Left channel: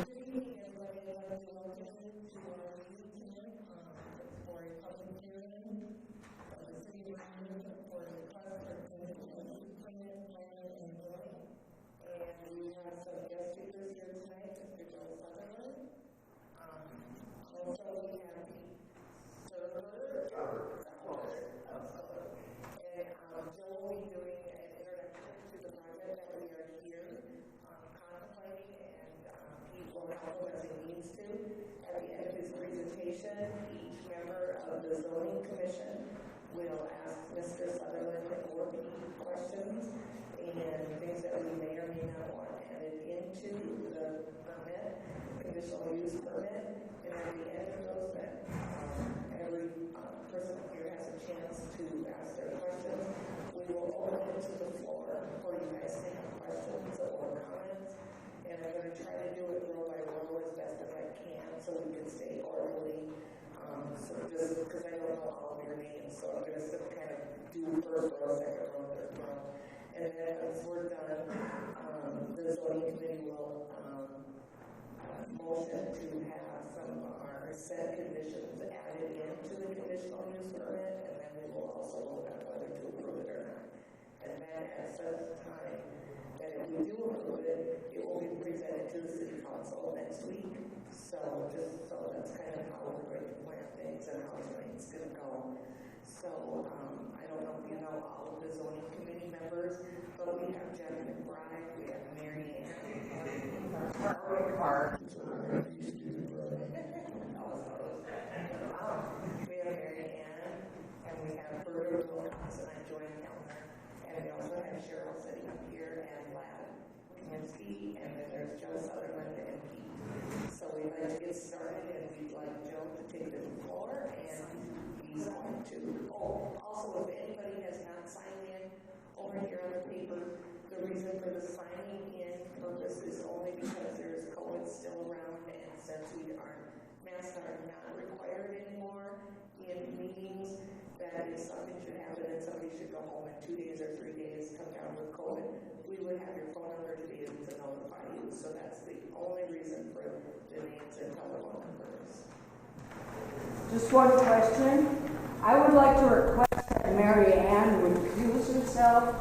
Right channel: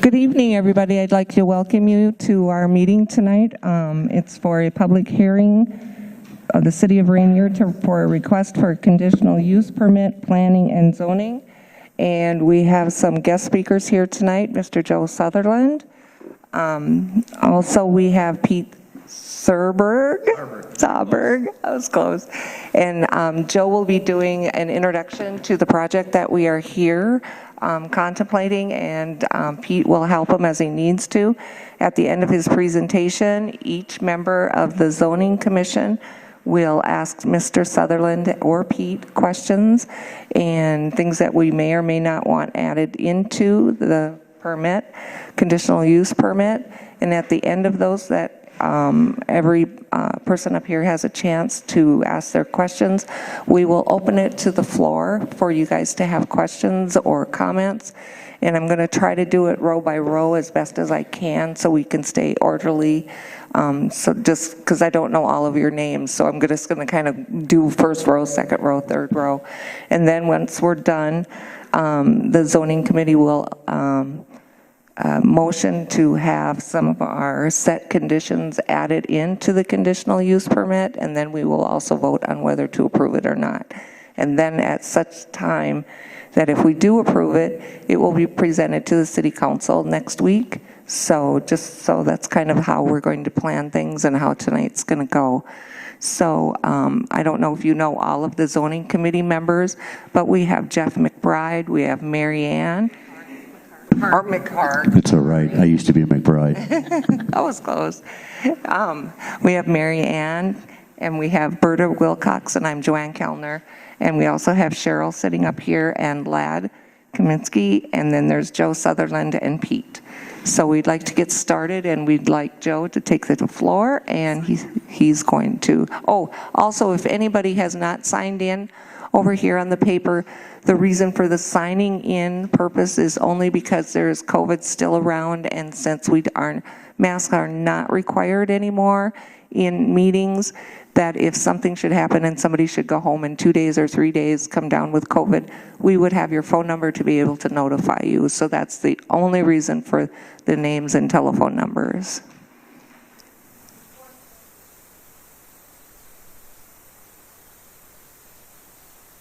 Good evening, everybody. I'd like to welcome you to our meeting tonight. It's for a public hearing of the City of Ranier for a request for a conditional use permit, planning and zoning. And we have some guest speakers here tonight, Mr. Joe Sutherland. Also, we have Pete Sauberg, I was close. And Joe will be doing an introduction to the project that we are here contemplating, and Pete will help him as he needs to. At the end of his presentation, each member of the Zoning Commission will ask Mr. Sutherland or Pete questions and things that we may or may not want added into the permit, conditional use permit. And at the end of those, that every person up here has a chance to ask their questions. We will open it to the floor for you guys to have questions or comments. And I'm going to try to do it row by row as best as I can so we can stay orderly. So just because I don't know all of your names, so I'm just going to kind of do first row, second row, third row. And then once we're done, the zoning committee will motion to have some of our set conditions added into the conditional use permit, and then we will also vote on whether to approve it or not. And then at such time that if we do approve it, it will be presented to the city council next week. So just so that's kind of how we're going to plan things and how tonight's going to go. So I don't know if you know all of the zoning committee members, but we have Jeff McBride, we have Mary Ann, or McHart. It's all right. I used to be a McBride. I was close. We have Mary Ann, and we have Berta Wilcox, and I'm Joanne Kellner. And we also have Cheryl sitting up here, and Lad Kaminsky, and then there's Joe Sutherland and Pete. So we'd like to get started, and we'd like Joe to take the floor, and he's going to. Oh, also, if anybody has not signed in over here on the paper, the reason for the signing in purpose is only because there's COVID still around, and since masks are not required anymore in meetings, that if something should happen and somebody should go home in 2 days or 3 days, come down with COVID, we would have your phone number to be able to notify you. So that's the only reason for the names and telephone numbers. Just one question. I would like to request that Mary Ann would recuse herself.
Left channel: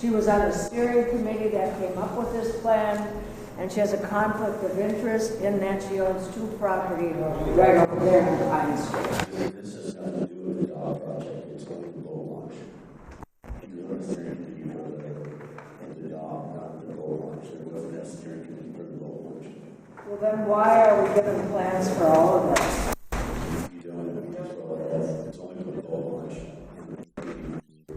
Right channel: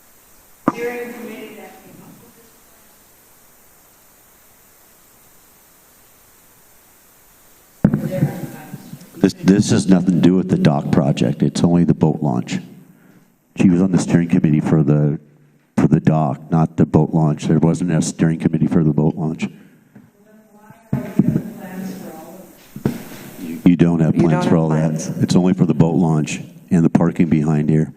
She was on the steering committee that came up with this plan, and she has a conflict of interest in that she owns 2 properties right over there in Pine Street. This has nothing to do with the dock project. It's only the boat launch. She was on the steering committee for the dock, not the boat launch. There wasn't a steering committee for the boat launch. Well, then why are we given plans for all of that? You don't have plans for all that. It's only for the boat launch and the parking behind here.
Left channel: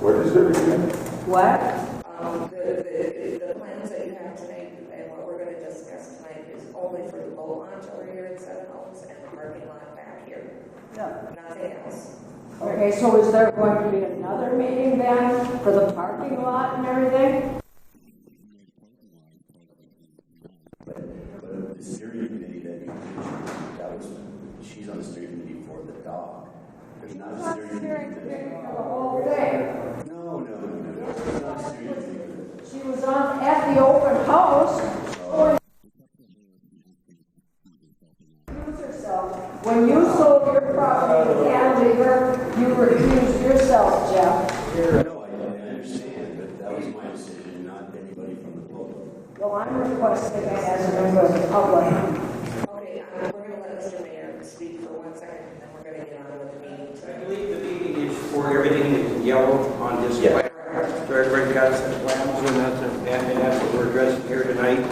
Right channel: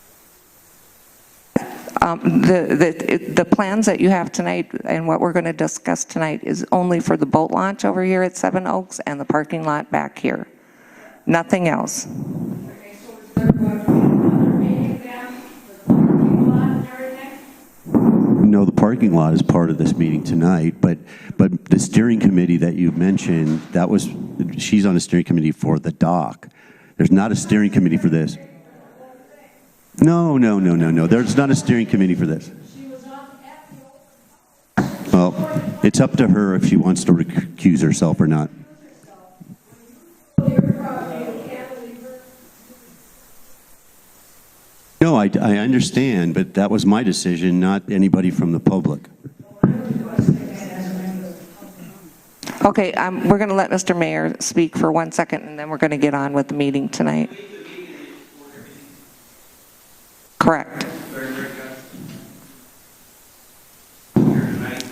What is it again? What? The plans that you have tonight and what we're going to discuss tonight is only for the boat launch over here at Seven Oaks and the parking lot back here. Yeah. Nothing else. Okay, so is there going to be another meeting then for the parking lot and everything? No, the parking lot is part of this meeting tonight, but the steering committee that you mentioned, she's on the steering committee for the dock. There's not a steering committee for this. No. There's not a steering committee for this. She was at the open house. Well, it's up to her if she wants to recuse herself or not. When you sold your property to Cantilever, you recused yourself, Jeff. No, I understand, but that was my decision, not anybody from the public. Well, I'm requesting it as a member of the public. Okay, we're going to let Mr. Mayor speak for 1 second, and then we're going to get on with the meeting tonight. I believe the meeting is for everything in yellow on this plan. Correct. So everybody got some plans, and that's what we're addressing here tonight.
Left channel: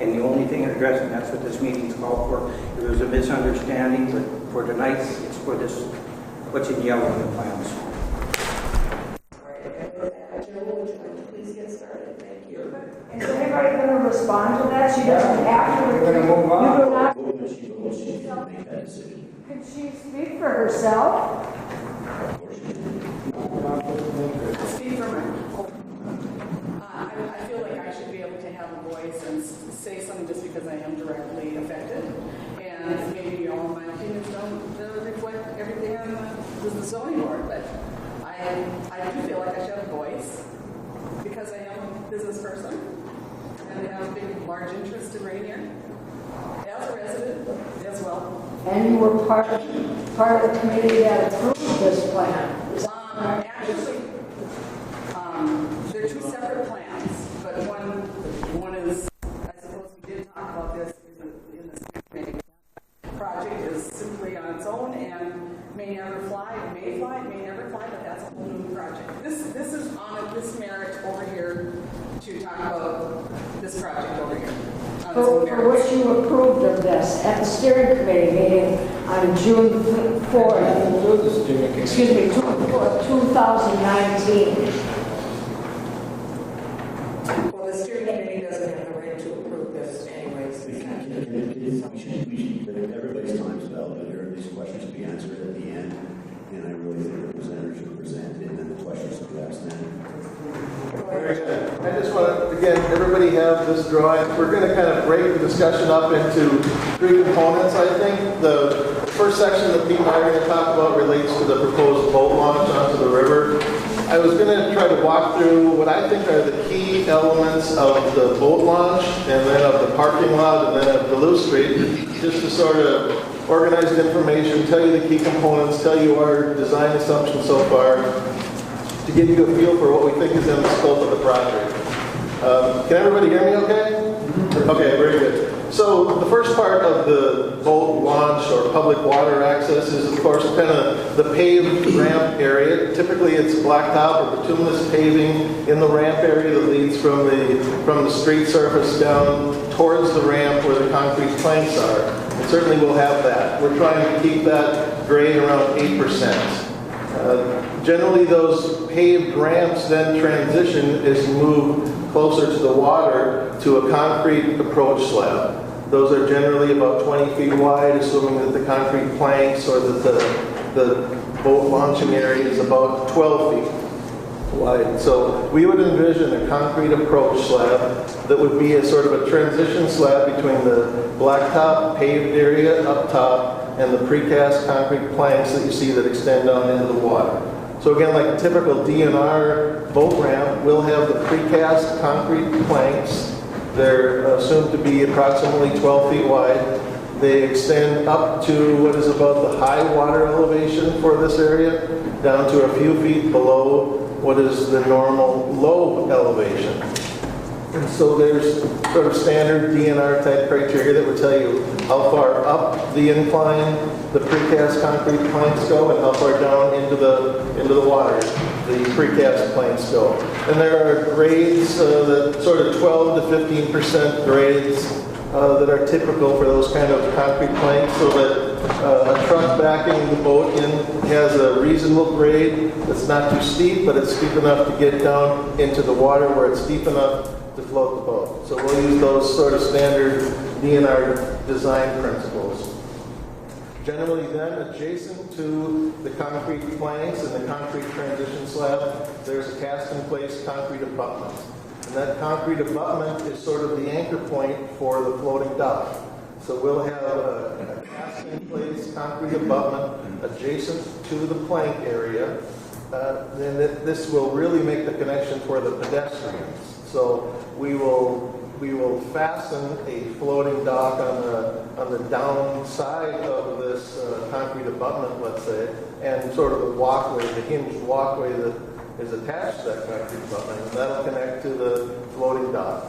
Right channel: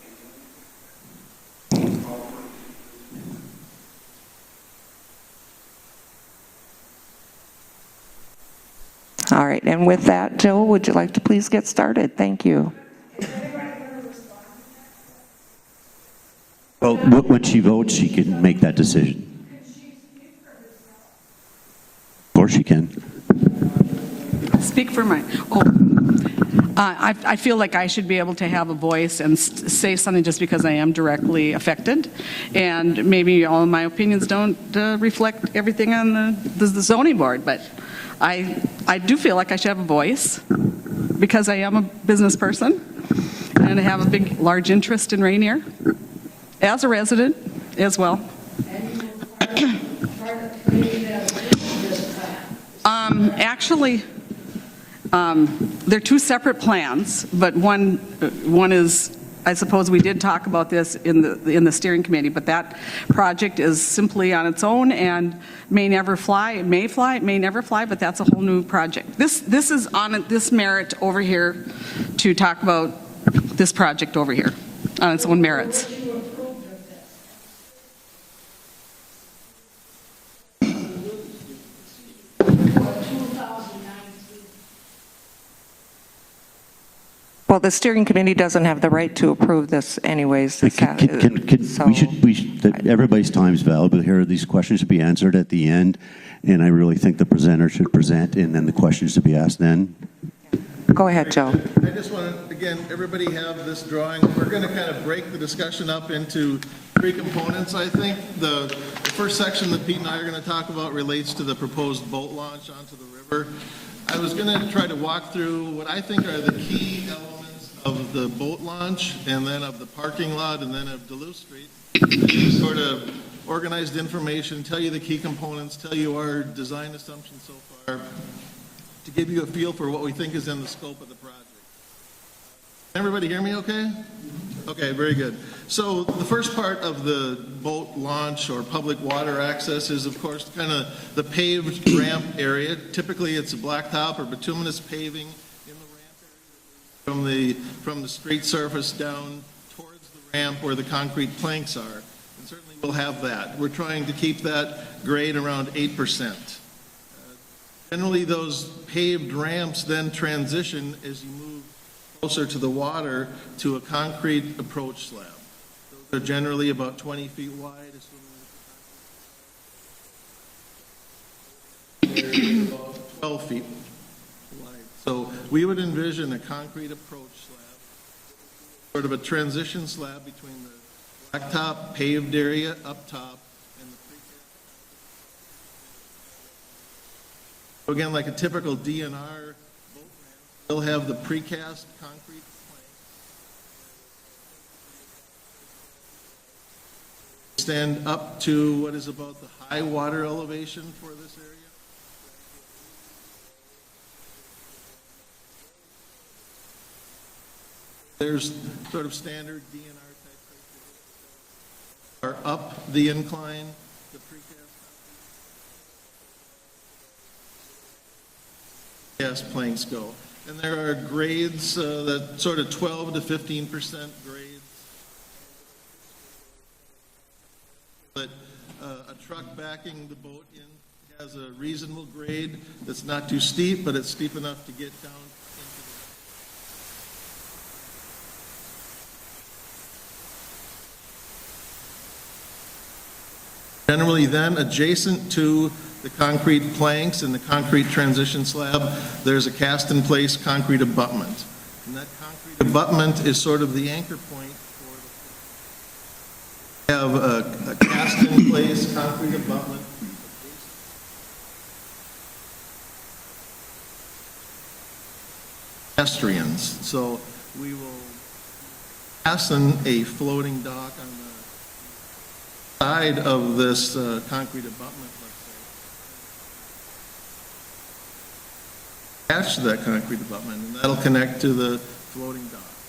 And the only thing addressing, that's what this meeting is called for. If there's a misunderstanding, but for tonight, it's for this, what's in yellow in the plans. All right, and with that, Joe, would you like to please get started? Thank you. Is anybody going to respond to that? She doesn't have to. We're going to move on. Well, when she votes, she can make that decision. Can she speak for herself? Of course she can. Speak for my. I feel like I should be able to have a voice and say something just because I am directly affected, and maybe all of my opinions don't reflect everything on the zoning board, but I do feel like I should have a voice. because I am a business person and I have a large interest in Ranier, as a resident as well. And you were part of the committee that approved this plan. Actually, they're two separate plans, but one is, I suppose we did talk about this in the steering committee, but that project is simply on its own and may never fly. It may never fly, but that's a whole new project. This is on this merit over here to talk about this project over here on its own merits. For which you approved of this at the steering committee meeting on June 4th, excuse me, June 4th, 2019. Well, the steering committee doesn't have the right to approve this anyways. Everybody's time is valuable here. These questions should be answered at the end, and I really think the presenter should present, and then the questions to be asked then. Go ahead, Joe. I just want to, again, everybody have this drawing. We're going to kind of break the discussion up into three components, I think. The first section that Pete and I are going to talk about relates to the proposed boat launch onto the river. I was going to try to walk through what I think are the key elements of the boat launch, and then of the parking lot, and then of Duluth Street, just to sort of organize the information, tell you the key components, tell you our design assumptions so far, to give you a feel for what we think is in the scope of the project. Can everybody hear me okay? Okay, very good. So the first part of the boat launch or public water access is, of course, kind of the paved ramp area. Typically, it's blacktop or bituminous paving in the ramp area that leads from the street surface down towards the ramp where the concrete planks are. And certainly we'll have that. We're trying to keep that grade around 8%. Generally, those paved ramps then transition as you move closer to the water to a concrete approach slab. Those are generally about 20 feet wide, assuming that the concrete planks or that the boat launching area is about 12 feet wide. So we would envision a concrete approach slab that would be a sort of a transition slab between the blacktop paved area up top and the precast concrete planks that you see that extend down into the water. So again, like a typical DNR boat ramp, we'll have the precast concrete planks. They're assumed to be approximately 12 feet wide. They extend up to what is about the high water elevation for this area, down to a few feet below what is the normal low elevation. And so there's sort of standard DNR type criteria that would tell you how far up the incline the precast concrete planks go and how far down into the water the precast planks go. And there are grades, the sort of 12 to 15% grades that are typical for those kind of concrete planks, so that a truck backing the boat in has a reasonable grade that's not too steep, but it's steep enough to get down into the water where it's deep enough to float the boat. So we'll use those sort of standard DNR design principles. Generally then, adjacent to the concrete planks and the concrete transition slab, there's a cast-in-place concrete abutment. And that concrete abutment is sort of the anchor point for the floating dock. So we'll have a cast-in-place concrete abutment adjacent to the plank area. And this will really make the connection for the pedestrians. So we will fasten a floating dock on the downside of this concrete abutment, let's say, and sort of the walkway, the hinged walkway that is attached to that concrete abutment. That'll connect to the floating dock.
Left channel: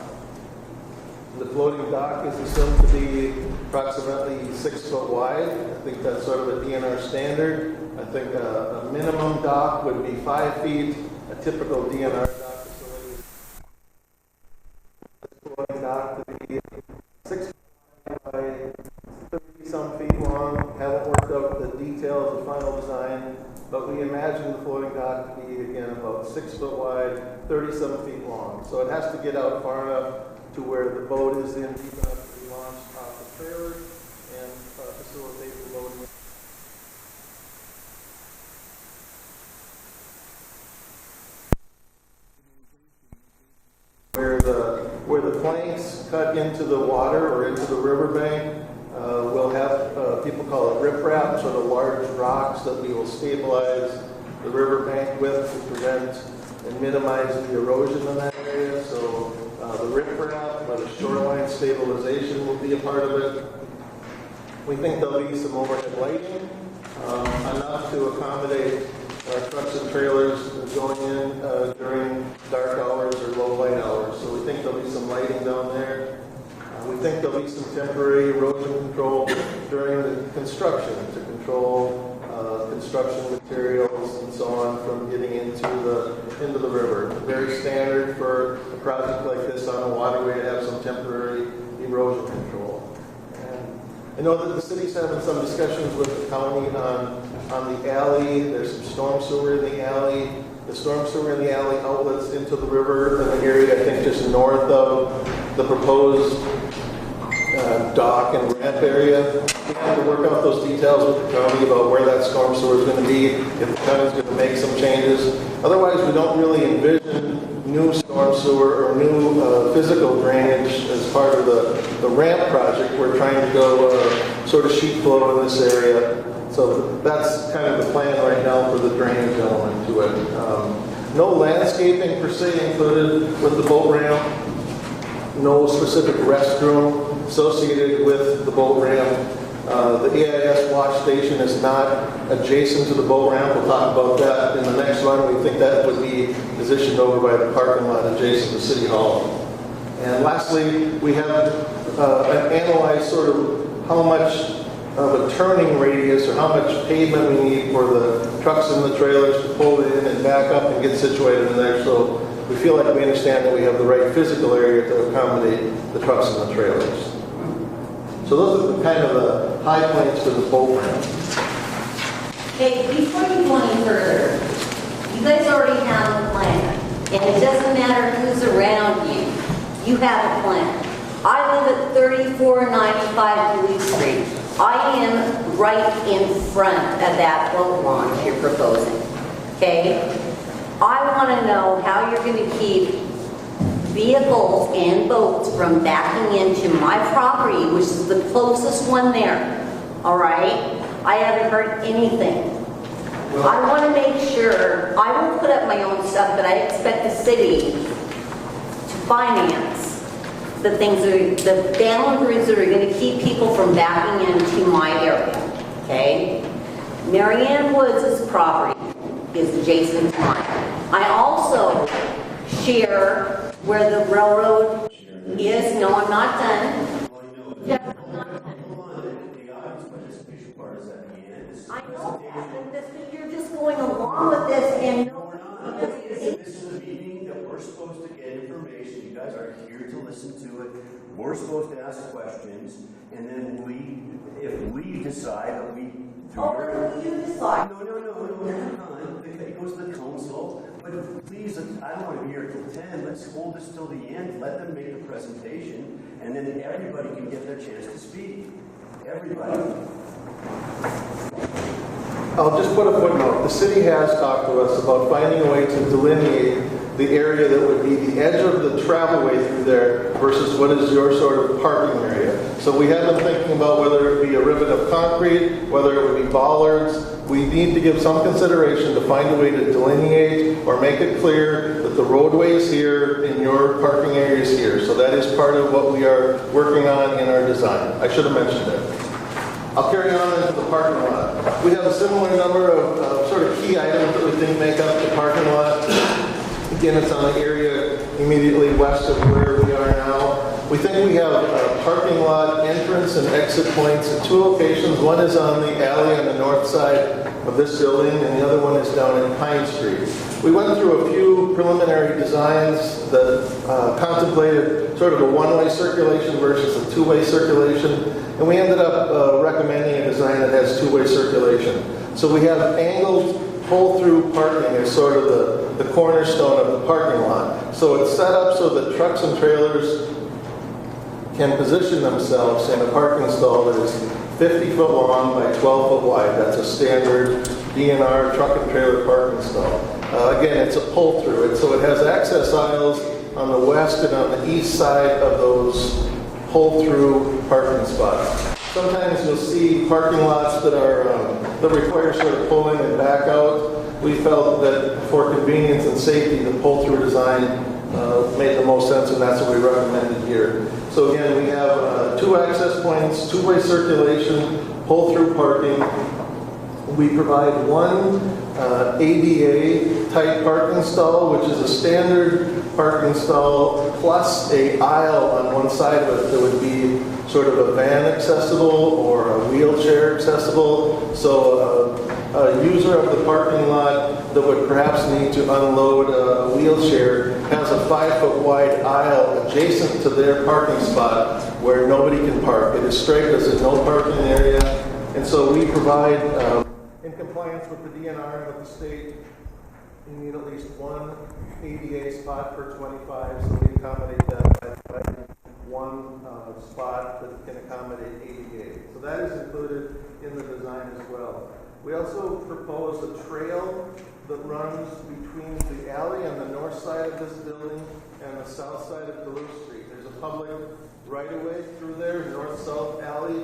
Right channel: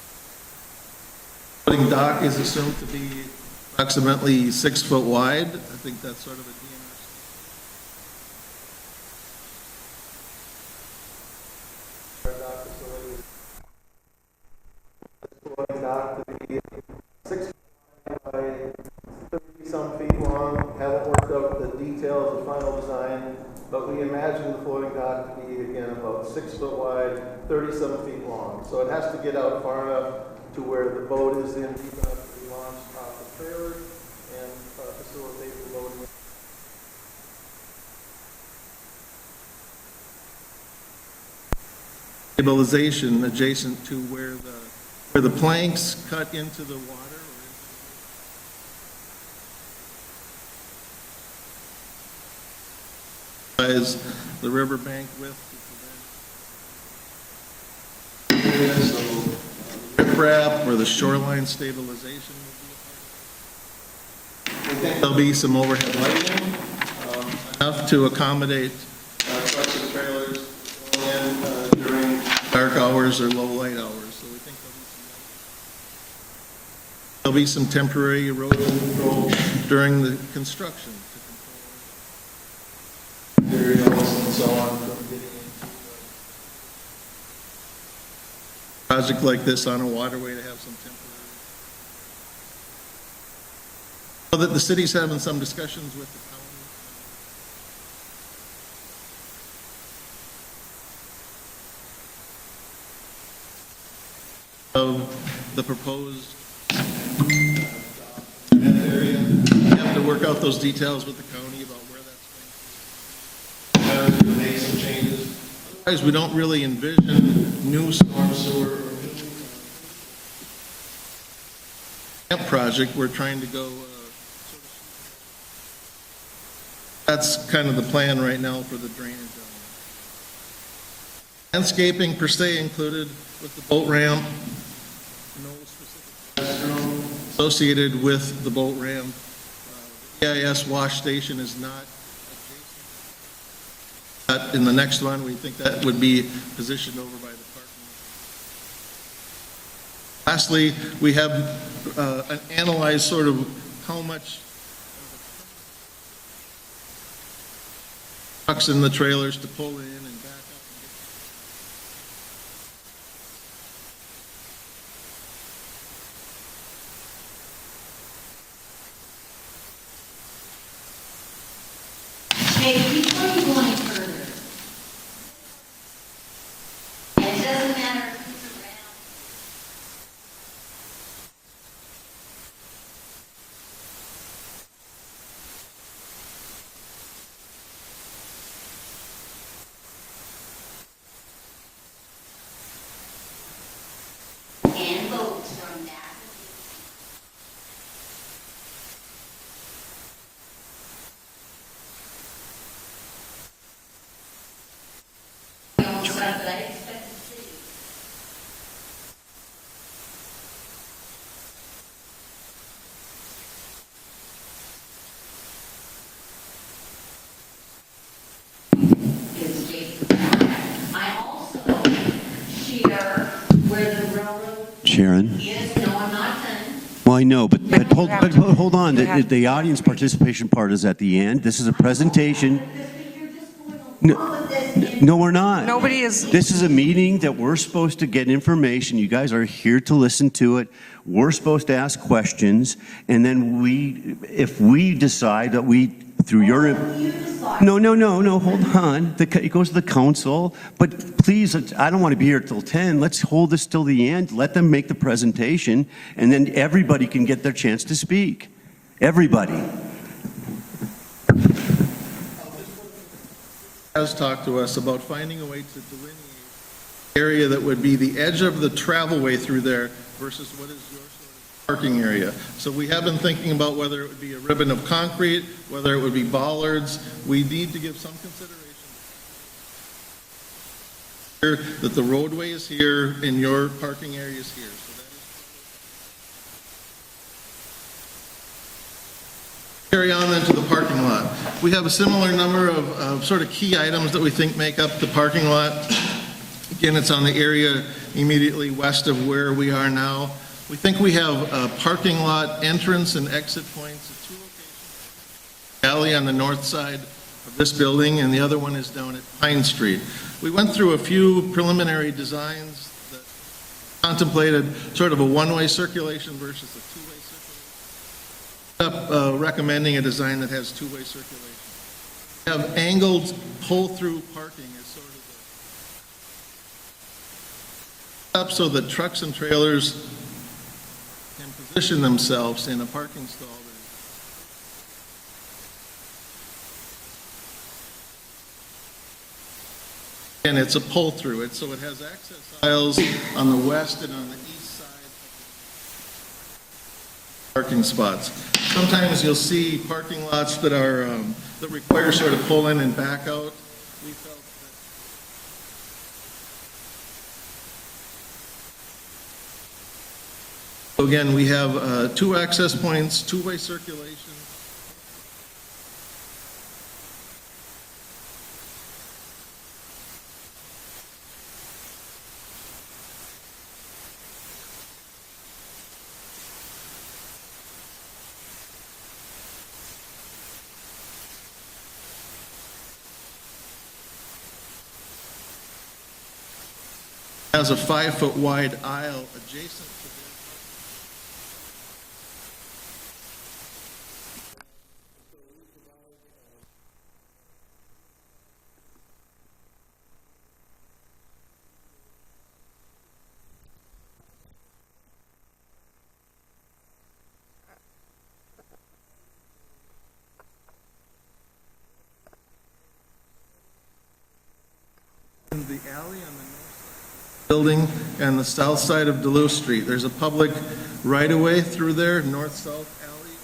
The floating dock is assumed to be approximately 6 foot wide. I think that's sort of a DNR standard. I think a minimum dock would be 5 feet. A typical DNR dock facility, floating dock to be 6 feet by 30-some feet long. Haven't worked out the details of the final design, but we imagine the floating dock to be, again, about 6 foot wide, 30-some feet long. So it has to get out far enough to where the boat is in deep enough to be launched off the trailer and facilitate the loading. Stabilization adjacent to where the planks cut into the water or into the riverbank. We'll have, people call it riprap, sort of large rocks that we will stabilize the riverbank with to prevent and minimize the erosion in that area. So the riprap or the shoreline stabilization will be a part of it. We think there'll be some overhead lighting, enough to accommodate trucks and trailers going in during dark hours or low light hours. So we think there'll be some lighting down there. We think there'll be some temporary erosion control during the construction to control construction materials and so on from getting into the river. Very standard for a project like this on a waterway to have some temporary erosion control. And I know that the city's having some discussions with the county on the alley. There's some storm sewer in the alley. The storm sewer in the alley outlets into the river in the area, I think, just north of the proposed dock and ramp area. We have to work out those details with the county about where that storm sewer is going to be, if the county's going to make some changes. Otherwise, we don't really envision new storm sewer or new physical drainage as part of the ramp project. We're trying to go sort of sheet flow in this area. So that's kind of the plan right now for the drainage element to it. No landscaping per se included with the boat ramp. No specific restroom associated with the boat ramp. The AIS wash station is not adjacent to the boat ramp. We'll talk about that in the next one. We think that would be positioned over by the parking lot adjacent to City Hall. And lastly, we have analyzed sort of how much of a turning radius or how much pavement we need for the trucks and the trailers to pull in and back up and get situated in there. So we feel like we understand that we have the right physical area to accommodate the trucks and the trailers. So those are the kind of the high points for the boat ramp. Okay, before you go any further, you guys already have a plan. And it doesn't matter who's around you. You have a plan. I live at 3495 Louis Street. I am right in front of that boat launch you're proposing. Okay? I want to know how you're going to keep vehicles and boats from backing into my property, which is the closest one there. All right? I haven't heard anything. I want to make sure, I will put up my own stuff, but I expect the city to finance the things, the boundaries that are going to keep people from backing into my area. Okay? Marianne Woods' property is adjacent to mine. I also share where the railroad Sharon? is. No, I'm not done. Well, I know, but hold on. The audience participation part is at the end. This is a presentation. You're just going along with this. And No, we're not. Nobody is. This is a meeting that we're supposed to get information. You guys are here to listen to it. We're supposed to ask questions, and then if we decide that we, through your... you decide. No, hold on. It goes to the council, but please, I don't want to be here till 10. Let's hold this till the end. Let them make the presentation, and then everybody can get their chance to speak. Everybody. I'll just put a footnote. The city has talked to us about finding a way to delineate the area that would be the edge of the travelway through there versus what is your sort of parking area. So we have been thinking about whether it would be a ribbon of concrete, whether it would be bollards. We need to give some consideration to find a way to delineate or make it clear that the roadway is here and your parking area is here. So that is part of what we are working on in our design. I should have mentioned it. I'll carry on into the parking lot. We have a similar number of sort of key items that we think make up the parking lot. Again, it's on the area immediately west of where we are now. We think we have parking lot entrance and exit points at two locations. One is on the alley on the north side of this building, and the other one is down at Pine Street. We went through a few preliminary designs that contemplated sort of a one-way circulation versus a two-way circulation, and we ended up recommending a design that has two-way circulation. So we have angled pull-through parking as sort of the cornerstone of the parking lot. So it's set up so that trucks and trailers can position themselves in a parking stall that is 50 foot long by 12 foot wide. That's a standard DNR truck and trailer parking stall. Again, it's a pull-through. So it has access aisles on the west and on the east side of those pull-through parking spots. Sometimes you'll see parking lots that are that require sort of pull in and back out. we felt that for convenience and safety, the pull-through design made the most sense, and that's what we recommended here. So again, we have 2 access points, 2-way circulation, pull-through parking. We provide 1 ADA-type parking stall, which is a standard parking stall, plus a aisle on one side of it that would be sort of a van accessible or a wheelchair accessible. So a user of the parking lot that would perhaps need to unload a wheelchair has a 5-foot wide aisle adjacent to their parking spot where nobody can park. It is striped as a no parking area. And so we provide, in compliance with the DNR and with the state, you need at least 1 ADA spot per 25, so we accommodate that by 1 spot that can accommodate ADA. So that is included in the design as well. We also propose a trail that runs between the alley on the north side of this building and the south side of Duluth Street. There's a public right-of-way through there, north-south alley,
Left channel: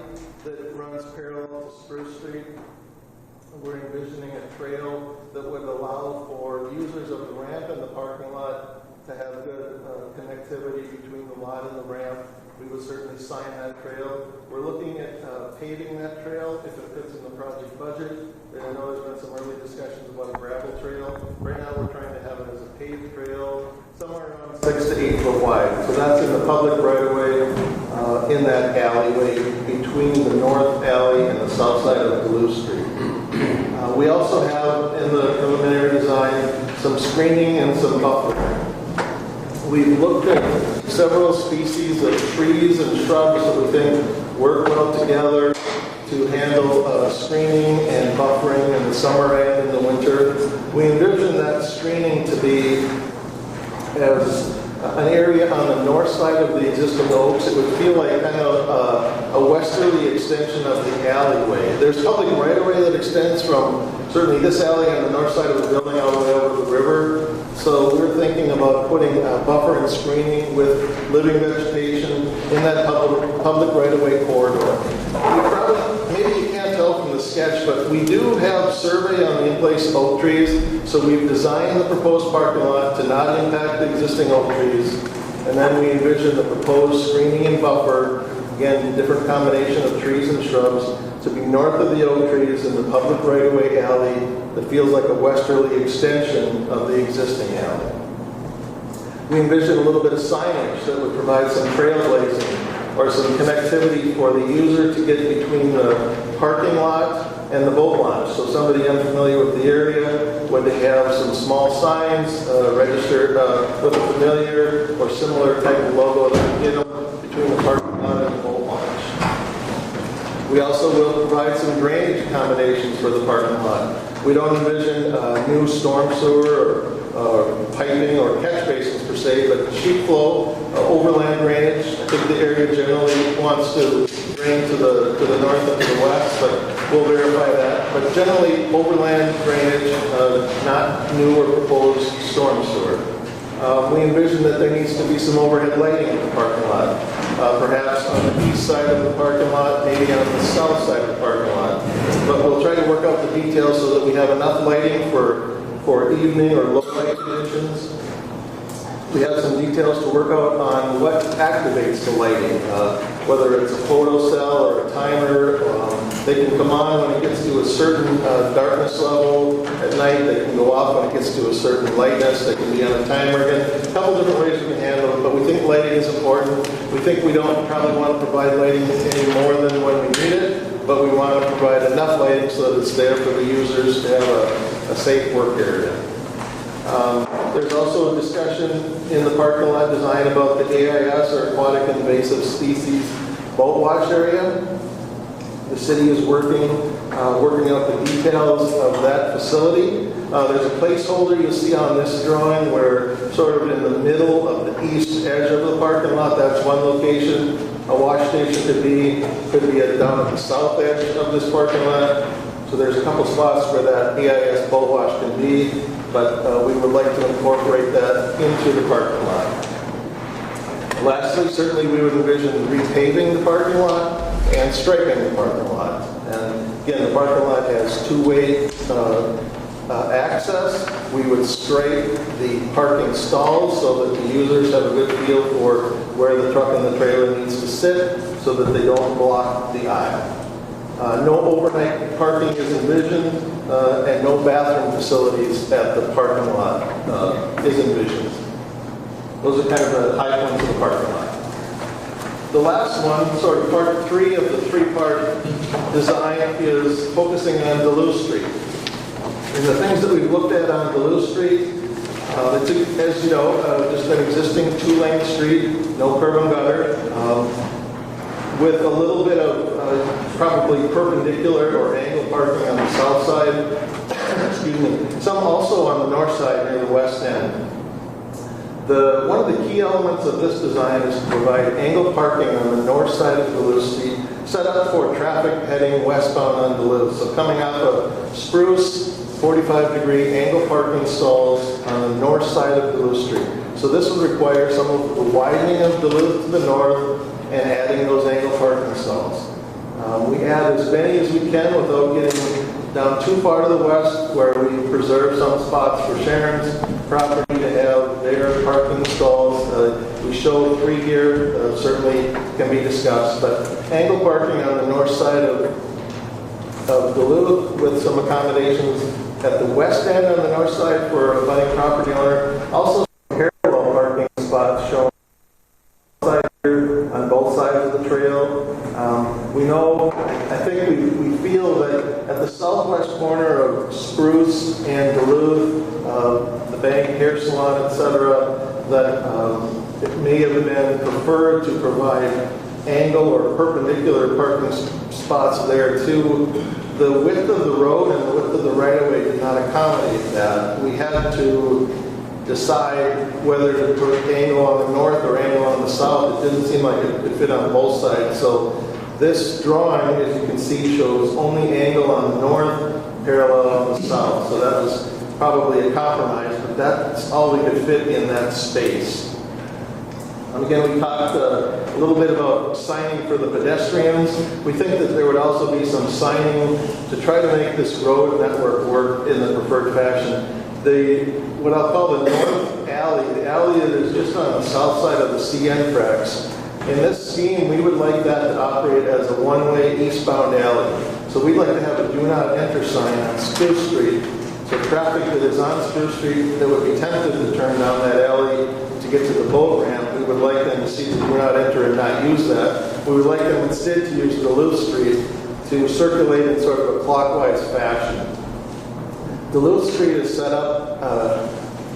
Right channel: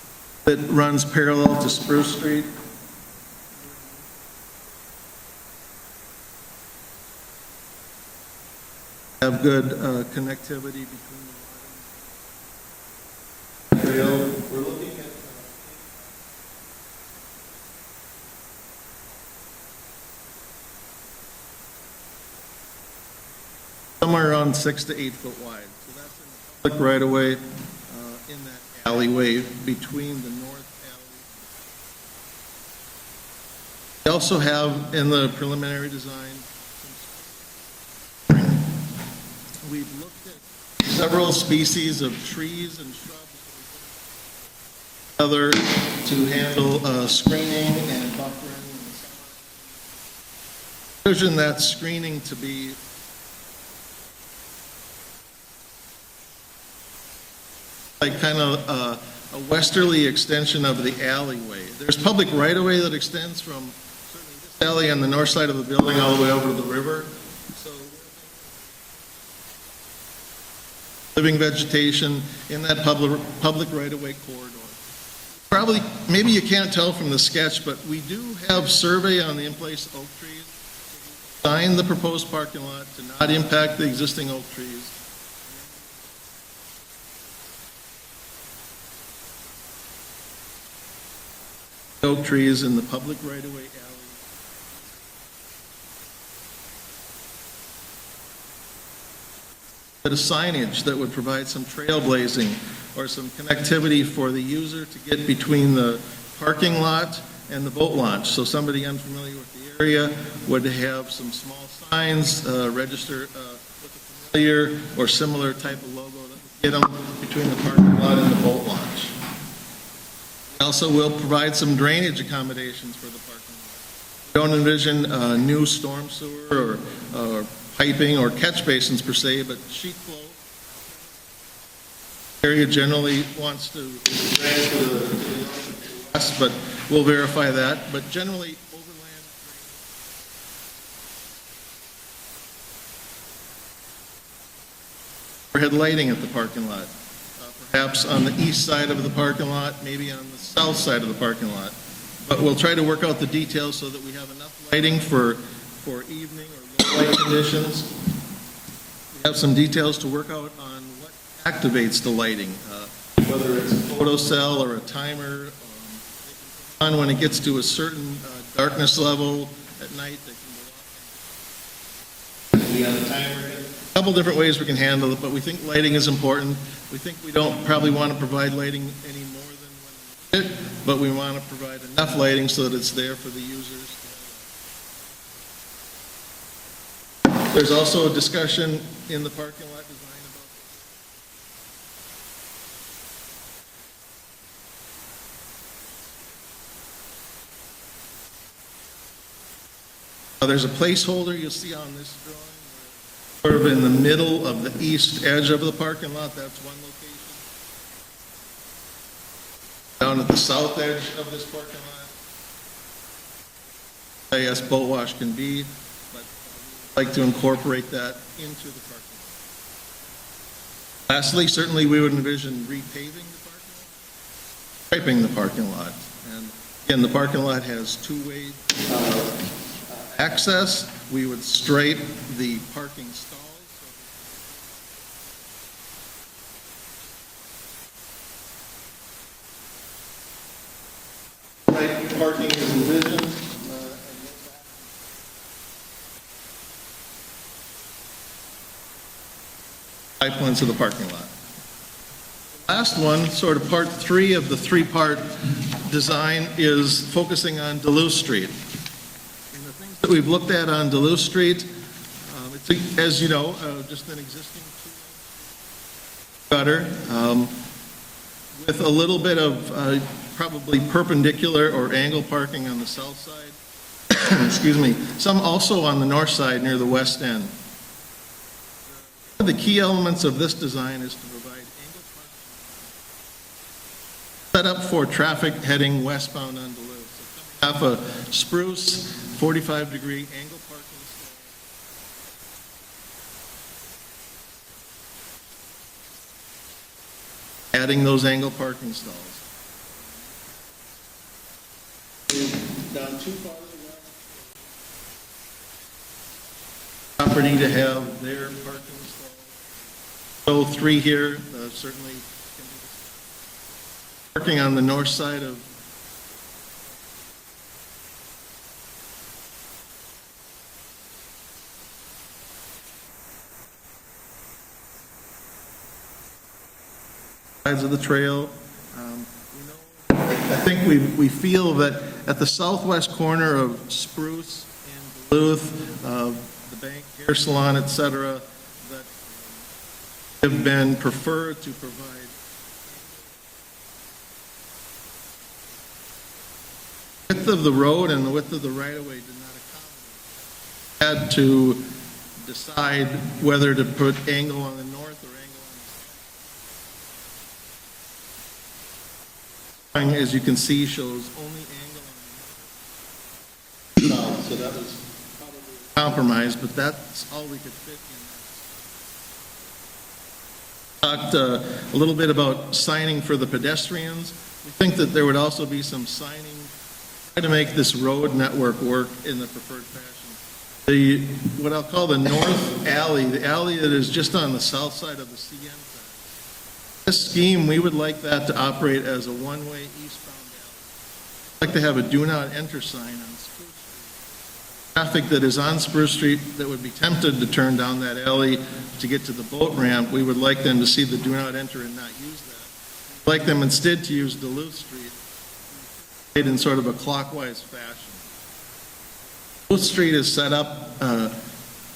that runs parallel to Spruce Street. And we're envisioning a trail that would allow for users of the ramp and the parking lot to have good connectivity between the lot and the ramp. We would certainly sign that trail. We're looking at paving that trail if it fits in the project budget. And I know there's been some early discussions about a gravel trail. Right now we're trying to have it as a paved trail, somewhere around 6 to 8 foot wide. So that's in the public right-of-way in that alleyway between the north alley and the south side of Duluth Street. We also have in the preliminary design some screening and some buffering. We've looked at several species of trees and shrubs that we think work well together to handle screening and buffering in the summer and in the winter. We envision that screening to be as an area on the north side of the existing oaks. It would feel like kind of a westerly extension of the alleyway. There's public right-of-way that extends from certainly this alley on the north side of the building all the way over to the river. So we're thinking about putting buffer and screening with living vegetation in that public right-of-way corridor. Probably, maybe you can't tell from the sketch, but we do have survey on the in-place oak trees. So we've designed the proposed parking lot to not impact the existing oak trees. And then we envision the proposed screening and buffer, again, different combination of trees and shrubs, to be north of the oak trees in the public right-of-way alley that feels like a westerly extension of the existing alley. We envision a little bit of signage that would provide some trailblazing or some connectivity for the user to get between the parking lot and the boat launch. So somebody unfamiliar with the area would have some small signs registered with a familiar or similar type of logo that would get them between the parking lot and the boat launch. We also will provide some drainage accommodations for the parking lot. We don't envision new storm sewer or piping or catch basins per se, but sheet flow, overland drainage. I think the area generally wants to drain to the north and to the west, but we'll verify that. But generally, overland drainage, not new or proposed storm sewer. We envision that there needs to be some overhead lighting at the parking lot, perhaps on the east side of the parking lot, maybe on the south side of the parking lot. But we'll try to work out the details so that we have enough lighting for evening or low light conditions. We have some details to work out on what activates the lighting, whether it's a photo cell or a timer. They can come on when it gets to a certain darkness level at night. They can go off when it gets to a certain lightness. They can be on a timer again. A couple different ways we can handle it, but we think lighting is important. We think we don't probably want to provide lighting any more than when we need it, but we want to provide enough lighting so that it's there for the users to have a safe work area. There's also a discussion in the parking lot design about the AIS, or Aquatic Invasive Species boat wash area. The city is working out the details of that facility. There's a placeholder you see on this drawing where sort of in the middle of the east edge of the parking lot, that's one location. A wash station could be down at the south edge of this parking lot. So there's a couple spots where that AIS boat wash can be, but we would like to incorporate that into the parking lot. Lastly, certainly we would envision repaving the parking lot and striping the parking lot. And again, the parking lot has two-way access. We would stripe the parking stalls so that the users have a good feel for where the truck and the trailer needs to sit so that they don't block the aisle. No overnight parking is envisioned, and no bathroom facilities at the parking lot is envisioned. Those are kind of the high points of the parking lot. The last one, sort of part 3 of the 3-part design, is focusing on Duluth Street. And the things that we've looked at on Duluth Street, as you know, just an existing 2-lane street, no curb and gutter, with a little bit of probably perpendicular or angle parking on the south side. Excuse me. Some also on the north side near the west end. One of the key elements of this design is to provide angle parking on the north side of Duluth Street, set up for traffic heading westbound on Duluth. So coming off of Spruce, 45-degree angle parking stalls on the north side of Duluth Street. So this would require some of the widening of Duluth to the north and adding those angle parking stalls. We add as many as we can without getting down too far to the west, where we preserve some spots for Sharon's property to have their parking stalls. We show 3 here, certainly can be discussed, but angle parking on the north side of Duluth with some accommodations at the west end on the north side for a budding property owner. Also parallel parking spots shown on both sides of the trail. We know, I think we feel that at the southwest corner of Spruce and Duluth, the bank, hair salon, etc., that it may have been preferred to provide angle or perpendicular parking spots there too. The width of the road and the width of the right-of-way did not accommodate that. We had to decide whether to put angle on the north or angle on the south. It didn't seem like it could fit on both sides. So this drawing, as you can see, shows only angle on the north, parallel on the south. So that was probably a compromise, but that's all we could fit in that space. Again, we talked a little bit about signing for the pedestrians. We think that there would also be some signing to try to make this road network work in the preferred fashion. What I'll call the north alley, the alley that is just on the south side of the CN tracks. In this scheme, we would like that to operate as a one-way eastbound alley. So we'd like to have a do not enter sign on Spruce Street. So traffic that is on Spruce Street that would be tempted to turn down that alley to get to the boat ramp, we would like them to see the do not enter and not use that. We would like them instead to use Duluth Street to circulate in sort of a clockwise fashion. Duluth Street is set up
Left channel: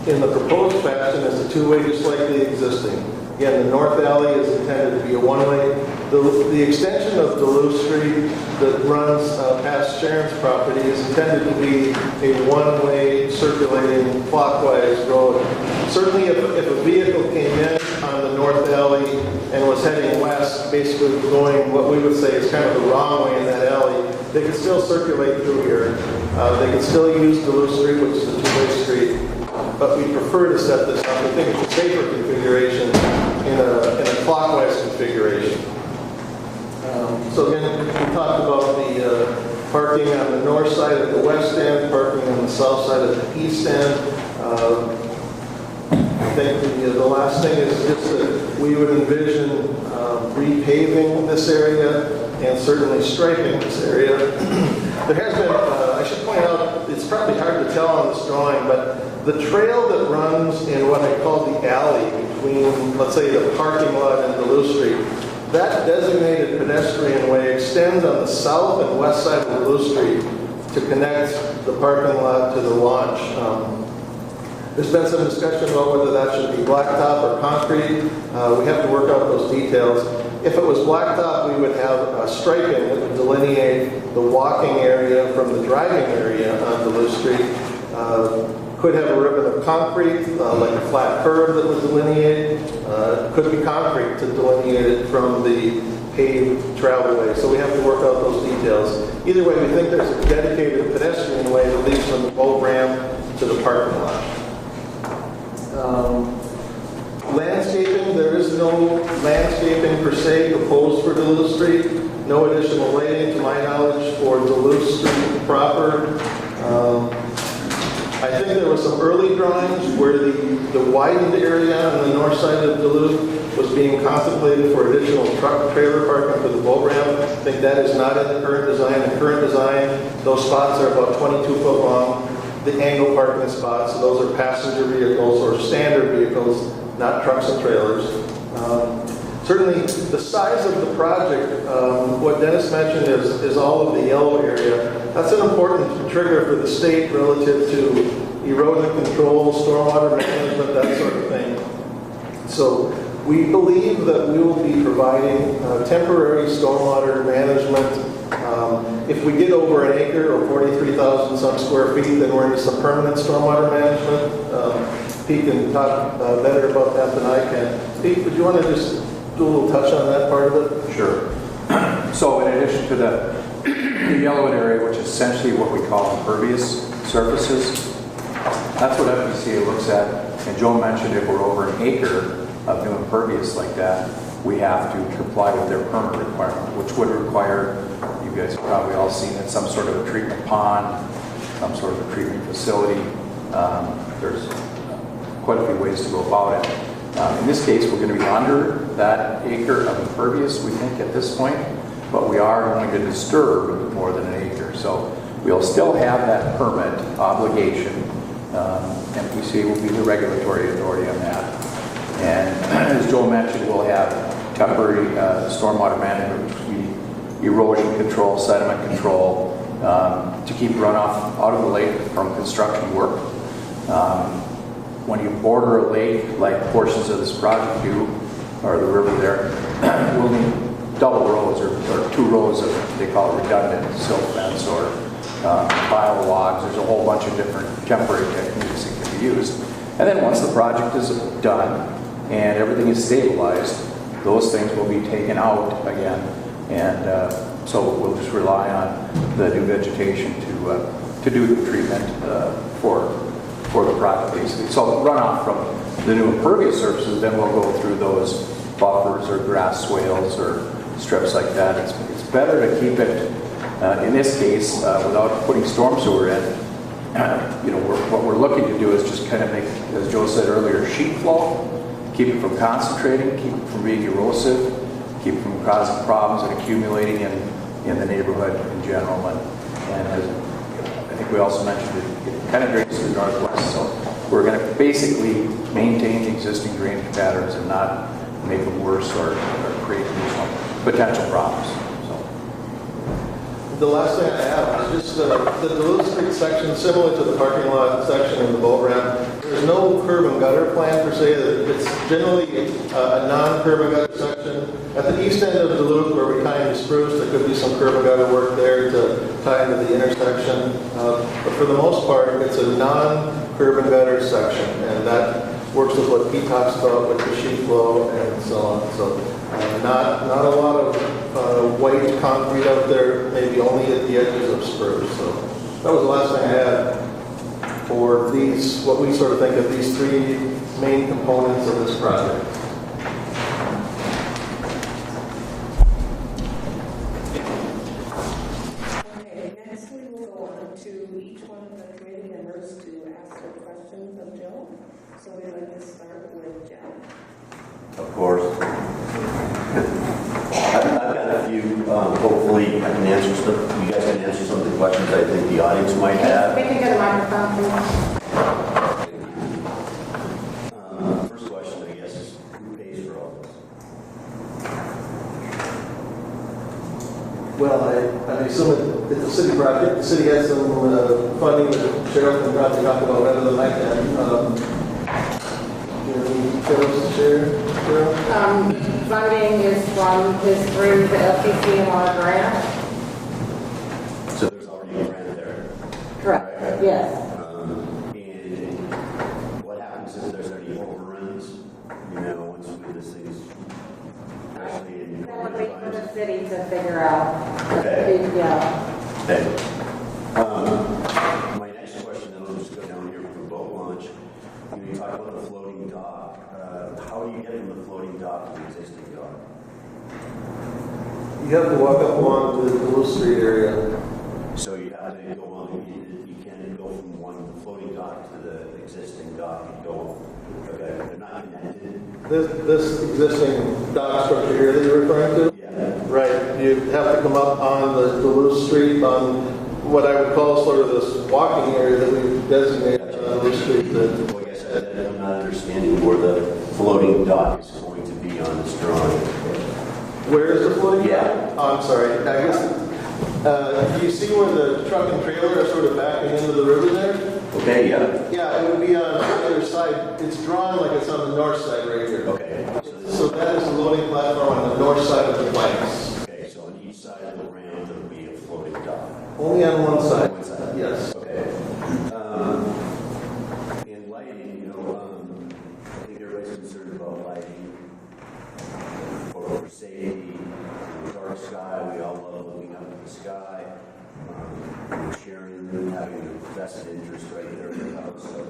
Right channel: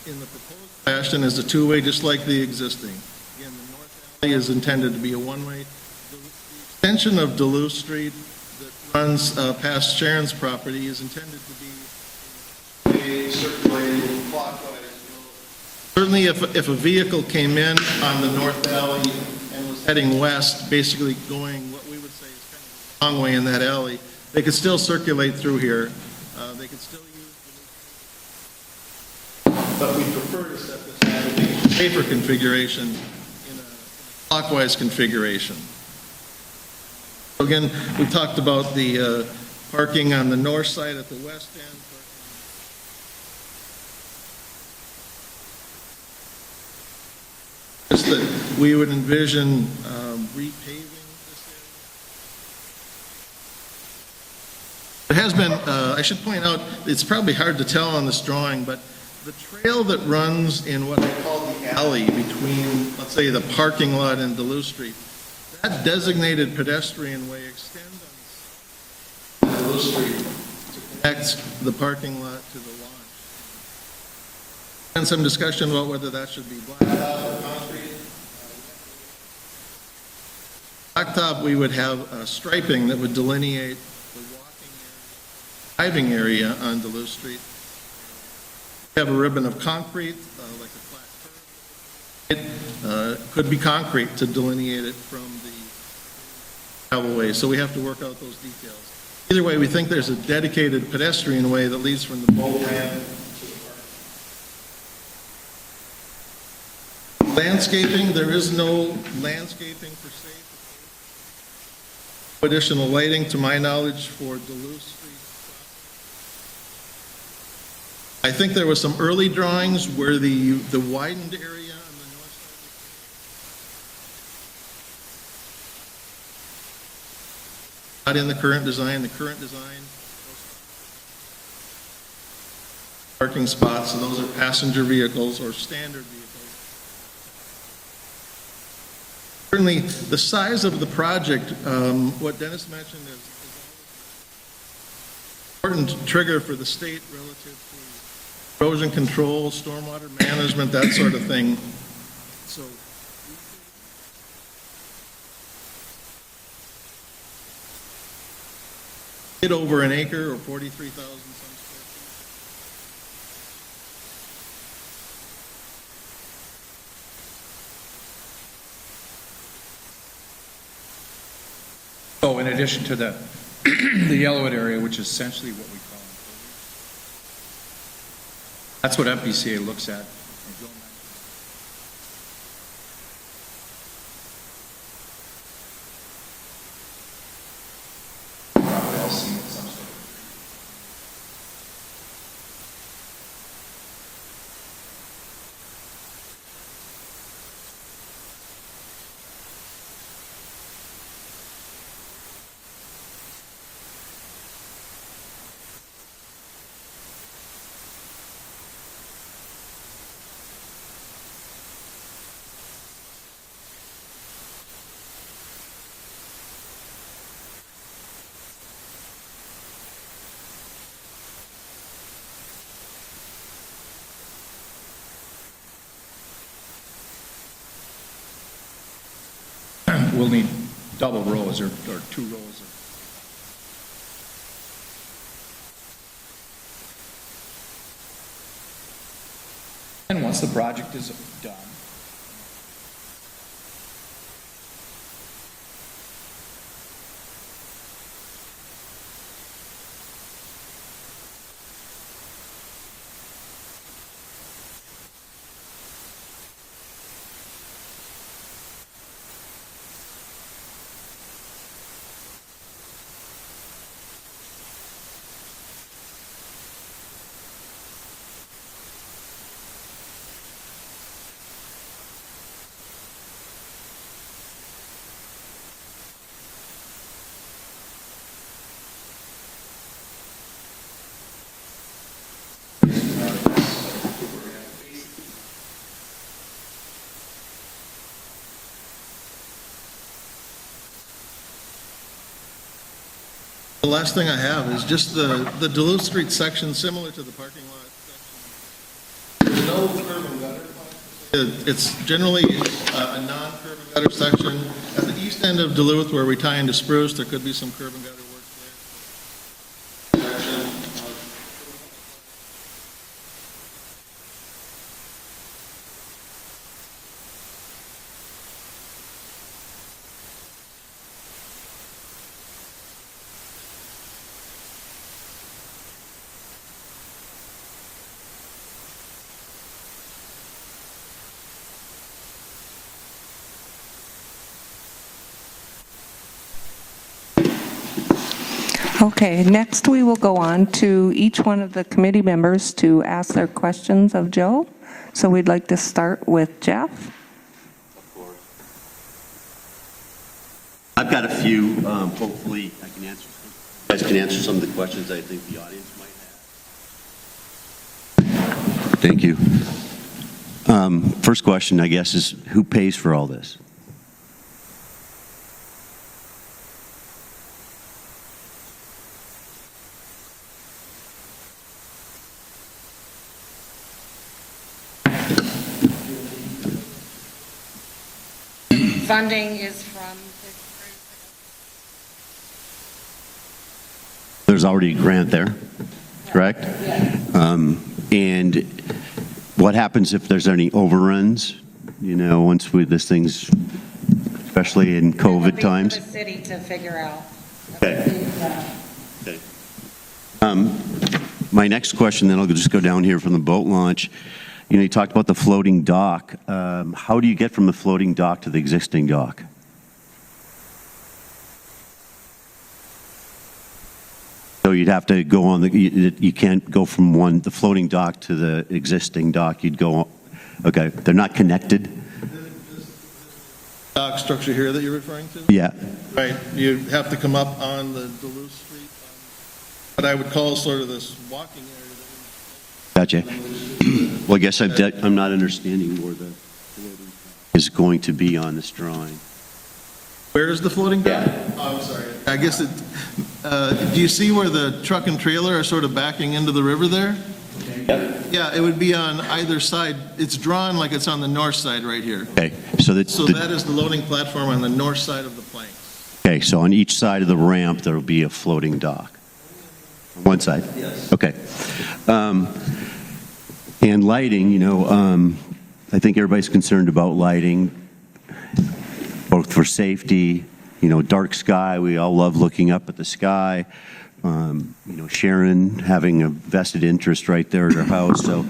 in the proposed fashion as a 2-way, just like the existing. Again, the north alley is intended to be a 1-way. The extension of Duluth Street that runs past Sharon's property is intended to be a 1-way circulating clockwise road. Certainly if a vehicle came in on the north alley and was heading west, basically going what we would say is kind of the wrong way in that alley, they could still circulate through here. They could still use Duluth Street, which is a 2-way street, but we prefer to set this up, I think it's a safer configuration in a clockwise configuration. So again, we talked about the parking on the north side at the west end, parking on the south side at the east end. I think the last thing is just that we would envision repaving this area and certainly striping this area. There has been, I should point out, it's probably hard to tell on this drawing, but the trail that runs in what I call the alley between, let's say, the parking lot and Duluth Street, that designated pedestrian way extends on the south and west side of Duluth Street to connect the parking lot to the launch. There's been some discussion about whether that should be blacktop or concrete. We have to work out those details. If it was blacktop, we would have striping that would delineate the walking area from the driving area on Duluth Street. Could have a ribbon of concrete, like a flat curb that would delineate. Could be concrete to delineate it from the paved travelway. So we have to work out those details. Either way, we think there's a dedicated pedestrian way that leads from the boat ramp to the parking lot. Landscaping, there is no landscaping per se proposed for Duluth Street. No additional lighting to my knowledge for Duluth Street proper. I think there was some early drawings where the widened area on the north side of Duluth was being contemplated for additional truck trailer parking for the boat ramp. I think that is not in the current design. The current design, those spots are about 22 foot long. The angle parking spots, those are passenger vehicles or standard vehicles, not trucks and trailers. Certainly, the size of the project, what Dennis mentioned is all of the yellow area. That's an important trigger for the state relative to erosion control, stormwater management, that sort of thing. So we believe that we will be providing temporary stormwater management. If we get over an acre or 43,000 some square feet, then we're into some permanent stormwater management. Pete can talk better about that than I can. Pete, would you want to just do a little touch on that part of it? Sure. So in addition to the yellowed area, which is essentially what we call impervious surfaces, that's what FPCA looks at. And Joe mentioned if we're over an acre of new impervious like that, we have to comply with their permit requirement, which would require, you guys have probably all seen it, some sort of a treatment pond, some sort of a treatment facility. There's quite a few ways to go about it. In this case, we're going to be under that acre of impervious, we think, at this point, but we are going to disturb more than an acre. So we'll still have that permit obligation. MPC will be the regulatory authority on that. And as Joe mentioned, we'll have temporary stormwater management, erosion control, sediment control, to keep runoff out of the lake from construction work. When you border a lake, like portions of this project do, or the river there, we'll need double rows or 2 rows of, they call it redundant silt fence or pile logs. There's a whole bunch of different temporary techniques that can be used. And then once the project is done and everything is stabilized, those things will be taken out again. And so we'll just rely on the new vegetation to do the treatment for the project, basically. So runoff from the new impervious surfaces, then we'll go through those buffers or grass swales or strips like that. It's better to keep it, in this case, without putting storm sewer in. What we're looking to do is just kind of make, as Joe said earlier, sheet flow, keep it from concentrating, keep it from being erosive, keep it from causing problems and accumulating in the neighborhood in general. And as I think we also mentioned it kind of drains to the northwest. So we're going to basically maintain the existing drainage patterns and not make them worse or create additional potential problems. The last thing I have is just the Duluth Street section, similar to the parking lot section and the boat ramp. There's no curb and gutter plan per se. It's generally a non-curb and gutter section. At the east end of Duluth, where we tie into Spruce, there could be some curb and gutter work there to tie into the intersection. But for the most part, it's a non-curb and gutter section, and that works with what Pete talks about with the sheet flow and so on. So not a lot of white concrete out there, maybe only at the edges of Spruce. So that was the last thing I had for these, what we sort of think of these 3 main components of this project. Okay, next we will go on to each one of the committee members to ask their questions of Joe. So we'd like to start with Jeff. Of course. I've got a few, hopefully I can answer some, you guys can answer some of the questions I think the audience might have. We can get a microphone, please. Thank you. First question, I guess, is who pays for all this? Well, I assume it's a city project. The city has some funding that Cheryl can probably talk about better than I can. Any details to share, Cheryl? Funding is through the LPCMR grant. So there's already a grant there, correct? Yes. And what happens if there's any overruns? Once this thing's, especially in COVID times? For the city to figure out. Okay. Yeah. Okay. My next question, then I'll just go down here from the boat launch. You talked about the floating dock. How do you get from the floating dock to the existing dock? You have to walk up along the Duluth Street area. So you'd have to go on you can't go from the floating dock to the existing dock. You'd go, okay, they're not connected? This existing dock structure here that you're referring to? Yeah. Right, you have to come up on the Duluth Street on what I would call sort of this walking area that we've designated. Gotcha. On Duluth Street. Well, I guess I'm not understanding where the floating dock is going to be on this drawing. Where is the floating dock? Yeah. Oh, I'm sorry. I guess do you see where the truck and trailer are sort of backing into the river there? Okay, yeah. Yeah, it would be on either side. It's drawn like it's on the north side right here. Okay, so that's So that is the loading platform on the north side of the planks. okay. So on each side of the ramp, there will be a floating dock. Only on one side. One side. Yes. Okay. And lighting, I think everybody's concerned about lighting, both for safety. Dark sky. We all love looking up at the sky. Sharon having a vested interest right there at her house. So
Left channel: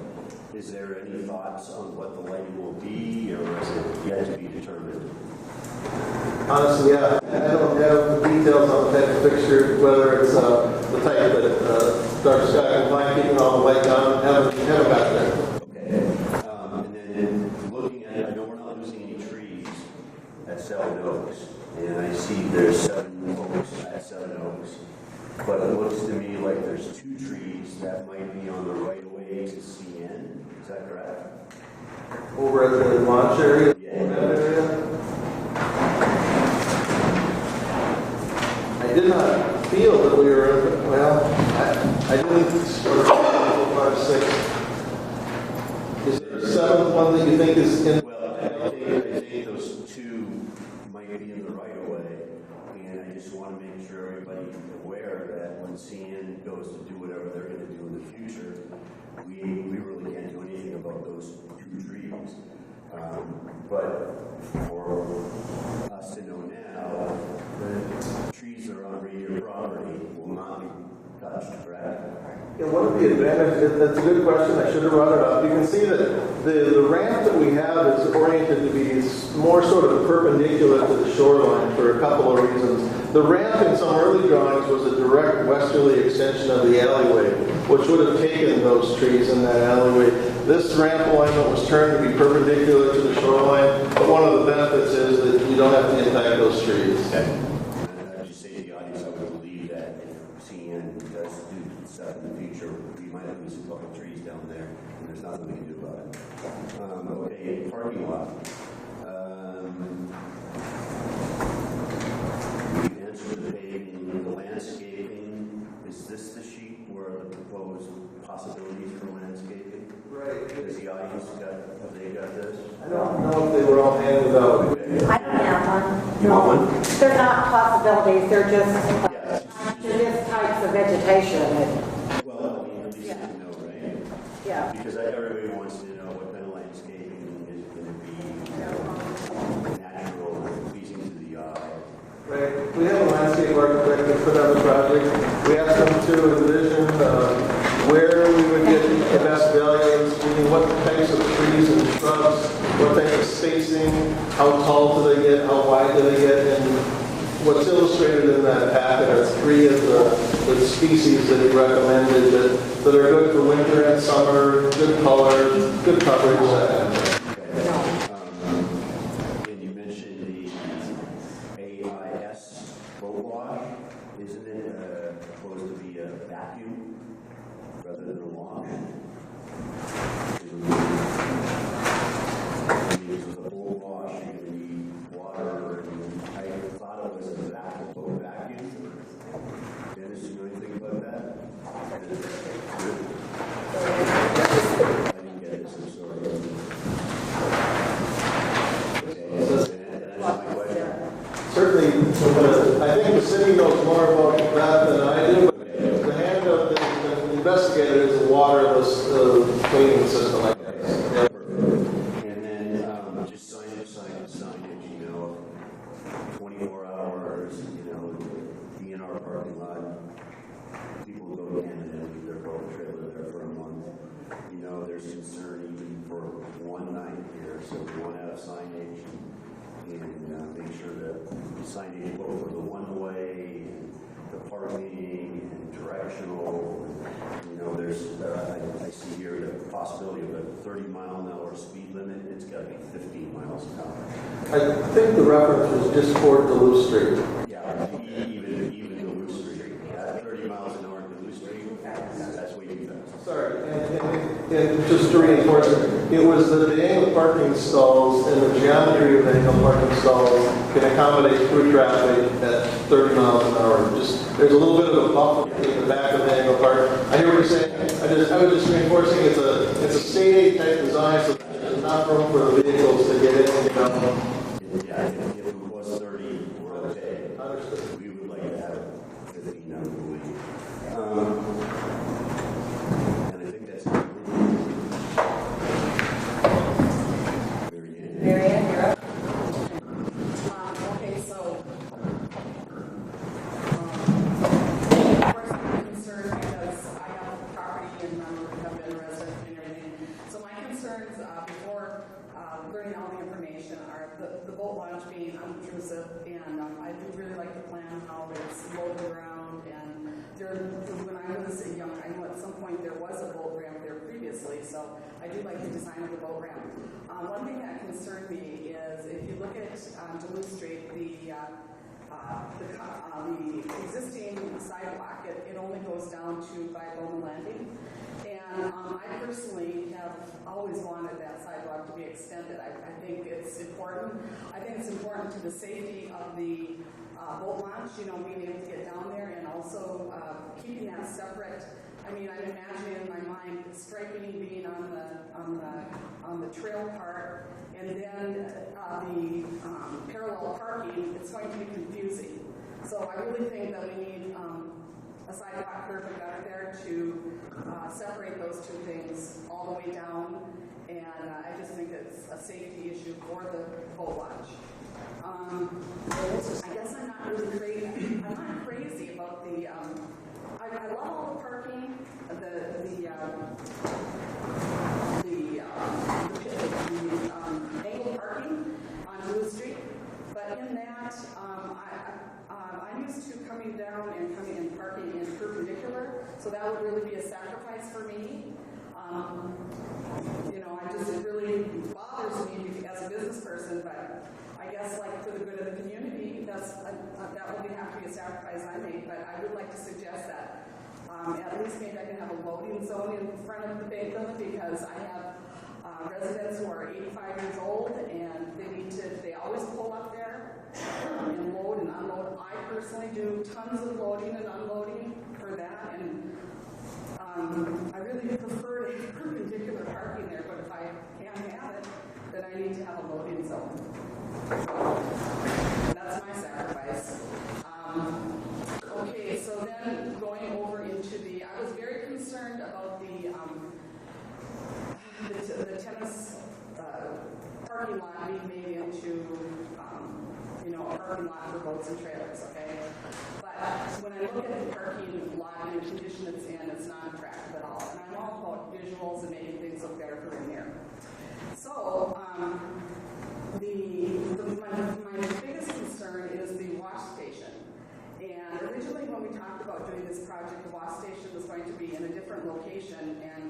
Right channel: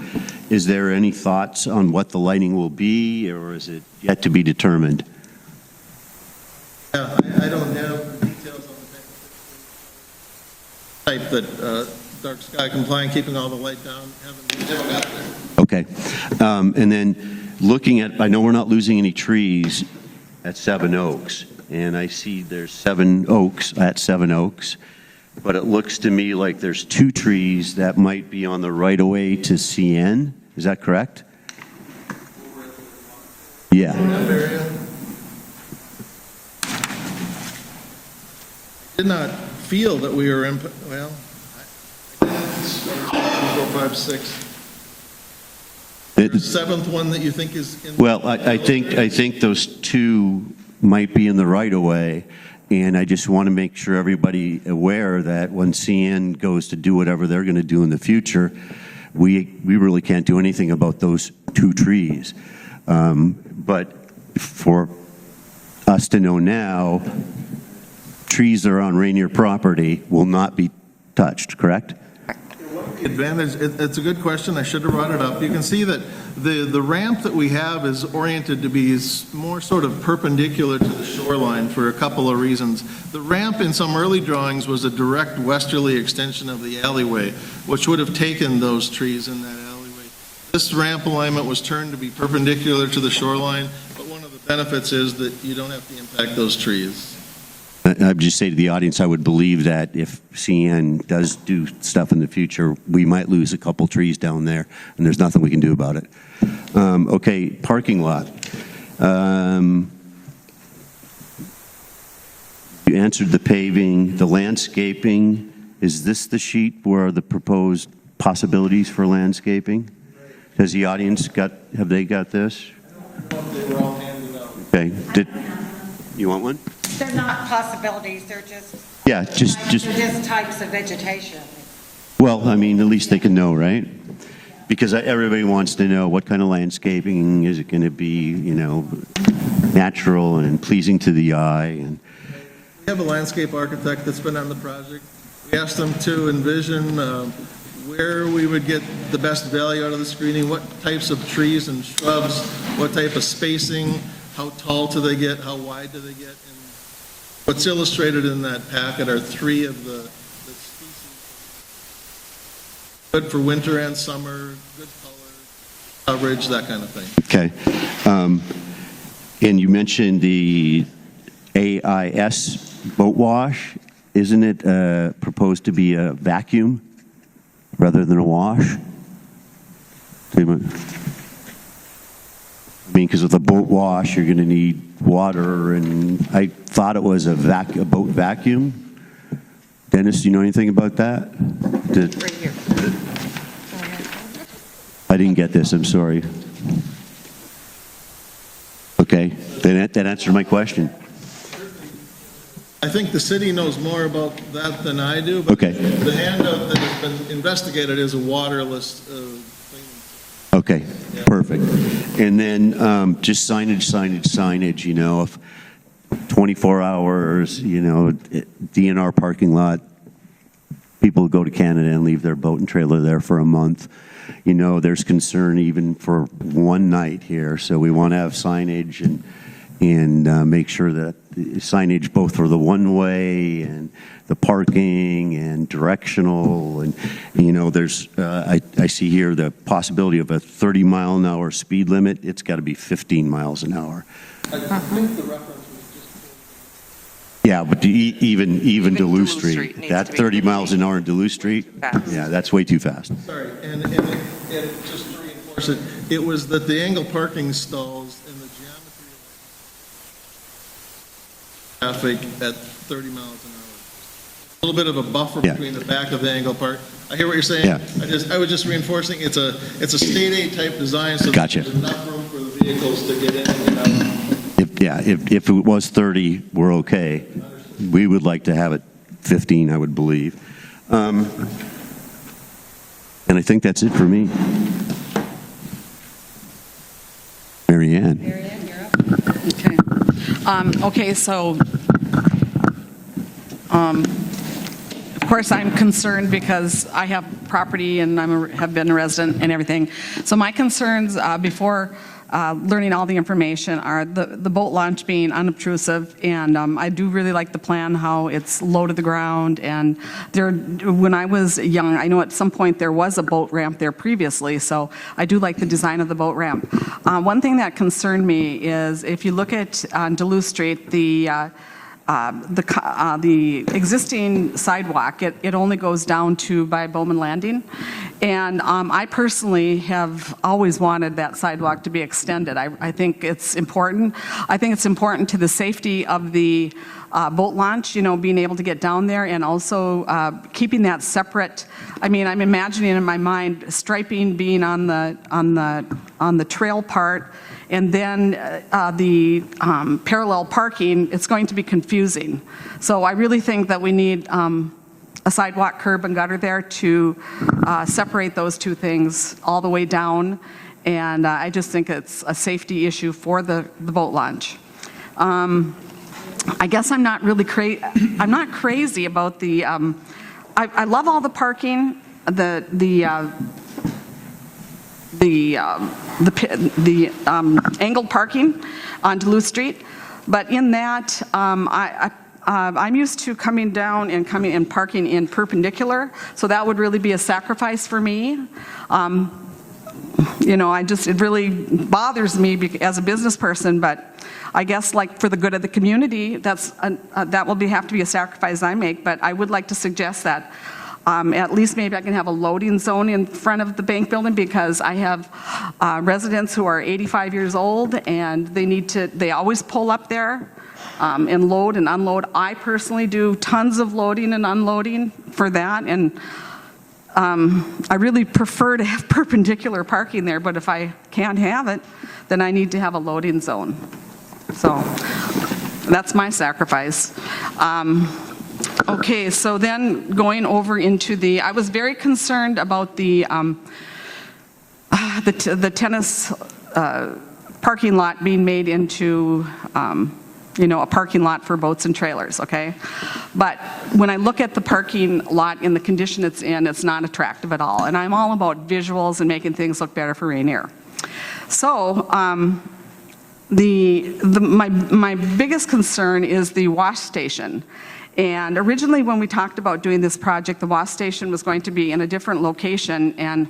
is there any thoughts on what the lighting will be, or is it yet to be determined? Honestly, yeah, I don't have details on the type of fixture, whether it's the type that dark sky compliant, keeping all the light down. Haven't got there. Okay. And then looking at, I know we're not losing any trees at Seven Oaks, and I see there's 7 oaks at Seven Oaks. But it looks to me like there's 2 trees that might be on the right-of-way to CN. Is that correct? Over at the launch area? Yeah. In that area? I did not feel that we were in, well, I didn't, 4, 5, 6. Is there a 7th one that you think is in? Well, I think those 2 might be in the right-of-way. And I just want to make sure everybody aware that when CN goes to do whatever they're going to do in the future, we really can't do anything about those 2 trees. But for us to know now, trees that are on Ranier property will not be touched, correct? The advantage, it's a good question, I should have brought it up. You can see that the ramp that we have is oriented to be more sort of perpendicular to the shoreline for a couple of reasons. The ramp in some early drawings was a direct westerly extension of the alleyway, which would have taken those trees in that alleyway. This ramp alignment was turned to be perpendicular to the shoreline, but one of the benefits is that you don't have to impact those trees. I'd just say to the audience, I would believe that if CN does do stuff in the future, we might lose a couple trees down there, and there's nothing we can do about it. Okay, parking lot. You answered the paving, the landscaping. Is this the sheet where the proposed possibilities for landscaping? Has the audience have they got this? I don't know if they were all handed out. Okay. You want one? They're not possibilities, they're just... Yeah, just types of vegetation. well, I mean, at least they can know, right? Yeah. Because everybody wants to know what kind of landscaping is it going to be, natural and pleasing to the eye. And We have a landscape architect that's been on the project. We asked them to envision where we would get the best value out of the screening, what types of trees and shrubs, what type of spacing, how tall do they get, how wide do they get, and what's illustrated in that packet are 3 of the species that he recommended that are good for winter and summer, good color, good coverage, that kind of thing. Okay. And you mentioned the AIS boat wash. Isn't it proposed to be a vacuum rather than a wash? I mean, because with a boat wash, you're going to need water, and I thought it was a boat vacuum. Dennis, do you know anything about that? Right here. I didn't get this, I'm sorry. Okay, that answered my question. Certainly, I think the city knows more about that than I do. Okay. The handout that has been investigated is a waterless cleaning system. Okay, perfect. And then just signage, if 24 hours, DNR parking lot, people go to Canada and leave their boat and trailer there for a month. There's concern even for one night here, so we want to have signage and and make sure that signage both for the one-way and the parking and directional, and there's I see here the possibility of a 30-mile-an-hour speed limit. It's got to be 15 miles an hour. I think the reference was just for Duluth Street. Yeah, but even Duluth Duluth Street, Street needs that to be 30 miles an hour in Duluth Street, Fast. yeah, that's way too fast. Sorry, and just to reinforce it, it was that the angle parking stalls and the geometry of the angle parking stalls can accommodate through traffic at 30 miles an hour. There's a little bit of a buffer Yeah. between the back of the angle park. I hear what you're saying. Yeah. I was just reinforcing, it's a state aid type design, so Gotcha. there's enough room for the vehicles to get in and get out. If it was 30, we're okay. We would like to have it 15, I would believe. And I think that's it for me. Mary Ann. Okay, so, of course, I'm concerned because I have property and have been a resident and everything. So my concerns before learning all the information are the boat launch being unobtrusive, and I do really like the plan, how it's low to the ground, and when I was young, I know at some point there was a boat ramp there previously, so I do like the design of the boat ramp. One thing that concerned me is if you look at on Duluth Street, the existing sidewalk, it only goes down to by Bowman Landing. And I personally have always wanted that sidewalk to be extended. I think it's important. I think it's important to the safety of the boat launch, being able to get down there, and also keeping that separate. I mean, I'm imagining in my mind striping being on the trail part, and then the parallel parking. It's going to be confusing. So I really think that we need a sidewalk, curb, and gutter there to separate those two things all the way down. And I just think it's a safety issue for the boat launch. I guess I'm not really I'm not crazy about the. I love all the parking, the angled parking on Duluth Street, but in that I'm used to coming down and parking in perpendicular, so that would really be a sacrifice for me. It really bothers me as a business person, but I guess like for the good of the community, that will have to be a sacrifice I make. But I would like to suggest that at least maybe I can have a loading zone in front of the bank building, because I have residents who are 85 years old, and they always pull up there and load and unload. I personally do tons of loading and unloading for that, and I really prefer to have perpendicular parking there, but if I can't have it, then I need to have a loading zone. So that's my sacrifice. Okay, so then going over into I was very concerned about the tennis parking lot being made into a parking lot for boats and trailers, okay? But when I look at the parking lot in the condition it's in, it's not attractive at all. And I'm all about visuals and making things look better for Ranier. So my biggest concern is the wash station. And originally when we talked about doing this project, the wash station was going to be in a different location, and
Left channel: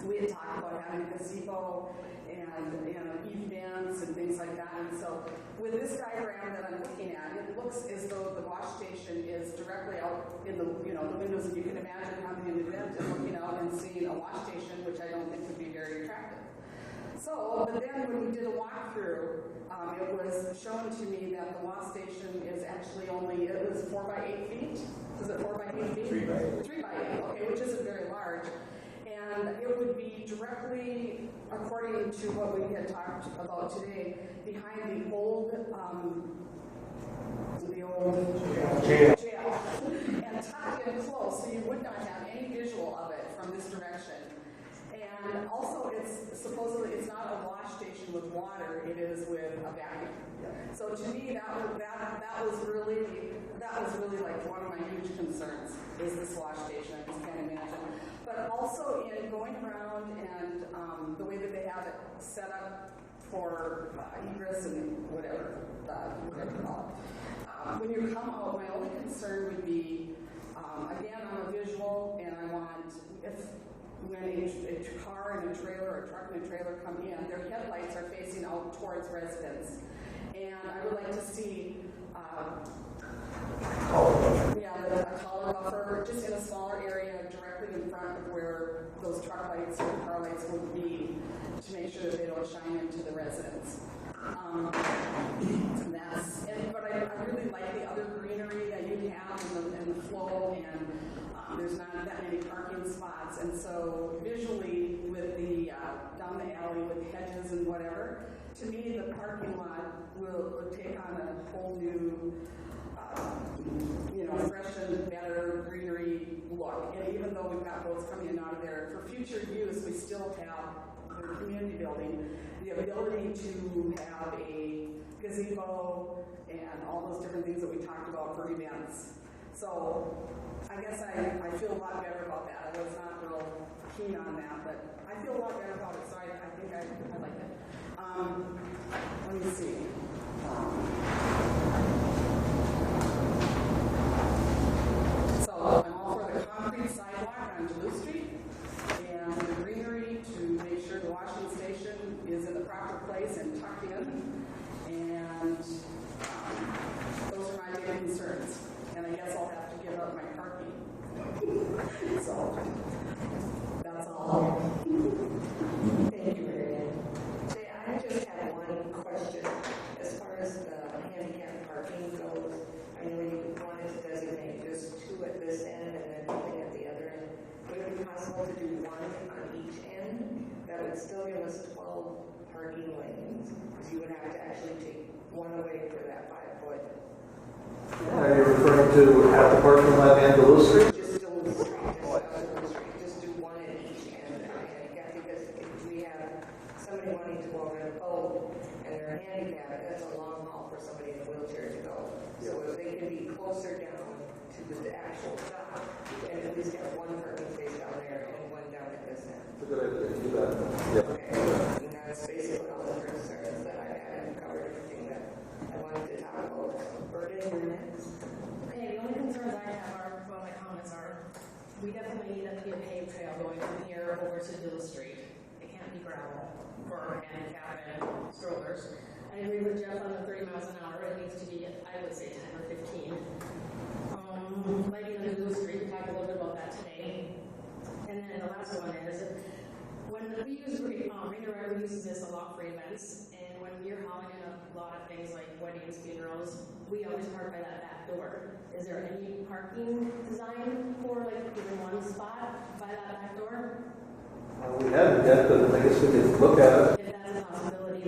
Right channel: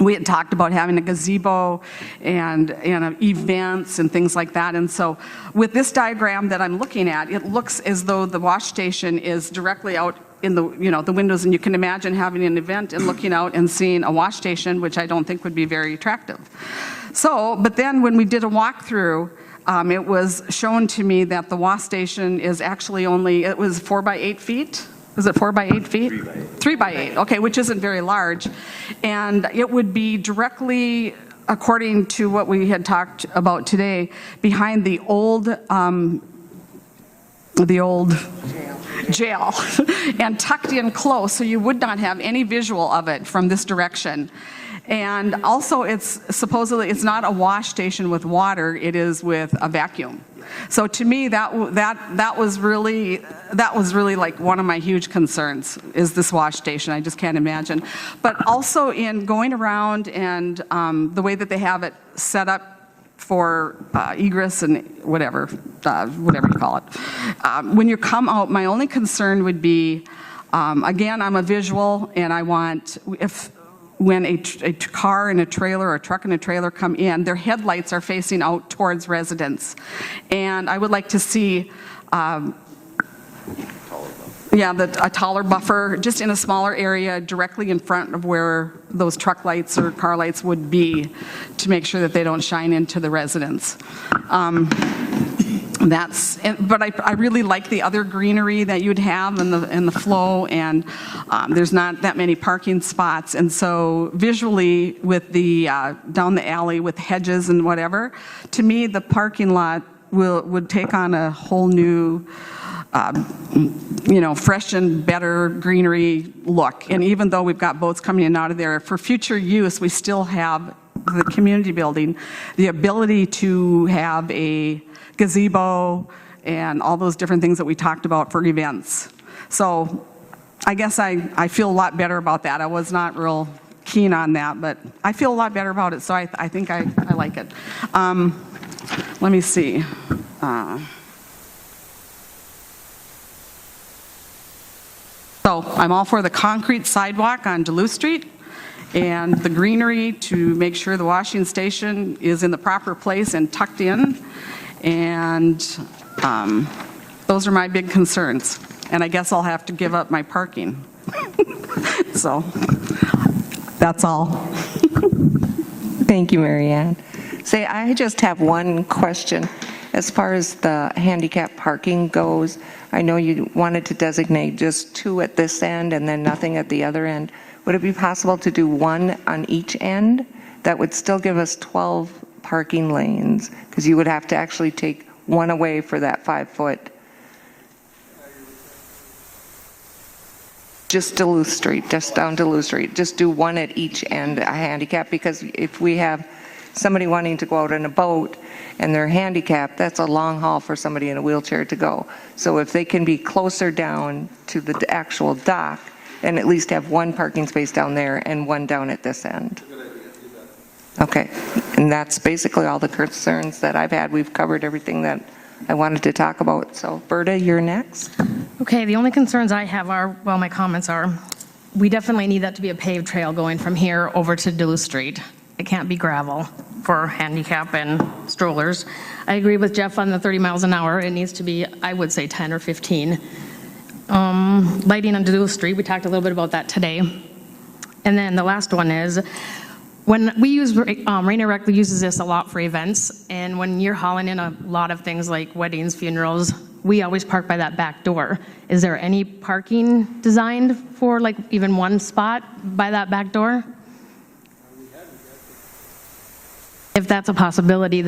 we had talked about having a gazebo and events and things like that. And so with this diagram that I'm looking at, it looks as though the wash station is directly out in the windows, and you can imagine having an event and looking out and seeing a wash station, which I don't think would be very attractive. So, but then when we did a walkthrough, it was shown to me that the wash station is actually it was 4 by 8 feet. Was it 4 by 8 feet? 3 by 8, okay, which isn't very large. And it would be directly, according to what we had talked about today, behind the old jail and tucked in close, so you would not have any visual of it from this direction. And also, supposedly it's not a wash station with water, it is with a vacuum. So to me, that was really like one of my huge concerns, is this wash station. I just can't imagine. But also in going around and the way that they have it set up for egress and whatever you call it. When you come out, my only concern would be, again, I'm a visual, and I want, when a car and a trailer or a truck and a trailer come in, their headlights are facing out towards residents. And I would like to see, a taller buffer, just in a smaller area directly in front of where those truck lights or car lights would be, to make sure that they don't shine into the residents. But I really like the other greenery that you'd have in the flow, and there's not that many parking spots, and so visually with the down the alley with hedges and whatever, to me the parking lot would take on a whole new fresh and better greenery look. And even though we've got boats coming in and out of there, for future use, we still have the community building, the ability to have a gazebo and all those different things that we talked about for events. So I guess I feel a lot better about that. I was not real keen on that, but I feel a lot better about it, so I think I like it. Let me see. So I'm all for the concrete sidewalk on Duluth Street and the greenery to make sure the washing station is in the proper place and tucked in. And those are my big concerns. And I guess I'll have to give up my parking. So that's all. Thank you, Mary Ann. Say, I just have one question. As far as the handicap parking goes, I know you wanted to designate just 2 at this end and then nothing at the other end. Would it be possible to do 1 on each end? That would still give us 12 parking lanes, because you would have to actually take 1 away for that 5-foot. Are you referring to at the parking lot and Duluth Street? Just Duluth Street, just down Duluth Street. Just do 1 at each end, a handicap, because if we have somebody wanting to go out in a boat and they're handicapped, that's a long haul for somebody in a wheelchair to go. So if they can be closer down to the actual dock, and at least have 1 parking space down there and 1 down at this end. Okay, and that's basically all the concerns that I've had. We've covered everything that I wanted to talk about. So Berta, you're next. Okay, the only concerns I have are, well, my comments are, we definitely need that to be a paved trail going from here over to Duluth Street. It can't be gravel for handicap and strollers. I agree with Jeff on the 30 miles an hour. It needs to be, I would say, 10 or 15. Lighting on Duluth Street, we talked a little bit about that today. And then the last one is, when we use, Ranier Rec uses this a lot for events, and when you're hauling in a lot of things like weddings, funerals, we always park by that back door. Is there any parking designed for like even 1 spot by that back door? We haven't yet, but I guess we could look at it. If that's a possibility,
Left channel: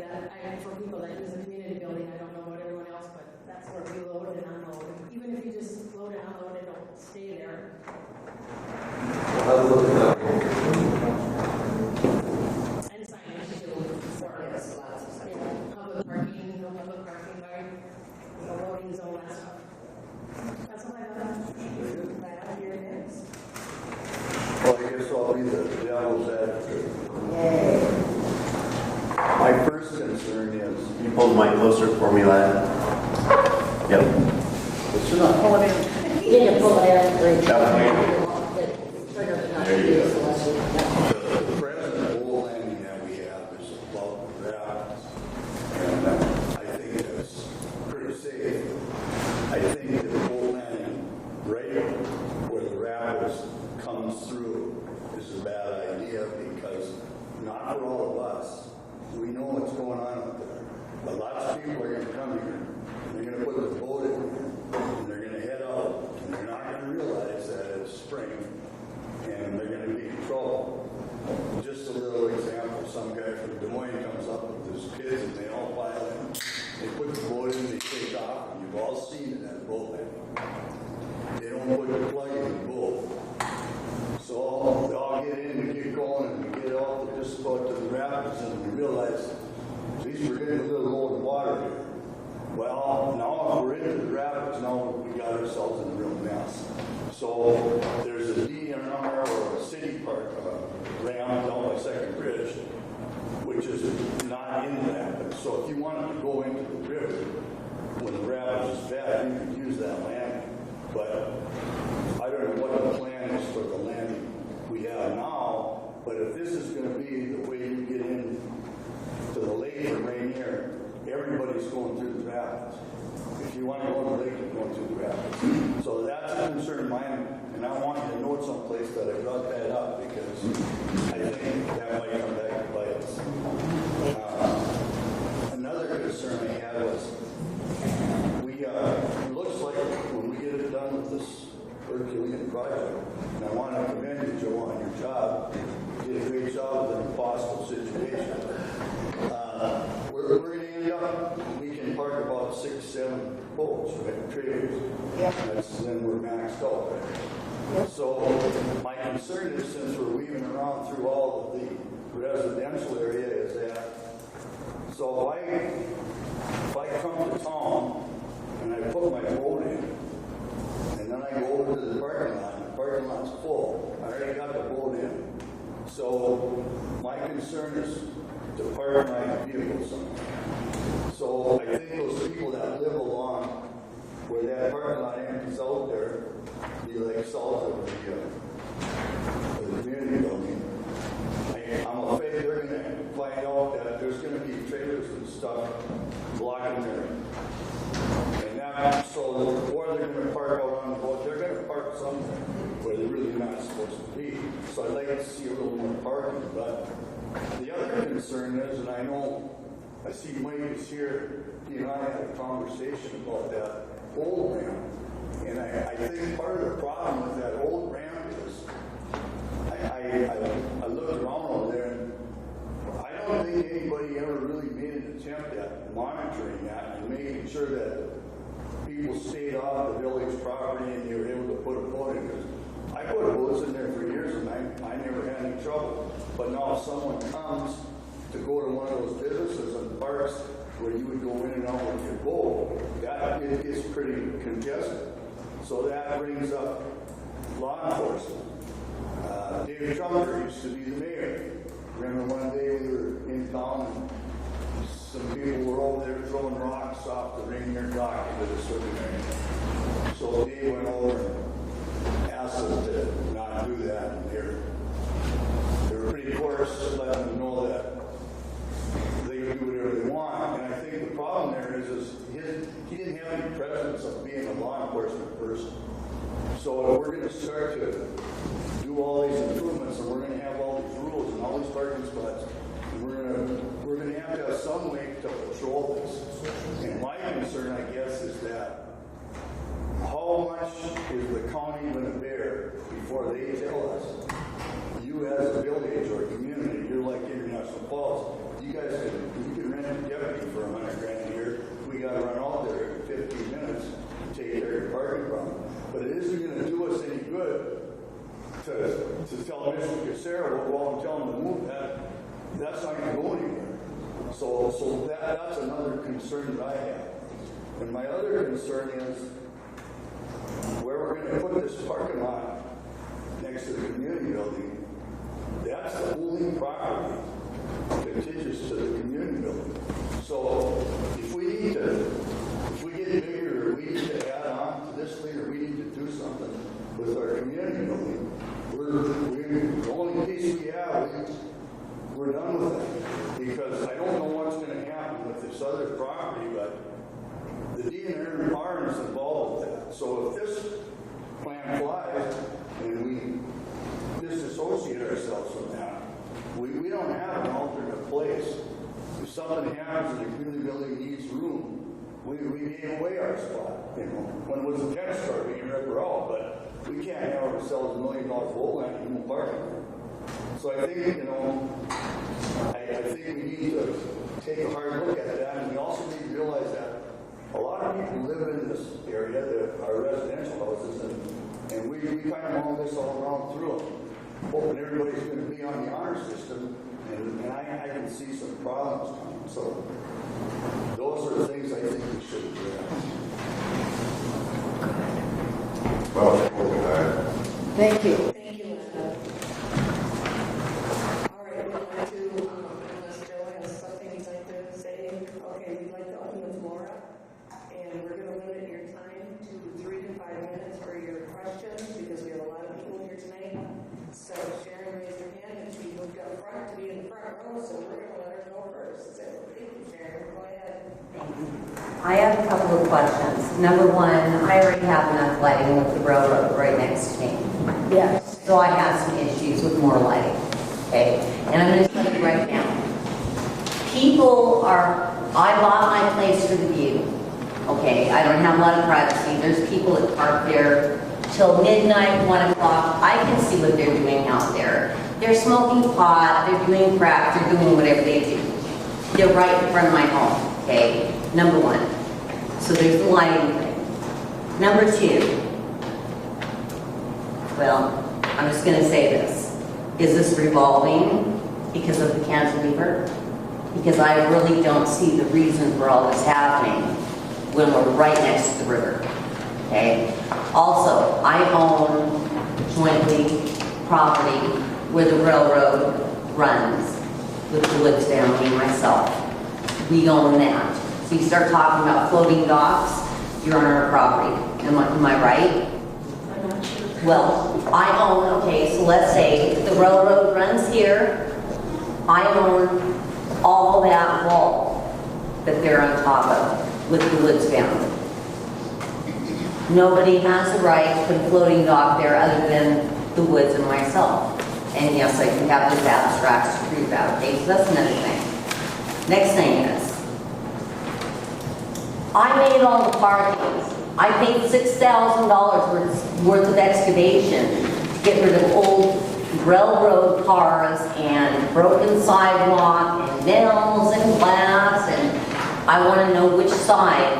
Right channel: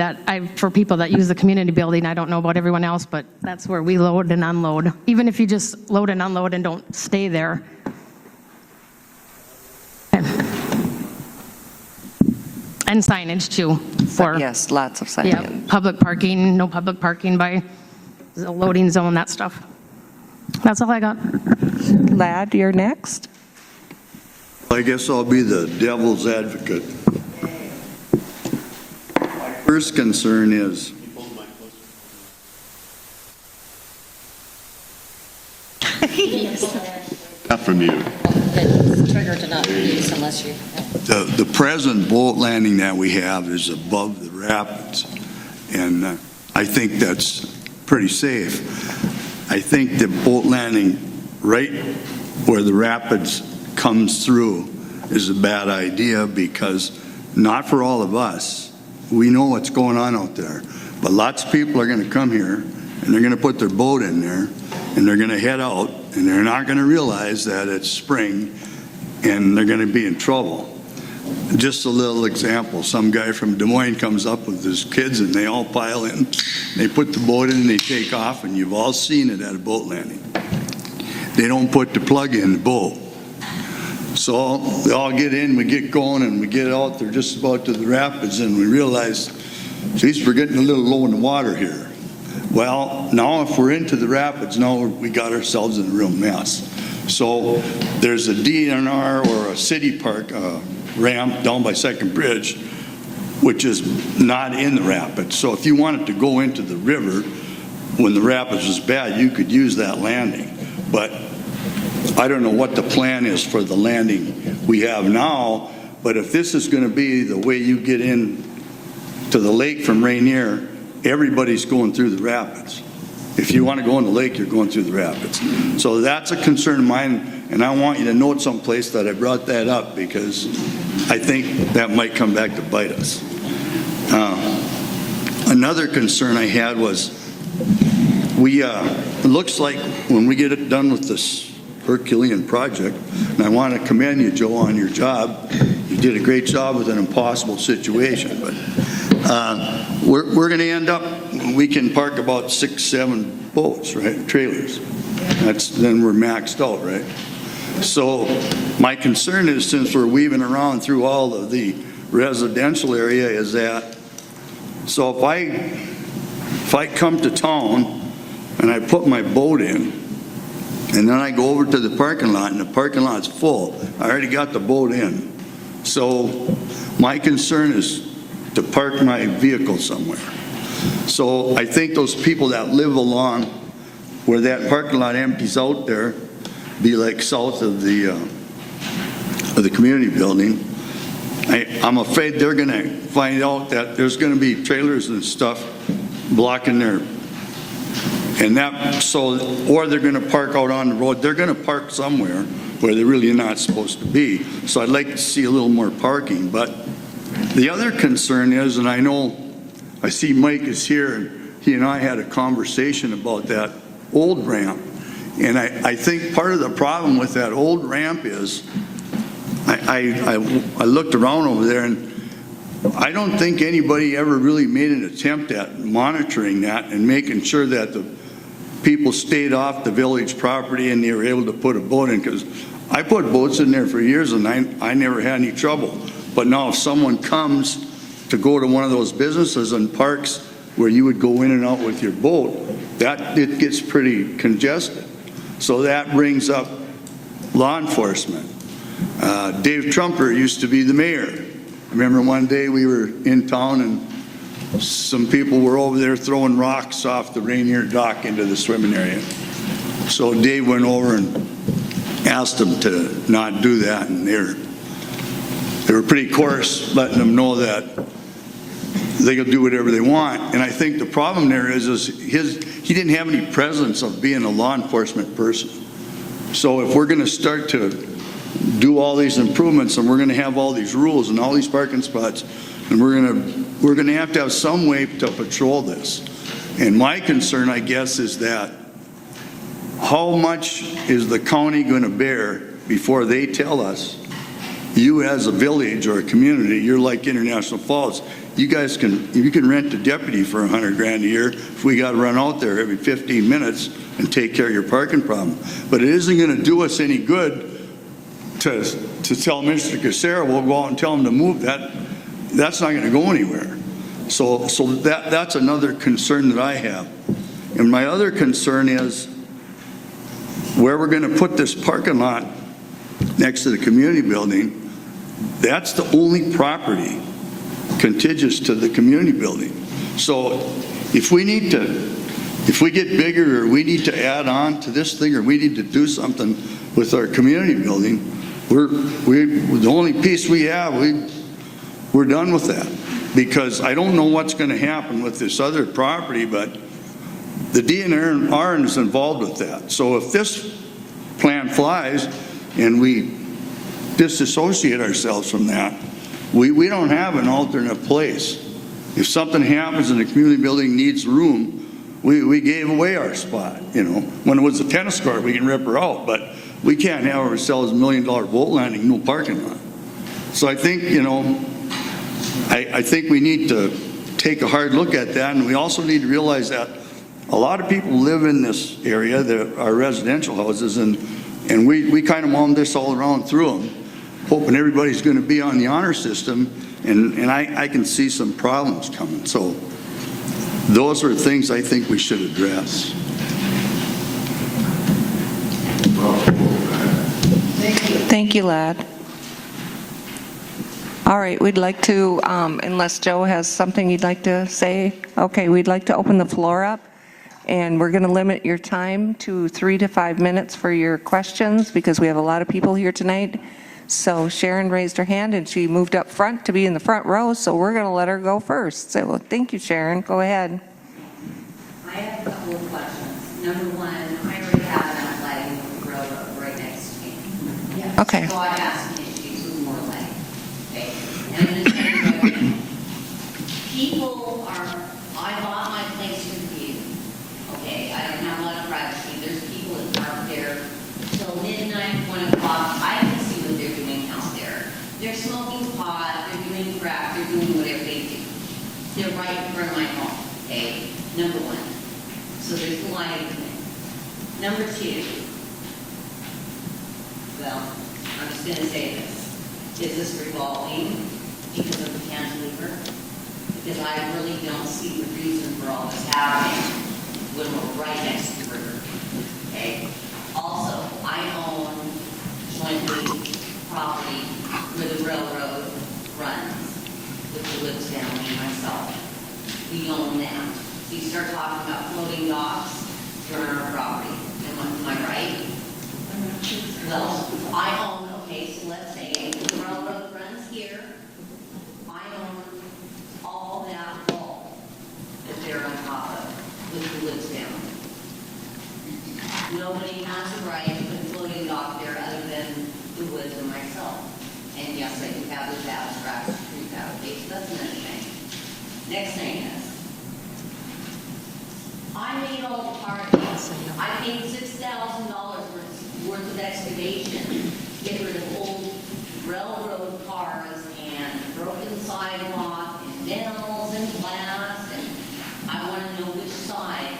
for people that use the community building, I don't know about everyone else, but that's where we load and unload. Even if you just load and unload and don't stay there. And signage too. For Yes, lots of signage. Yeah, public parking, no public parking by the loading zone, that stuff. That's all I got. Ladd, you're next. Well, I guess I'll be the devil's advocate. My first concern is, Can you pull the mic closer for me, lad? Yep. Up from here. It's triggered to not use unless you. the present boat landing that we have is above the rapids, and I think that's pretty safe. I think the boat landing right where the rapids comes through is a bad idea, because not for all of us. We know what's going on out there, but lots of people are going to come here and they're going to put their boat in there and they're going to head out, and they're not going to realize that it's spring and they're going to be in trouble. Just a little example, some guy from Des Moines comes up with his kids and they all pile in, they put the boat in and they take off, and you've all seen it at a boat landing. They don't put the plug in the boat. So they all get in, we get going, and we get out there just about to the rapids, and we realize, geez, we're getting a little low in the water here. Well, now if we're into the rapids, now we got ourselves in a real mess. So there's a DNR or a city park ramp down by Second Bridge which is not in the rapids. So if you wanted to go into the river when the rapids was bad, you could use that landing. But I don't know what the plan is for the landing we have now, but if this is going to be the way you get in to the lake from Ranier, everybody's going through the rapids. If you want to go in the lake, you're going through the rapids. So that's a concern of mine, and I want you to note someplace that I brought that up because I think that might come back to bite us. Another concern I had was it looks like when we get it done with this Herculean project, and I want to commend you, Joe, on your job. You did a great job with an impossible situation, but we're going to end up, we can park about 6, 7 boats, right, trailers. Then we're maxed out, right? So my concern is, since we're weaving around through all of the residential area, is that, so if I come to town and I put my boat in, and then I go over to the parking lot, and the parking lot's full, I already got the boat in. So my concern is to park my vehicle somewhere. So I think those people that live along where that parking lot empties out there, be like south of the community building, I'm afraid they're going to find out that there's going to be trailers and stuff blocking their, and that, so, or they're going to park out on the road. They're going to park somewhere where they're really not supposed to be. So I'd like to see a little more parking. But the other concern is, and I know, I see Mike is here, he and I had a conversation about that old ramp. And I think part of the problem with that old ramp is, I looked around over there, and I don't think anybody ever really made an attempt at monitoring that and making sure that the people stayed off the village property and they were able to put a boat in, because I put boats in there for years and I never had any trouble. But now if someone comes to go to one of those businesses and parks where you would go in and out with your boat, it gets pretty congested. So that brings up law enforcement. Dave Trumper used to be the mayor. Remember one day we were in town and some people were over there throwing rocks off the Ranier dock into the swimming area. So Dave went over and asked them to not do that, and they were pretty coarse, letting them know that they could do whatever they want. And I think the problem there is he didn't have any presence of being a law enforcement person. So if we're going to start to do all these improvements and we're going to have all these rules and all these parking spots, and we're going to have some way to patrol this. And my concern, I guess, is that how much is the county going to bear before they tell us, you as a village or a community, you're like International Falls, you can rent a deputy for $100 grand a year if we got to run out there every 15 minutes and take care of your parking problem. But it isn't going to do us any good to tell Mr. Casera, we'll go out and tell him to move that. That's not going to go anywhere. So that's another concern that I have. And my other concern is where we're going to put this parking lot next to the community building. That's the only property contiguous to the community building. So if we get bigger, or we need to add on to this thing, or we need to do something with our community building, the only piece we have, we're done with that. Because I don't know what's going to happen with this other property, but the DNR is involved with that. So if this plan flies and we disassociate ourselves from that, we don't have an alternate place. If something happens and the community building needs room, we gave away our spot. You know, when it was a tennis court, we can rip her out, but we can't have ourselves $1 million boat landing, no parking lot. So I think, I think we need to take a hard look at that, and we also need to realize that a lot of people live in this area that are residential houses, and we kind of wound this all around through them, hoping everybody's going to be on the honor system, and I can see some problems coming. So those are things I think we should address. Thank you. Thank you, Lad. All right, we'd like to, unless Joe has something you'd like to say, okay, we'd like to open the floor up, and we're going to limit your time to 3 to 5 minutes for your questions, because we have a lot of people here tonight. So Sharon raised her hand, and she moved up front to be in the front row, so we're going to let her go first. So, well, thank you, Sharon. Go ahead. I have a couple of questions. Number one, I already have enough lighting with the railroad right next to me. Yes. Okay. So I have some issues with more lighting, okay? And I'm going to tell you right now. I bought my place for the view, okay? I don't have a lot of privacy. There's people that park there till midnight, 1 o'clock. I can see what they're doing out there. They're smoking pot, they're doing crack, they're doing whatever they do. They're right in front of my home, okay? Number one. So there's the lighting thing. Number two, well, I'm just going to say this. Is this revolving because of the cantilever? Because I really don't see the reason for all this happening when we're right next to the river. Okay? Also, I own jointly property where the railroad runs with the Woods family and myself. We own that. So you start talking about floating docks, you're on our property. Am I right? Well, I own, okay, so let's say the railroad runs here. I own all that wall that they're on top of with the Woods family. Nobody has the right to put a floating dock there other than the Woods and myself. And yes, I can have this abstract to prove that. Okay, so that's another thing. Next thing is, I made all the parkings. I paid $6,000 worth of excavation to get rid of old railroad cars and broken sidewalk and nails and glass, and I want to know which side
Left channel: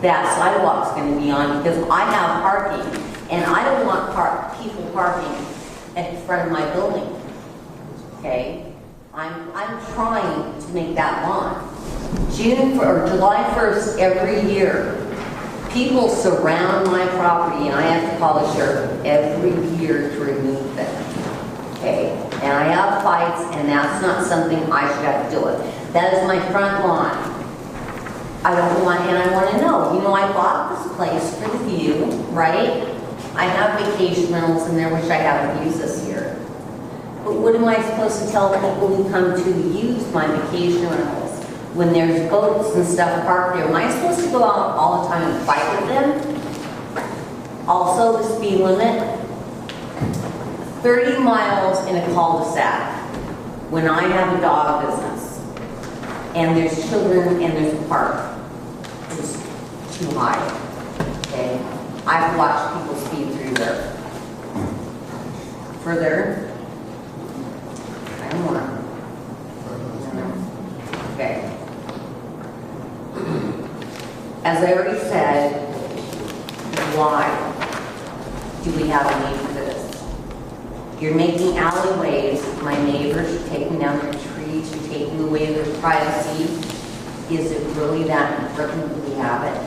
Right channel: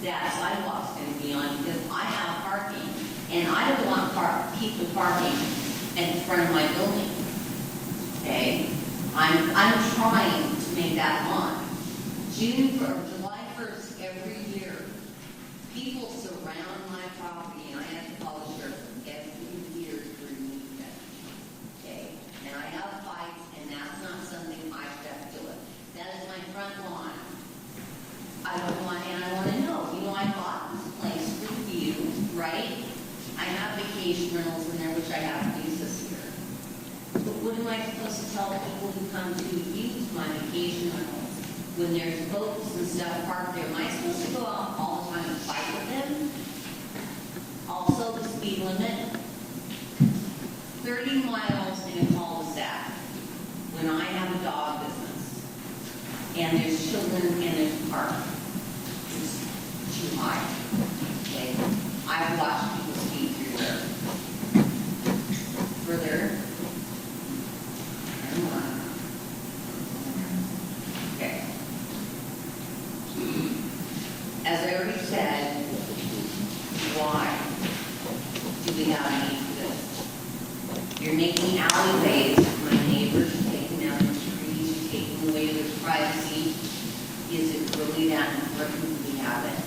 that sidewalk's going to be on, because I have parking, and I don't want people parking in front of my building. Okay? I'm trying to make that lawn. July 1st every year, people surround my property, and I have to call the sheriff every year to remove them. Okay? And I have fights, and that's not something I should have to deal with. That is my front lawn. I don't want, and I want to know, I bought this place for the view, right? I have vacation rentals in there, which I haven't used this year. But what am I supposed to tell people who come to use my vacation rentals when there's boats and stuff parked there? Am I supposed to go out all the time and fight with them? Also, the speed limit, 30 miles in a cul-de-sac when I have a dog business and there's children and there's a park. It's too high, okay? I've watched people speed through there. Further, I don't want to. Okay. As I already said, why do we have a need for this? You're making alleyways. My neighbors are taking down the trees. You're taking away their privacy. Is it really that important that we have it?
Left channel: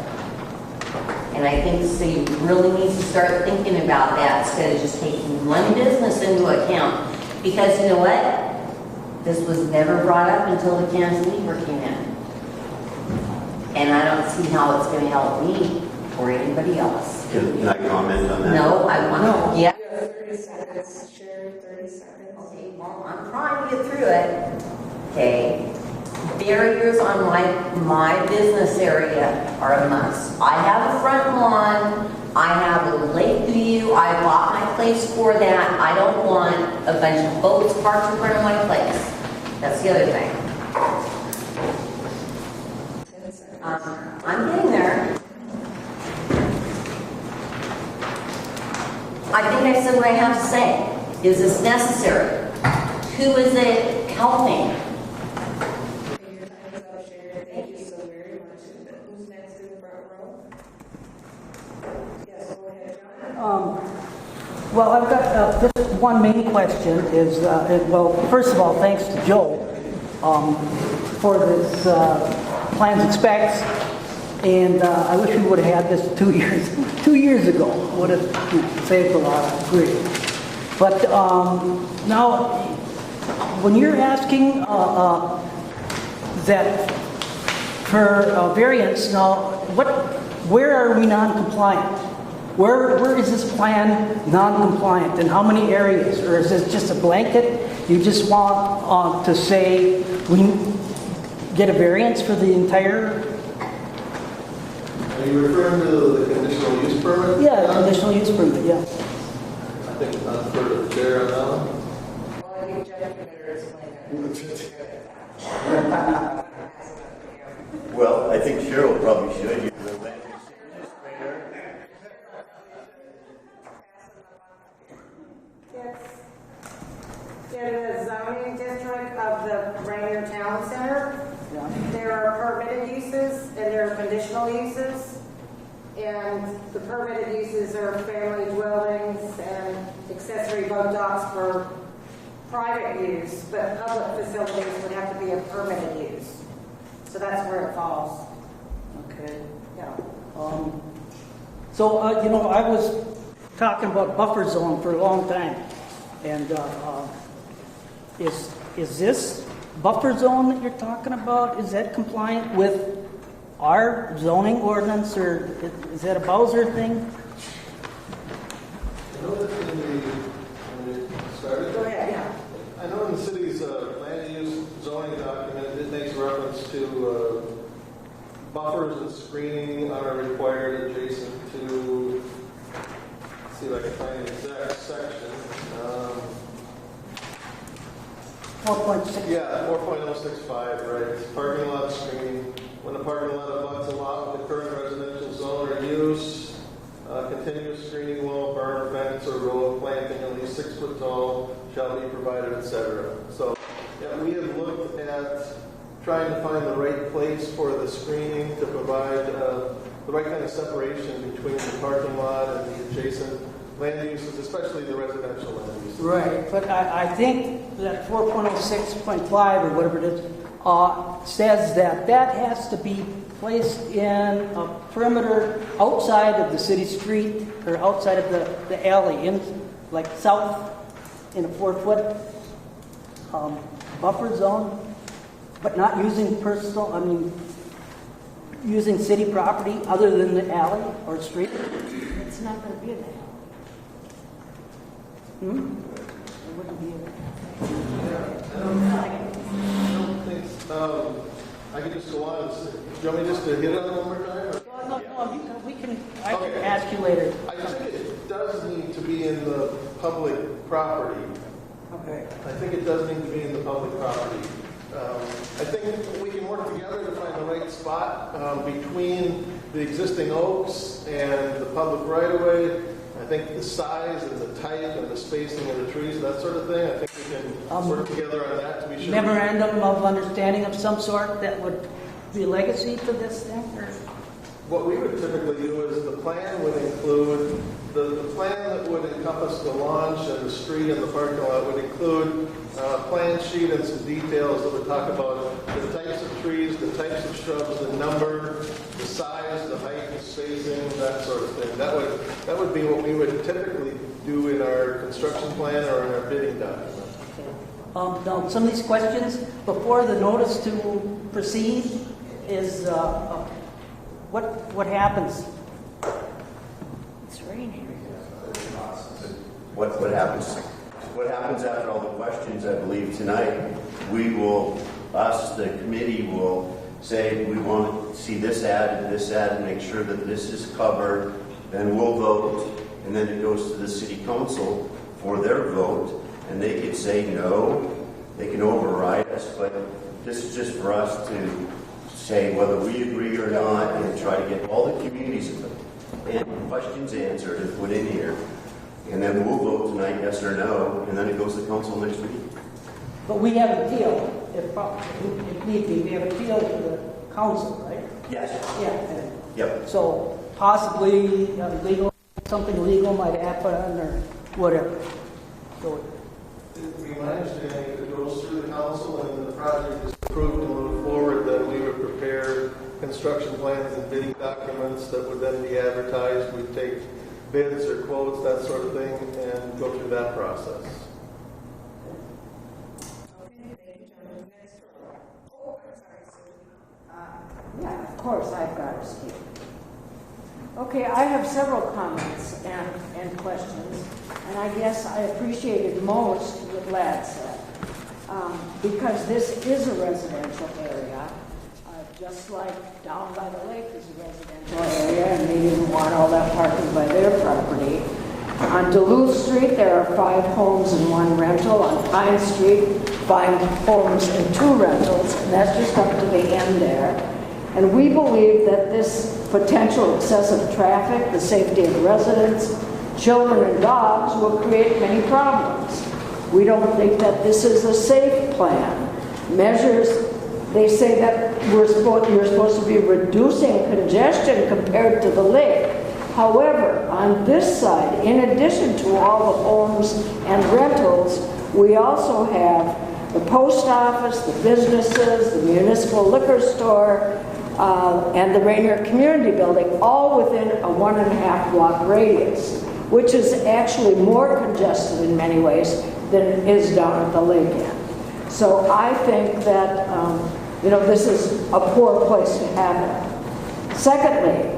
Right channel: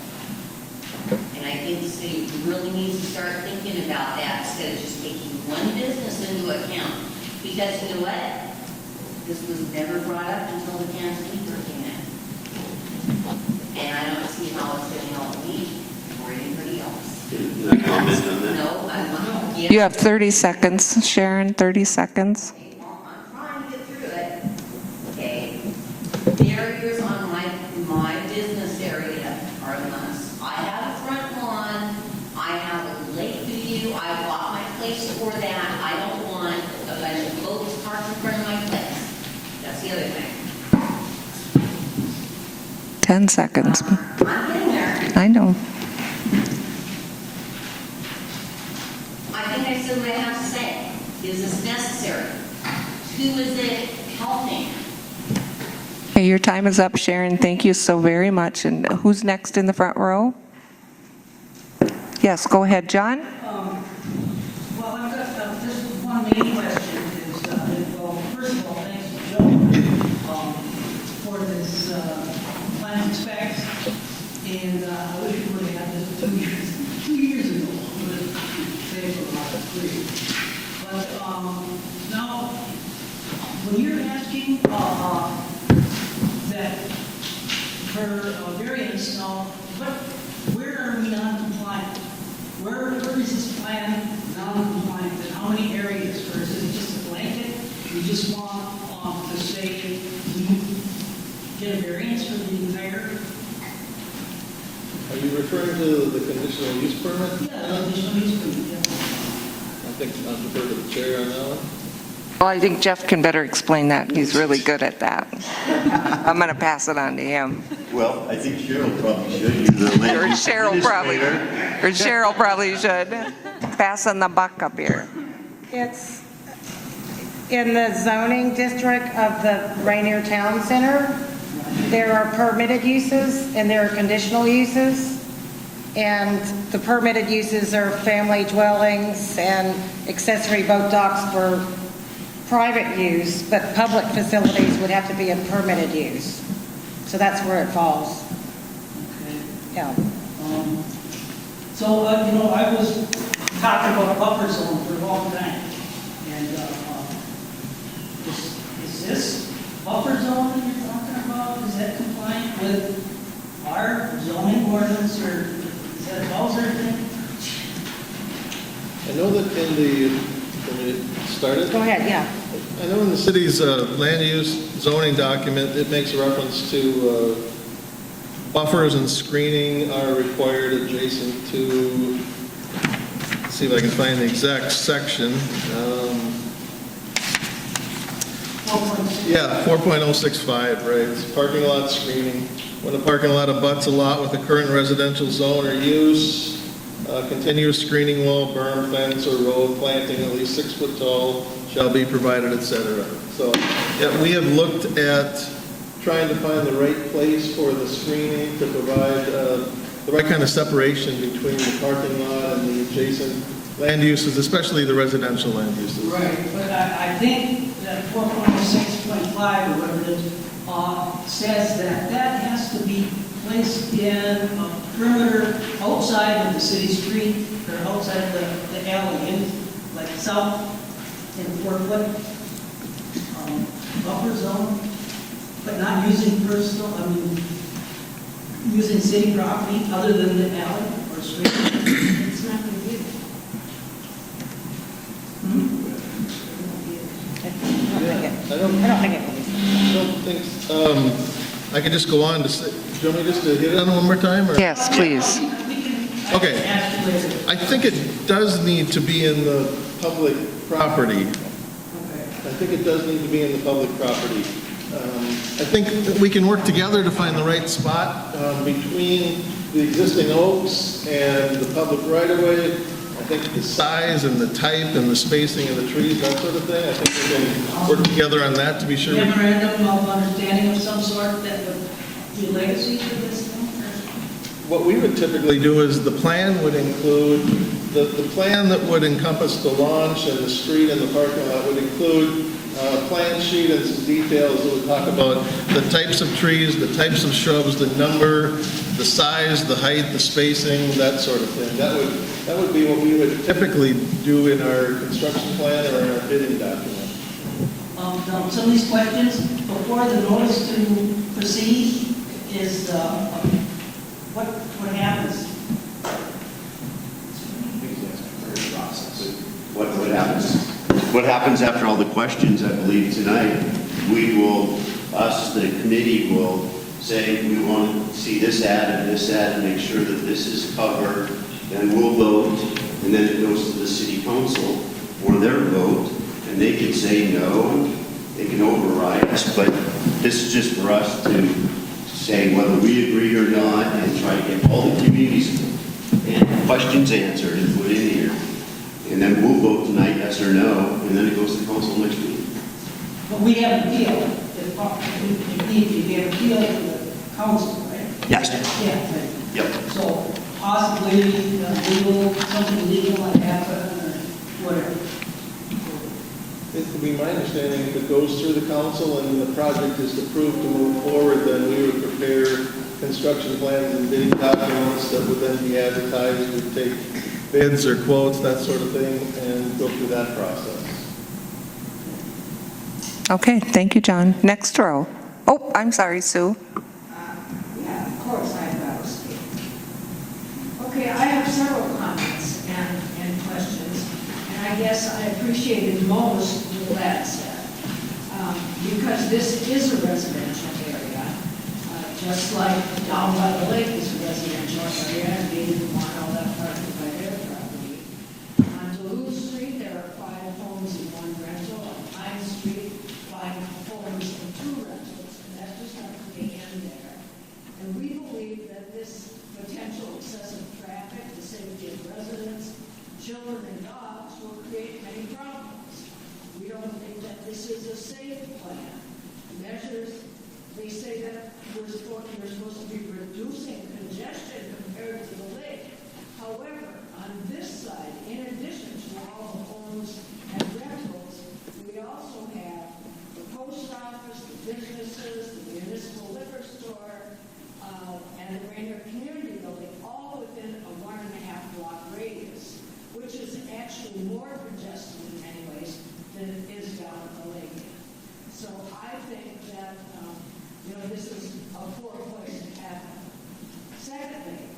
And I think the city really needs to start thinking about that instead of just taking one business into account. Because you know what? This was never brought up until the cantilever came in. And I don't see how it's going to help me or anybody else. Can I comment on that? No, I want to. Yeah. You have 30 seconds, Sharon, 30 seconds. Okay, well, I'm trying to get through it. Okay. Barriers on my business area are a must. I have a front lawn. I have a lake view. I bought my place for that. I don't want a bunch of boats parked in front of my place. That's the other thing. 10 seconds. I'm getting there. I know. I think I said what I have to say. Is this necessary? Who is it helping? Okay, your time is up, Sharon. Thank you so very much. And who's next in the front row? Yes, go ahead, John. Well, I've got just one main question is, well, first of all, thanks to Joe for this plans and specs, and I wish we would have had this 2 years ago. Would have saved a lot, I agree. But now, when you're asking that for variance, now, where are we non-compliant? Where is this plan non-compliant, and how many areas? Or is it just a blanket? You just want to say we get a variance for the entire? Are you referring to the conditional use permit? Yeah, conditional use permit, yeah. I think I'll defer to the chair on that one. Well, I think Jeff can better explain that. He's really good at that. I'm going to pass it on to him. Well, I think Cheryl probably should. You're the land Or use Cheryl probably should. Passing the buck up here. It's in the zoning district of the Ranier Town Center. There are permitted uses and there are conditional uses. And the permitted uses are family dwellings and accessory boat docks for private use, but public facilities would have to be a permitted use. So that's where it falls. Yeah. So, I was talking about buffer zone for a long time. And is this buffer zone that you're talking about, is that compliant with our zoning ordinance, or is that a Bowser thing? I know that in the, when it started, Go ahead, yeah. I know in the city's land use zoning document, it makes reference to buffers and screening are required adjacent to, let's see if I can find the exact section. Yeah, 4.065, right, it's parking lot screening. When a parking lot abuts a lot with a current residential zone or use, continuous screening wall, berm, fence, or road planting at least 6 foot tall shall be provided, etc. So, yeah, we have looked at trying to find the right place for the screening to provide the right kind of separation between the parking lot and the adjacent land uses, especially the residential land uses. Right, but I think that 4.06.5 or whatever it is, says that has to be placed in a perimeter outside of the city street or outside of the alley, in like south in a 4-foot buffer zone, but not using using city property other than the alley or street. It's not going to be. I don't think, I can just go on to say, do you want me just to hit it on one more time? Or? Yes, please. Okay. I think it does need to be in the public property. I think it does need to be in the public property. I think that we can work together to find the right spot between the existing oaks and the public right-of-way. I think the size and the type and the spacing of the trees, that sort of thing, I think we can work together on that to be sure. Memorandum of understanding of some sort that would be legacy for this thing? What we would typically do is the plan would include, the plan that would encompass the launch and the street and the parking lot would include a plan sheet and some details that would talk about the types of trees, the types of shrubs, the number, the size, the height, the spacing, that sort of thing. That would be what we would typically do in our construction plan or in our bidding document. Now, some of these questions, before the notice to proceed is, what happens? What happens after all the questions, I believe, tonight, the committee will say, we want to see this added, make sure that this is covered, then we'll vote, and then it goes to the city council for their vote, and they can say no, they can override us, but this is just for us to say whether we agree or not, and try to get all the community's questions answered and put in here. And then we'll vote tonight, yes or no, and then it goes to council next week. But we have an appeal. We have an appeal to the council, right? Yes. Yeah. Right. Yep. So possibly something legal might happen or whatever. It would be my understanding if it goes through the council and the project is approved to move forward, then we would prepare construction plans and bidding documents that would then be advertised. We'd take bids or quotes, that sort of thing, and go through that process. Okay, thank you, John. Next row. Oh, I'm sorry, Sue. Yeah, of course, I've got to speak. Okay, I have several comments and questions, and I guess I appreciated most what Glad said, because this is a residential area, just like down by the lake is a residential area, and they didn't want all that parking by their property. On Duluth Street, there are 5 homes and 1 rental. On Pine Street, 5 homes and 2 rentals, and that's just up to the end there. And we believe that this potential excessive traffic, the safety of residents, children and dogs will create many problems. We don't think that this is a safe plan. Measures, they say that you're supposed to be reducing congestion compared to the lake. However, on this side, in addition to all the homes and rentals, we also have the post office, the businesses, the municipal liquor store, and the Ranier Community Building, all within a 1.5 block radius, which is actually more congested in many ways than it is down at the lake end. So I think that, this is a poor place to have it. Secondly,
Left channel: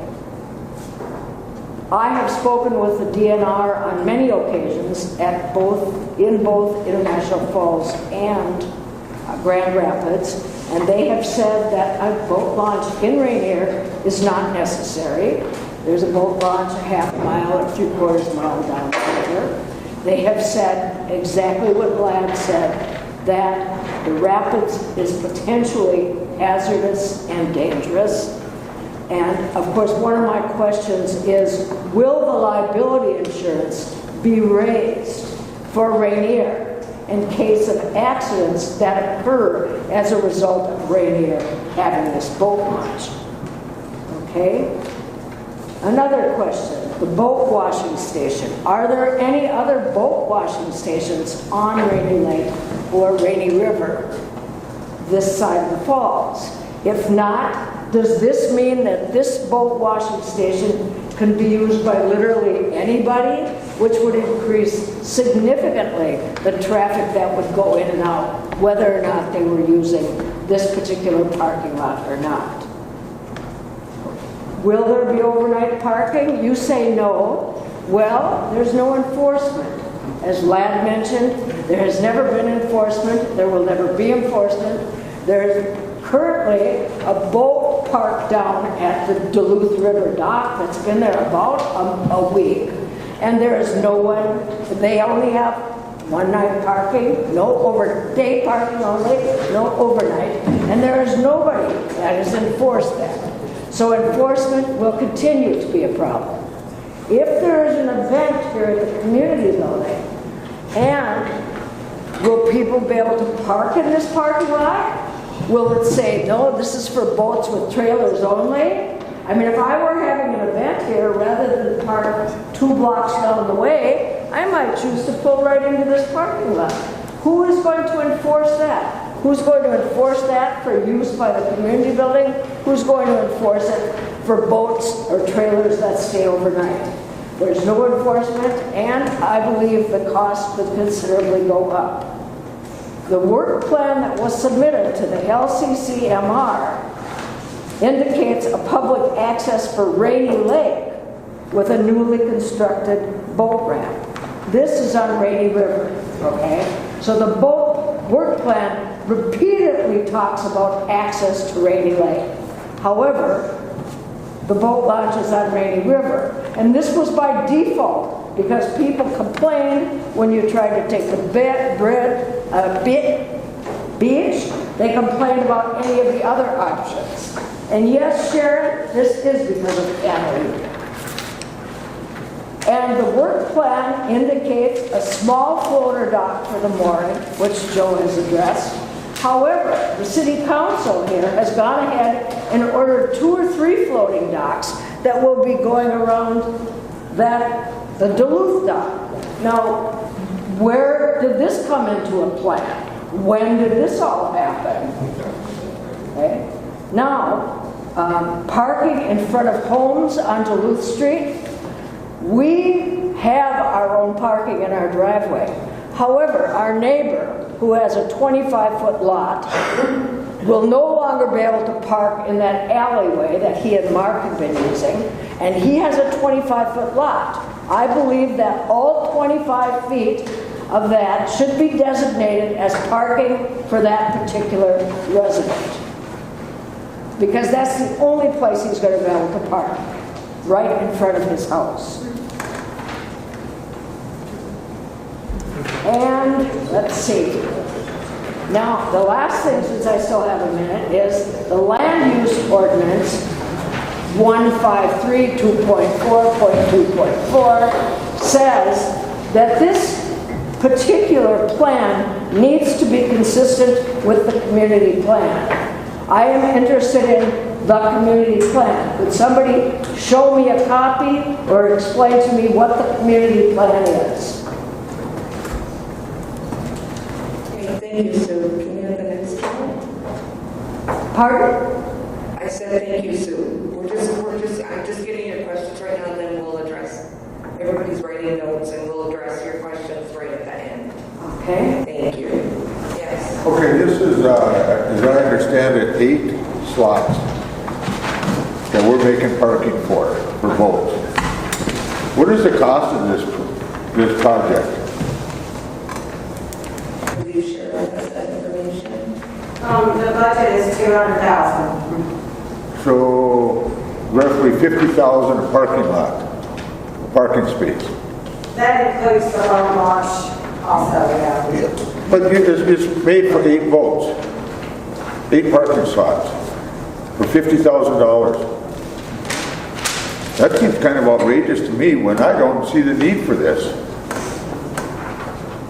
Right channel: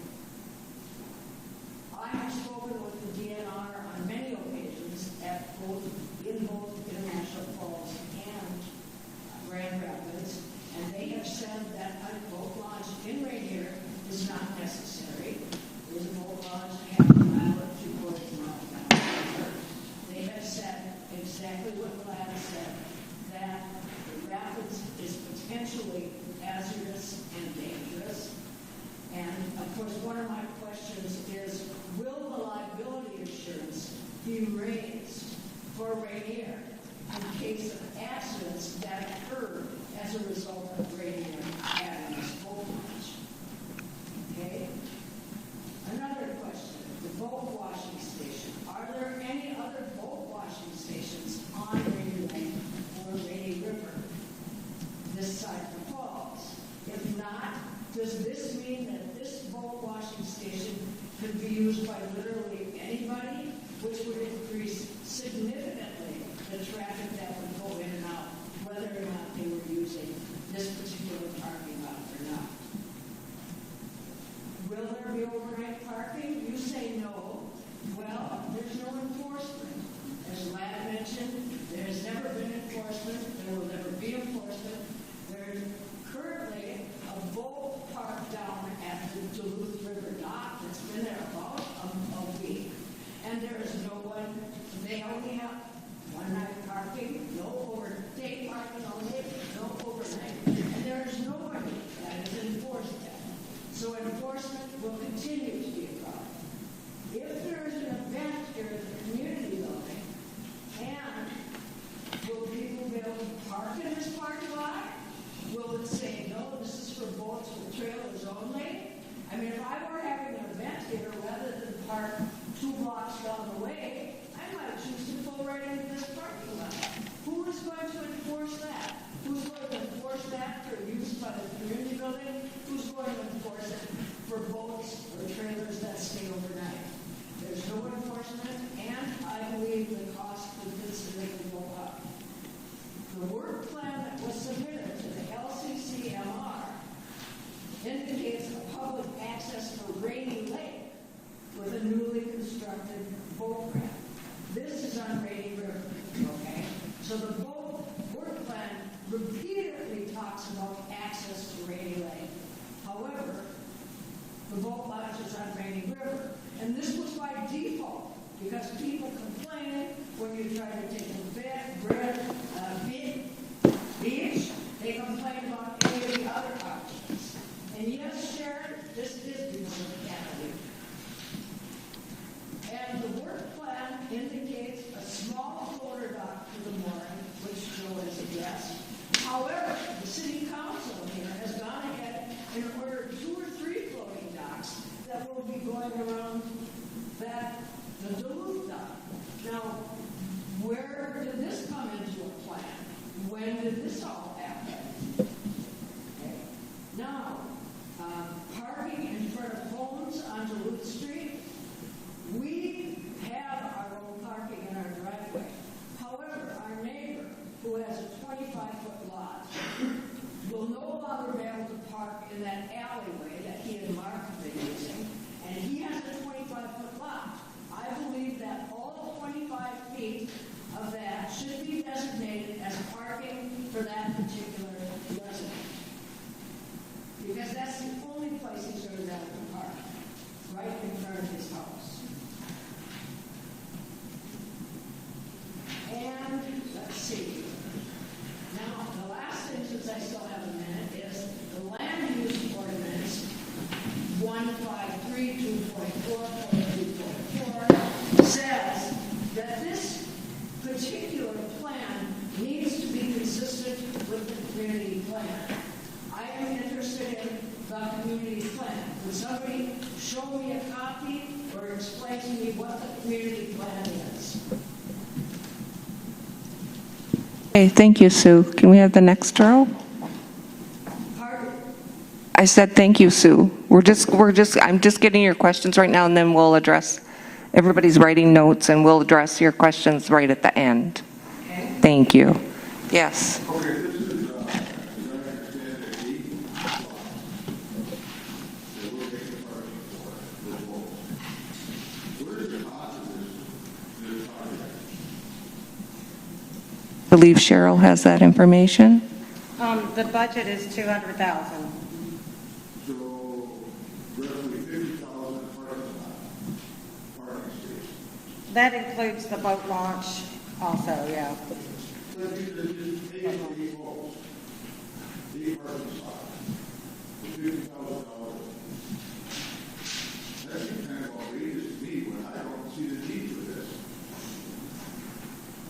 I have spoken with the DNR on many occasions in both International Falls and Grand Rapids, and they have said that a boat launch in Ranier is not necessary. There's a boat launch a half mile or 3/4 mile down the river. They have said exactly what Glad said, that the rapids is potentially hazardous and dangerous. And of course, one of my questions is, will the liability insurance be raised for Ranier in case of accidents that occur as a result of Ranier having this boat launch? Okay? Another question, the boat washing station. Are there any other boat washing stations on Rainy Lake or Rainy River this side of the falls? If not, does this mean that this boat washing station can be used by literally anybody, which would increase significantly the traffic that would go in and out, whether or not they were using this particular parking lot or not? Will there be overnight parking? You say no. Well, there's no enforcement. As Ladd mentioned, there has never been enforcement. There will never be enforcement. There's currently a boat parked down at the Duluth River dock that's been there about a week, and there is no one. They only have one night parking, no day parking only, no overnight, and there is nobody that has enforced that. So enforcement will continue to be a problem. If there is an event here at the community building, and will people be able to park in this parking lot? Will it say, no, this is for boats with trailers only? I mean, if I were having an event here, rather than park 2 blocks down the way, I might choose to pull right into this parking lot. Who is going to enforce that? Who's going to enforce that for use by the community building? Who's going to enforce it for boats or trailers that stay overnight? There's no enforcement, and I believe the cost could considerably go up. The work plan that was submitted to the LCCMR indicates a public access for Rainy Lake with a newly constructed boat ramp. This is on Rainy River, okay? So the boat work plan repeatedly talks about access to Rainy Lake. However, the boat launch is on Rainy River, and this was by default because people complained when you tried to take the beach. They complained about any of the other options. And yes, Sharon, this is because of Anna. And the work plan indicates a small floater dock for the mooring, which Joe has addressed. However, the city council here has gone ahead and ordered 2 or 3 floating docks that will be going around the Duluth dock. Now, where did this come into a plan? When did this all happen? Okay. Now, parking in front of homes on Duluth Street, we have our own parking in our driveway. However, our neighbor, who has a 25-foot lot, will no longer be able to park in that alleyway that he and Mark have been using, and he has a 25-foot lot. I believe that all 25 feet of that should be designated as parking for that particular resident. Because that's the only place he's going to be able to park, right in front of his house. And let's see. Now, the last thing, since I still have a minute, is the land use ordinance 153.2.4.2.4 says that this particular plan needs to be consistent with the community plan. I am interested in the community plan. Could somebody show me a copy or explain to me what the community plan is? Okay, thank you, Sue. Can we have the next row? Pardon? I said thank you, Sue. I'm just getting your questions right now, and then we'll address, everybody's writing notes, and we'll address your questions right at the end. Okay. Thank you. Yes. Okay, this is, as I understand it, 8 slots that we're making parking for boats. What is the cost of this project? I believe Cheryl has that information. The budget is $200,000. So roughly $50,000 a parking lot, a parking space. That includes the loan wash also, yeah. But it's made for 8 boats, 8 parking slots for $50,000. That seems kind of outrageous to me when I don't see the need for this.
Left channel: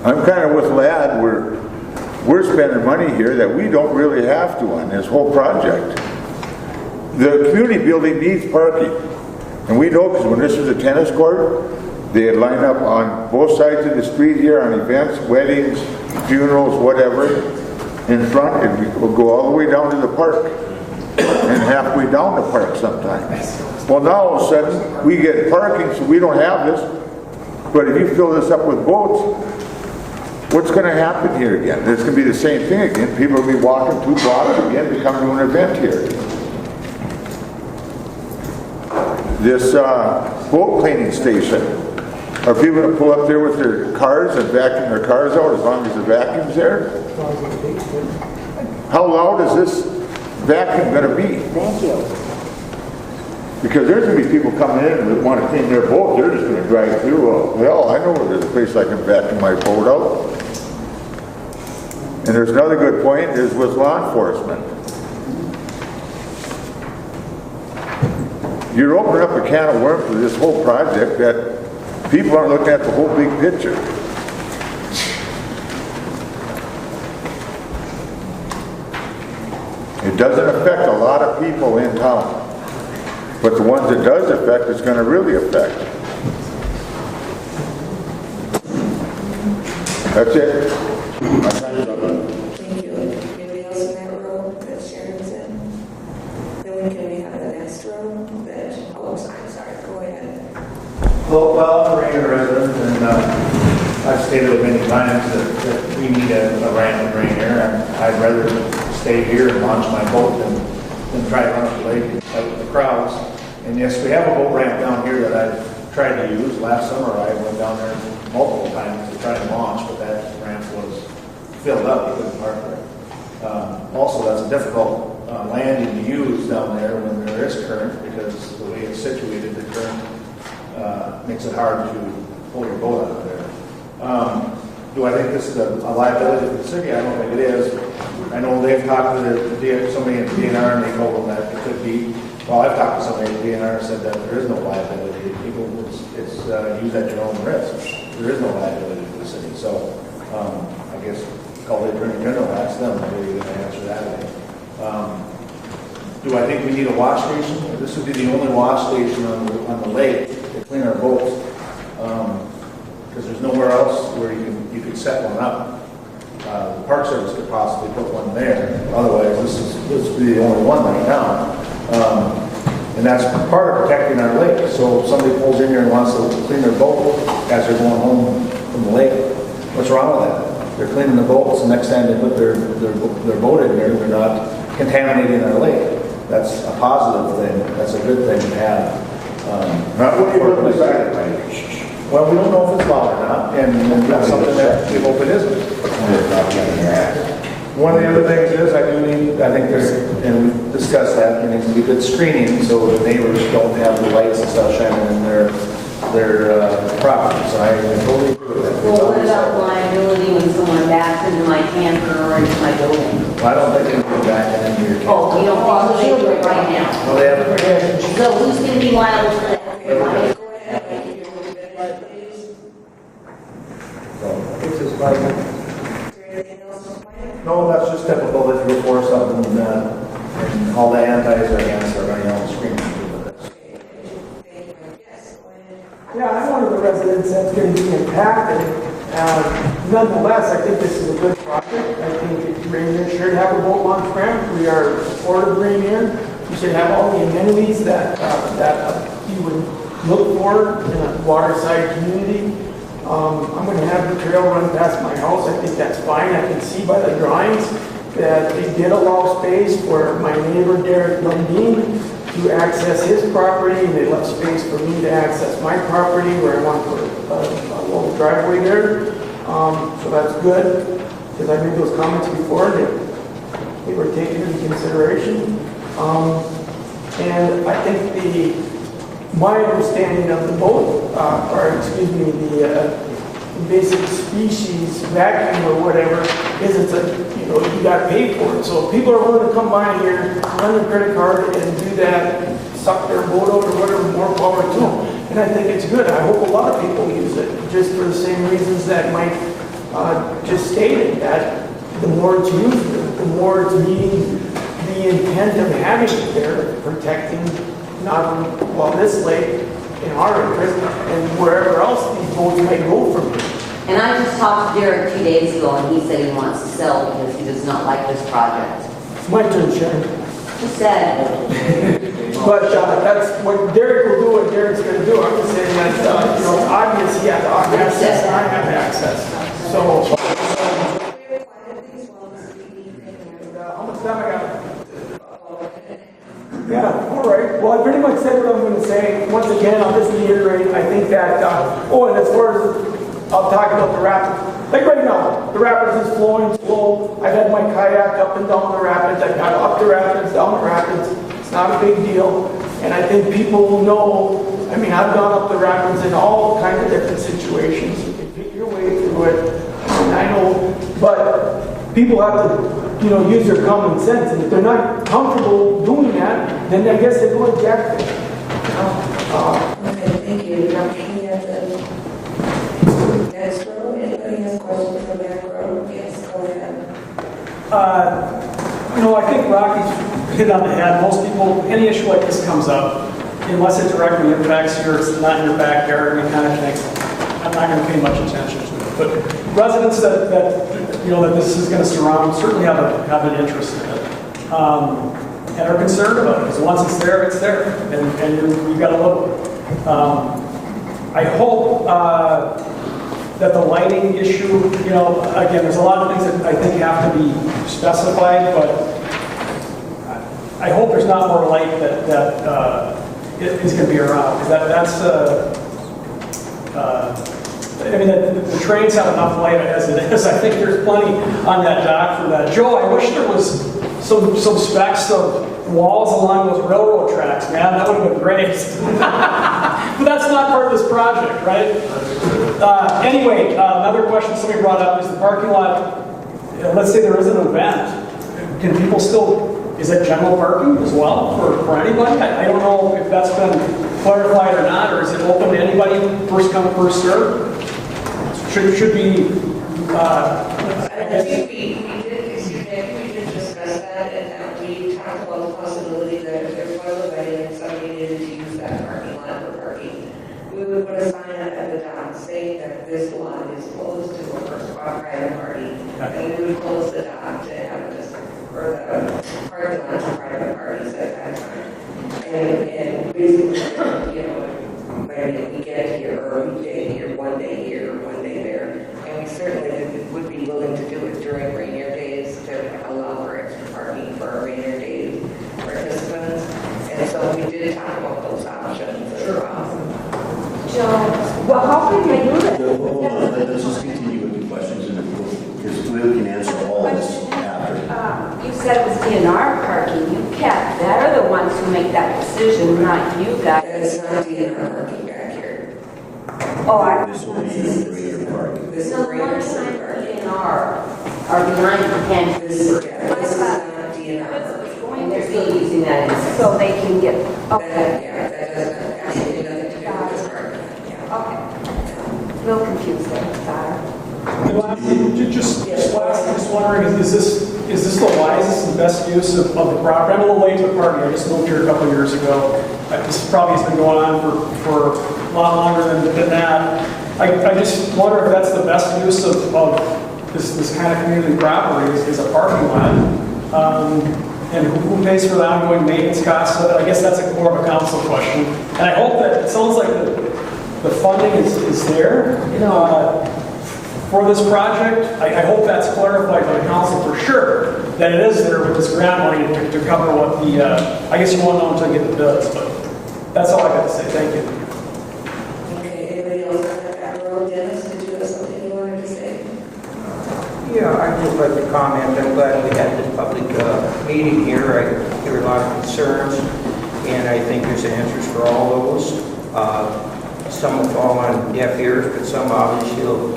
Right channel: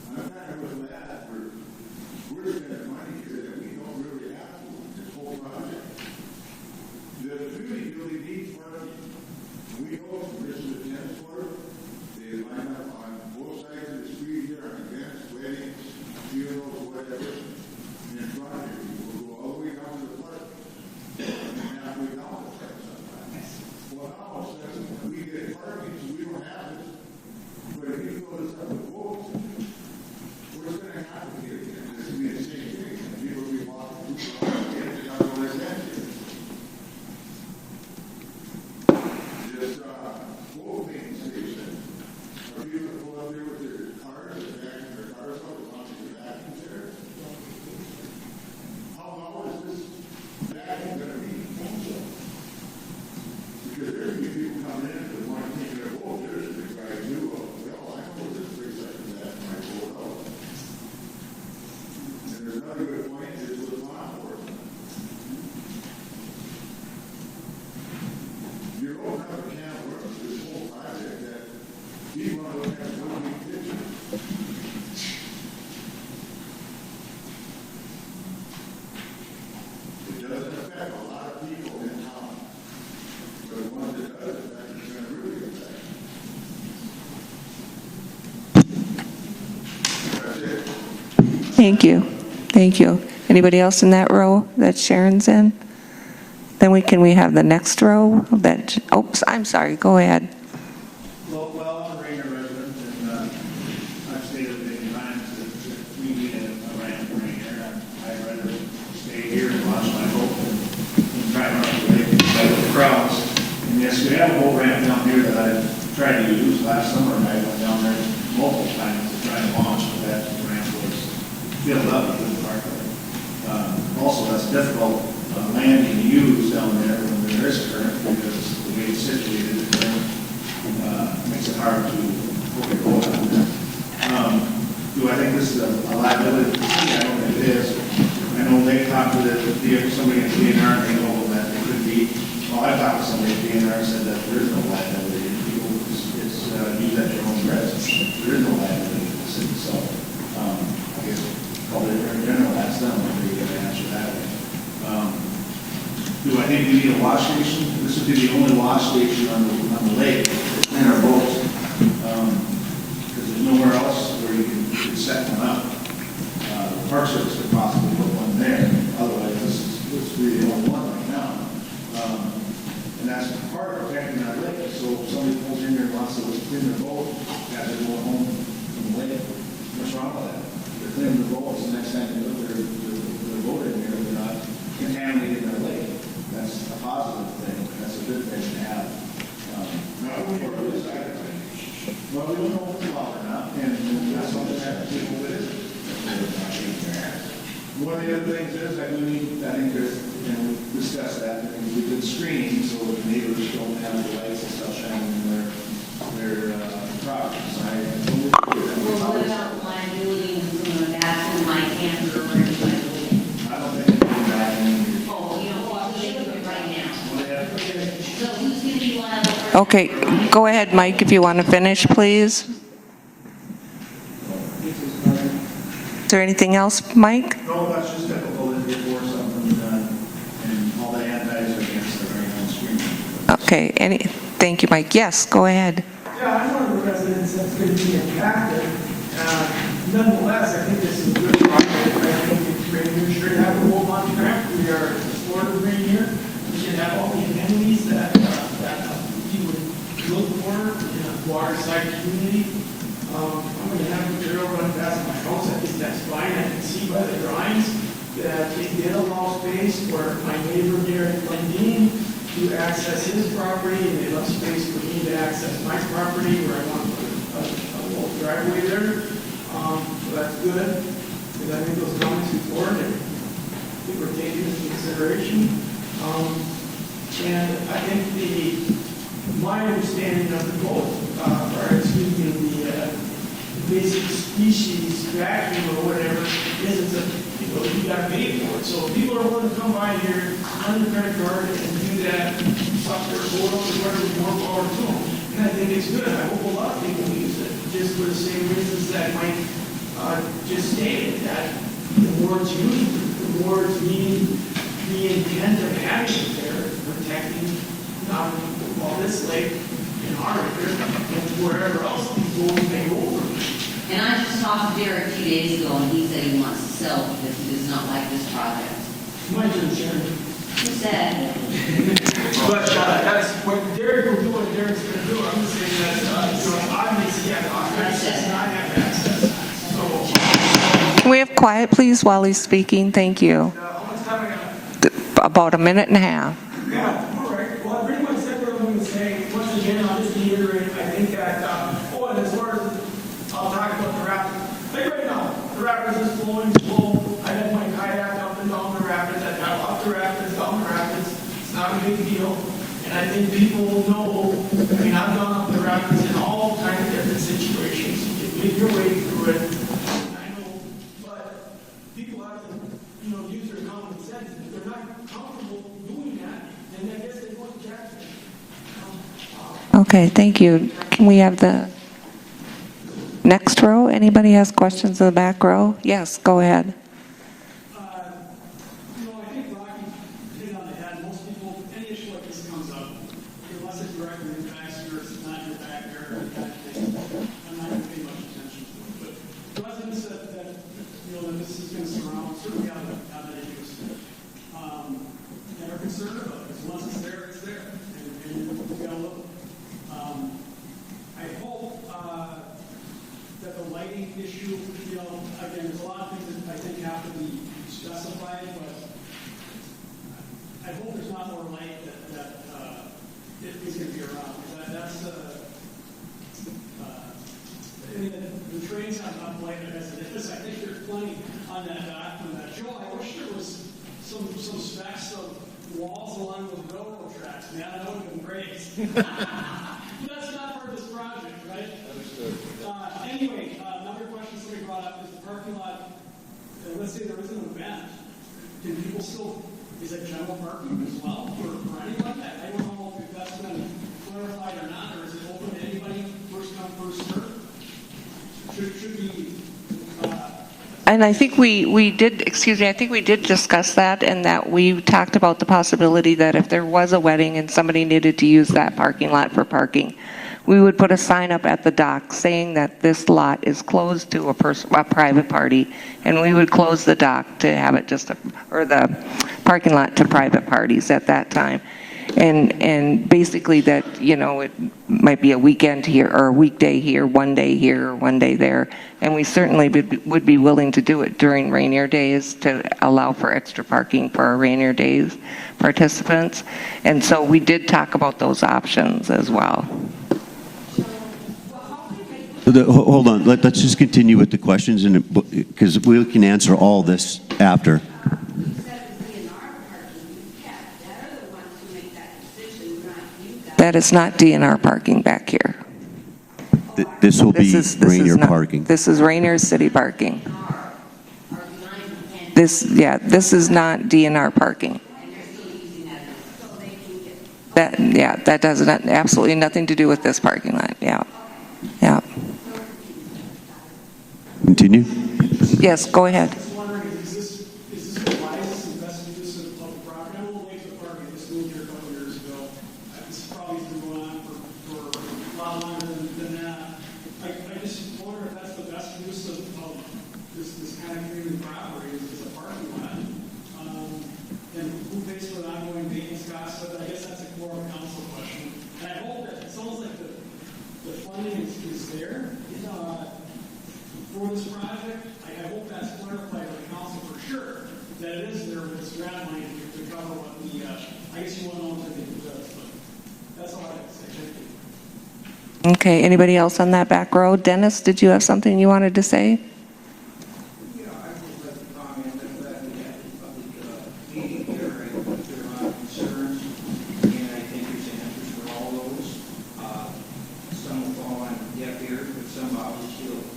I'm kind of with Ladd, we're spending money here that we don't really have to on this whole project. The community building needs parking. And we know because when this was a tennis court, they'd line up on both sides of the street here on events, weddings, funerals, whatever, in front, and we will go all the way down to the park and halfway down the park sometimes. Well, now all of a sudden, we get parking, so we don't have this. But if you fill this up with boats, what's going to happen here again? It's going to be the same thing again. People will be walking 2 blocks again to come to an event here. This boat cleaning station, are people going to pull up there with their cars and vacuum their cars out as long as the vacuum's there? How loud is this vacuum going to be? Thank you. Because there's going to be people coming in that want to clean their boat. They're just going to drive through. Well, I know there's a place I can vacuum my boat out. And there's another good point is with law enforcement. You're opening up a can of worms for this whole project that people aren't looking at the whole big picture. It doesn't affect a lot of people in town. But the ones it does affect, it's going to really affect. That's it. Thank you. Thank you. Anybody else in that row that Sharon's in? Then we have the next row that, oops, I'm sorry, go ahead. Well, I'm a Ranier resident, and I've stated many times that we need a ramp in Ranier, and I'd rather stay here and launch my boat than try to run away by the crowds. And yes, we have a boat ramp down here that I tried to use last summer. I went down there multiple times to try to launch, but that ramp was filled up. We couldn't park there. Also, that's difficult landing to use down there when there is current, because the way it's situated, the current makes it hard to hold your boat out there. Do I think this is a liability to the city? I don't think it is. I know they talked to somebody at DNR and they told them that it could be. Well, I talked to somebody at DNR and said that there is no liability. People use at your own risk. There is no liability to the city. So I guess call it general, ask them whether you're going to answer that. Do I think we need a wash station? This would be the only wash station on the lake to clean our boats, because there's nowhere else where you can set one up. The Park Service could possibly put one there. Otherwise, this would be the only one right now. And that's part of protecting our lake. So if somebody pulls in here and wants to clean their boat as they're going home from the lake, what's wrong with that? they're cleaning the boats, and next time they put their boat in here, they're not contaminating our lake. That's a positive thing. That's a good thing to have. Not what you're looking back. Well, we don't know if it's law or not, and that's something that we hope it isn't. One of the other things is, I think there's, and we discussed that, there needs to be good screening so the neighbors don't have the lights and stuff shining in their properties. I totally agree with that. Well, what about liability when someone backs into my camper or into my building? I don't think they can back into your camper. Oh, you don't think they do it right now? Well, they have, So who's going to be liable for that? Okay, go ahead, Mike, if you want to finish, please. Is there anything else, Mike? no, that's just typical that you report something, and all the antis are against it, on the screen. Okay, thank you, Mike. Yes, go ahead. Yeah, I'm one of the residents that's going to be impacted. Nonetheless, I think this is a good project. I think Ranier should have a boat launch ramp. We are supportive of Ranier. We should have all the amenities that you would look for in a waterside community. I'm going to have the trail run past my house. I think that's fine. I can see by the drawings that they did allow space for my neighbor Derek Lundeen to access his property, and they left space for me to access my property where I want to put a little driveway there. So that's good, because I made those comments before, that they were taken into consideration. And I think my understanding of the boat, the invasive species vacuum or whatever, isn't that, you got to pay for it. So if people are willing to come by here, run their credit card and do that, and suck their boat out or whatever, more power to them. And I think it's good. I hope a lot of people use it, just for the same reasons that Mike just stated, that the more it's used, the more it's meeting the intent of having it there, protecting not only, this lake in our area and wherever else these boats may go from here. And I just talked to Derek 2 days ago, and he said he wants to sell because he does not like this project. It's my turn, Sharon. Who said? But that's what Derek will do, what Derek's going to do. I'm just saying that's, obvious he has access, and I have access. So. Can we have quiet, please, while he's speaking? Thank you. How much time I got? About a minute and a half. Yeah, all right. Well, I pretty much said what I'm going to say. Once again, I'll just reiterate, I think that, and as far as, I'll talk about the rapids. Like right now, the rapids is flowing slow. I've had my kayak up and down the rapids. I've got up the rapids, down the rapids. It's not a big deal. And I think people will know, I've gone up the rapids in all kinds of different situations. You can your way through it. And I know, but people have to, use their common sense. And if they're not comfortable doing that, then I guess they go eject it. Okay, thank you. Can we have the next row? Anybody has questions in the back row? Yes, go ahead. I think Rocky's hit on the head. Most people, any issue like this comes up, unless it directly impacts you or it's not in your backyard, and kind of things, I'm not going to pay much attention to it. But residents that this is going to surround certainly have an interest in it, and are concerned about it. Because once it's there, and you've got to look. I hope that the lighting issue, again, there's a lot of things that I think have to be specified, but I hope there's not more light that is going to be around, because the trains have enough light as it is. I think there's plenty on that dock for that. Joe, I wish there was some specks of walls along those railroad tracks, man. That would have been great. But that's not part of this project, right? Anyway, another question somebody brought up is the parking lot. Let's say there is an event. Can people still, is it general parking as well for anybody? I don't know if that's been clarified or not, or is it open to anybody, first come, first serve? Should be... And I think we did discuss that, and that we talked about the possibility that if there was a wedding and somebody needed to use that parking lot for parking, we would put a sign up at the dock saying that this lot is closed to a private party, and we would close the dock to have it or the parking lot to private parties at that time. And basically that, might be a weekend here, or a weekday here, one day here, one day there. And we certainly would be willing to do it during Ranier days to allow for extra parking for our Ranier days participants. And so we did talk about those options as well. Well, how can they do that? Hold on, let's just continue with the questions, because we can answer all this after. You said it was DNR parking. You kept, they're the ones who make that decision, not you guys. That is not DNR parking back here. This will be Ranier not- parking. This is Ranier city parking. Are behind the pen. This is not DNR parking. And they're still using that so they can get. That does absolutely nothing to do with this parking lot, yeah. Yeah. Real confused there, sorry. Continue. Yes, go ahead. I'm just wondering, is this the wisest and best use of the property? I'm a little late to the party. I just moved here a couple of years ago. This probably has been going on for a lot longer than that. I just wonder if that's the best use of this kind of community property is a parking lot. And who pays for the ongoing maintenance costs? I guess that's more of a council question. And I hope that, it sounds like the funding is there for this project. I hope that's clarified by the council for sure, that it is there with this grant money to cover what the, I guess you won't know until you get the bills, but that's all I got to say. Thank you. Okay, anybody else on that back row? Dennis, did you have something you wanted to say? Yeah, I'd just like to comment. I'm glad we had this public meeting here. I hear a lot of concerns, and I think there's answers for all those. Some will fall on deaf ears, but some obviously will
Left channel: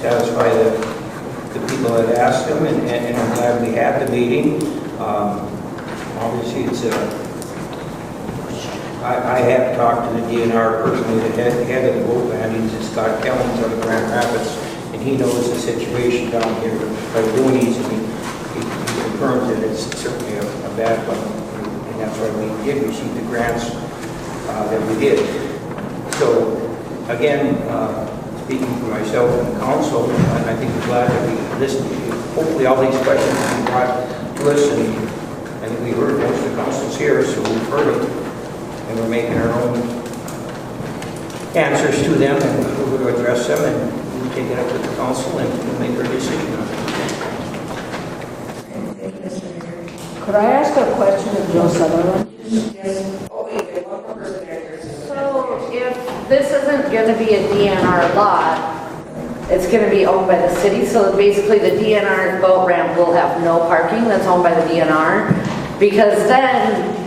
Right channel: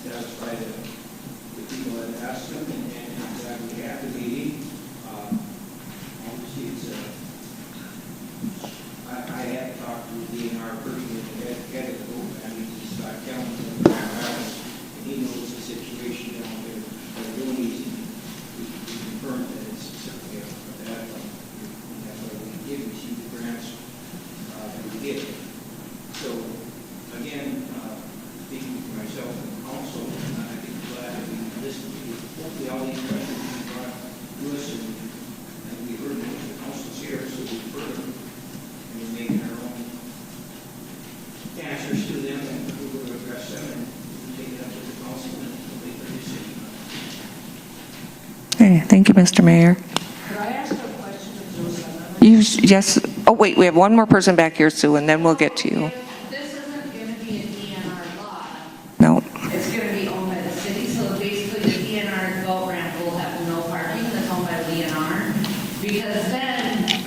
satisfy the people that asked them, and I'm glad we had the meeting. Obviously, it's I have talked to the DNR person, the head of the boat band, he's Scott Kellens out of Grand Rapids, and he knows the situation down here by Looney's, and he confirms that it's certainly a bad one, and that's why we did receive the grants that we did. So, again, speaking for myself and the council, and I think we're glad that we listened to you. Hopefully all these questions will be brought to us, and we heard most of the councils here, so we've heard them, and we're making our own answers to them, and we're going to address them, and we'll take it up with the council, and we'll make our decision on it. Okay, thank you, Mr. Mayor. Could I ask a question of Joe Sutherland? Yes. Oh, wait, we have one more person back here, Sue, and then we'll get to you. If this isn't going to be a DNR lot, No. it's going to be owned by the city, so basically the DNR boat ramp will have no parking that's owned by the DNR, because then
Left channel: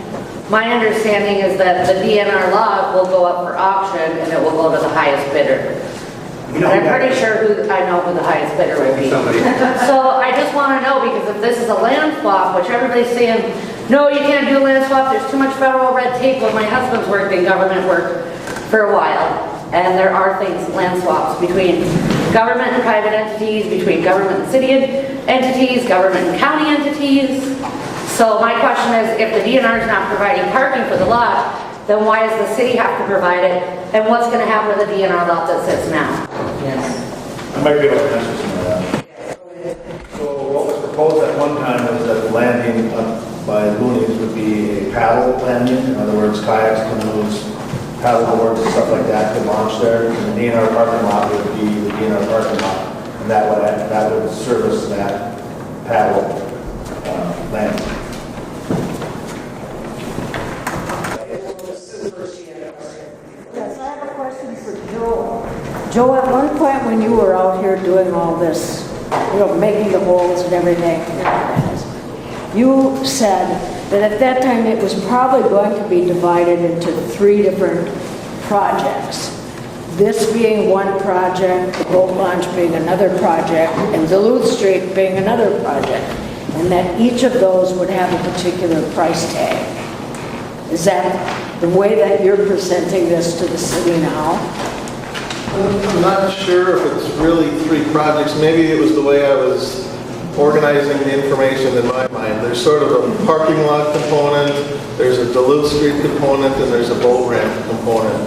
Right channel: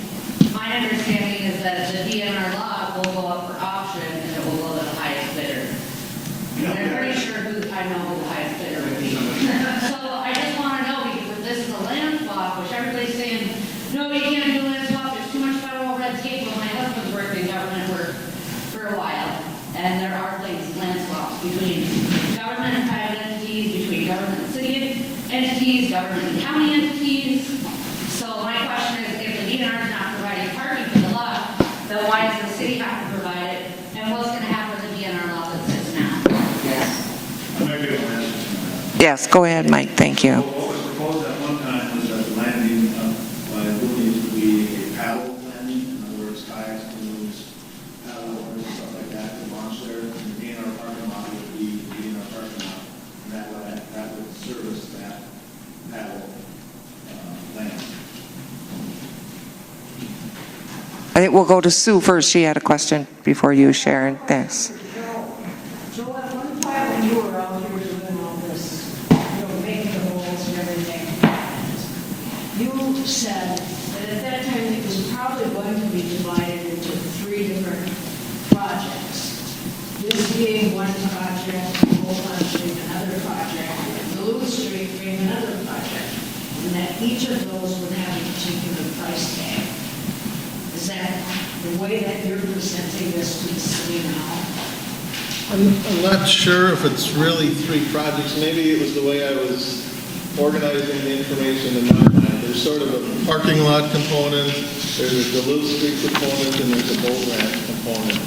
my understanding is that the DNR lot will go up for auction and it will go to the highest bidder. I'm pretty sure I know who the highest bidder would be. So I just want to know, because if this is a land swap, which everybody's saying, no, you can't do a land swap, there's too much federal red tape. When my husband's worked in government work for a while, and there are things, land swaps between government and private entities, between government and city entities, government and county entities. So my question is, if the DNR is not providing parking for the lot, then why does the city have to provide it? And what's going to happen to the DNR lot that sits now? Yes. I might be able to answer some of that. Yes, go ahead, Mike, thank you. What was proposed at one time was that the landing by Looney's would be a paddle landing. In other words, kayaks, canoes, paddle boards, and stuff like that could launch there. And the DNR parking lot would be the DNR parking lot. And that would service that paddle landing. I think we'll go to Sue first. She had a question before you, Sharon. Thanks. Joe, at one point when you were out here doing all this, making the holes and everything, you said that at that time it was probably going to be divided into 3 different projects. This being one project, the boat launch being another project, and Duluth Street being another project, and that each of those would have a particular price tag. Is that the way that you're presenting this to the city now? I'm not sure if it's really 3 projects. Maybe it was the way I was organizing the information in my mind. There's sort of a parking lot component, there's a Duluth Street component, and there's a boat ramp component.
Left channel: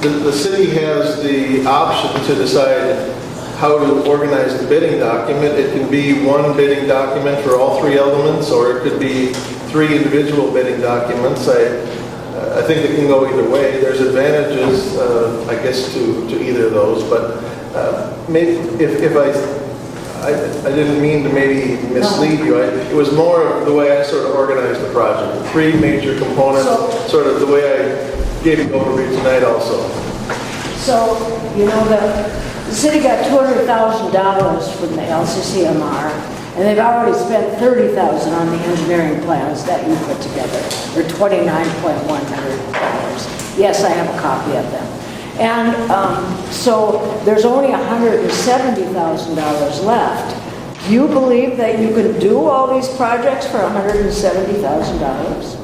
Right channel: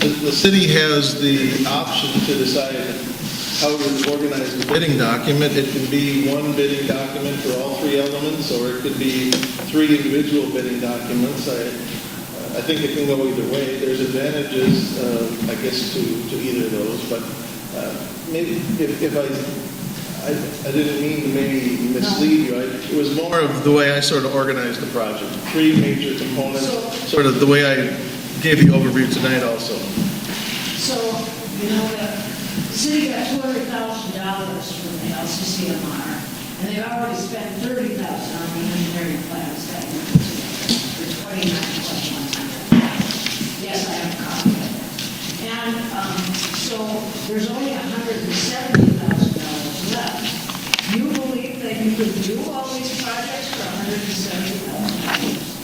The city has the option to decide how to organize the bidding document. It can be one bidding document for all 3 elements, or it could be 3 individual bidding documents. I I think it can go either way. There's advantages, I guess, to either of those, but maybe if I didn't mean to maybe mislead you. It was more of the way I sort of organized the project. Three major components, sort of the way I gave you overview tonight also. So, you know, the city got $200,000 from the LCCMR, and they've already spent $30,000 on the engineering plans that you put together, or $29.1 million. Yes, I have a copy of them. And so there's only $170,000 left. Do you believe that you could do all these projects for $170,000?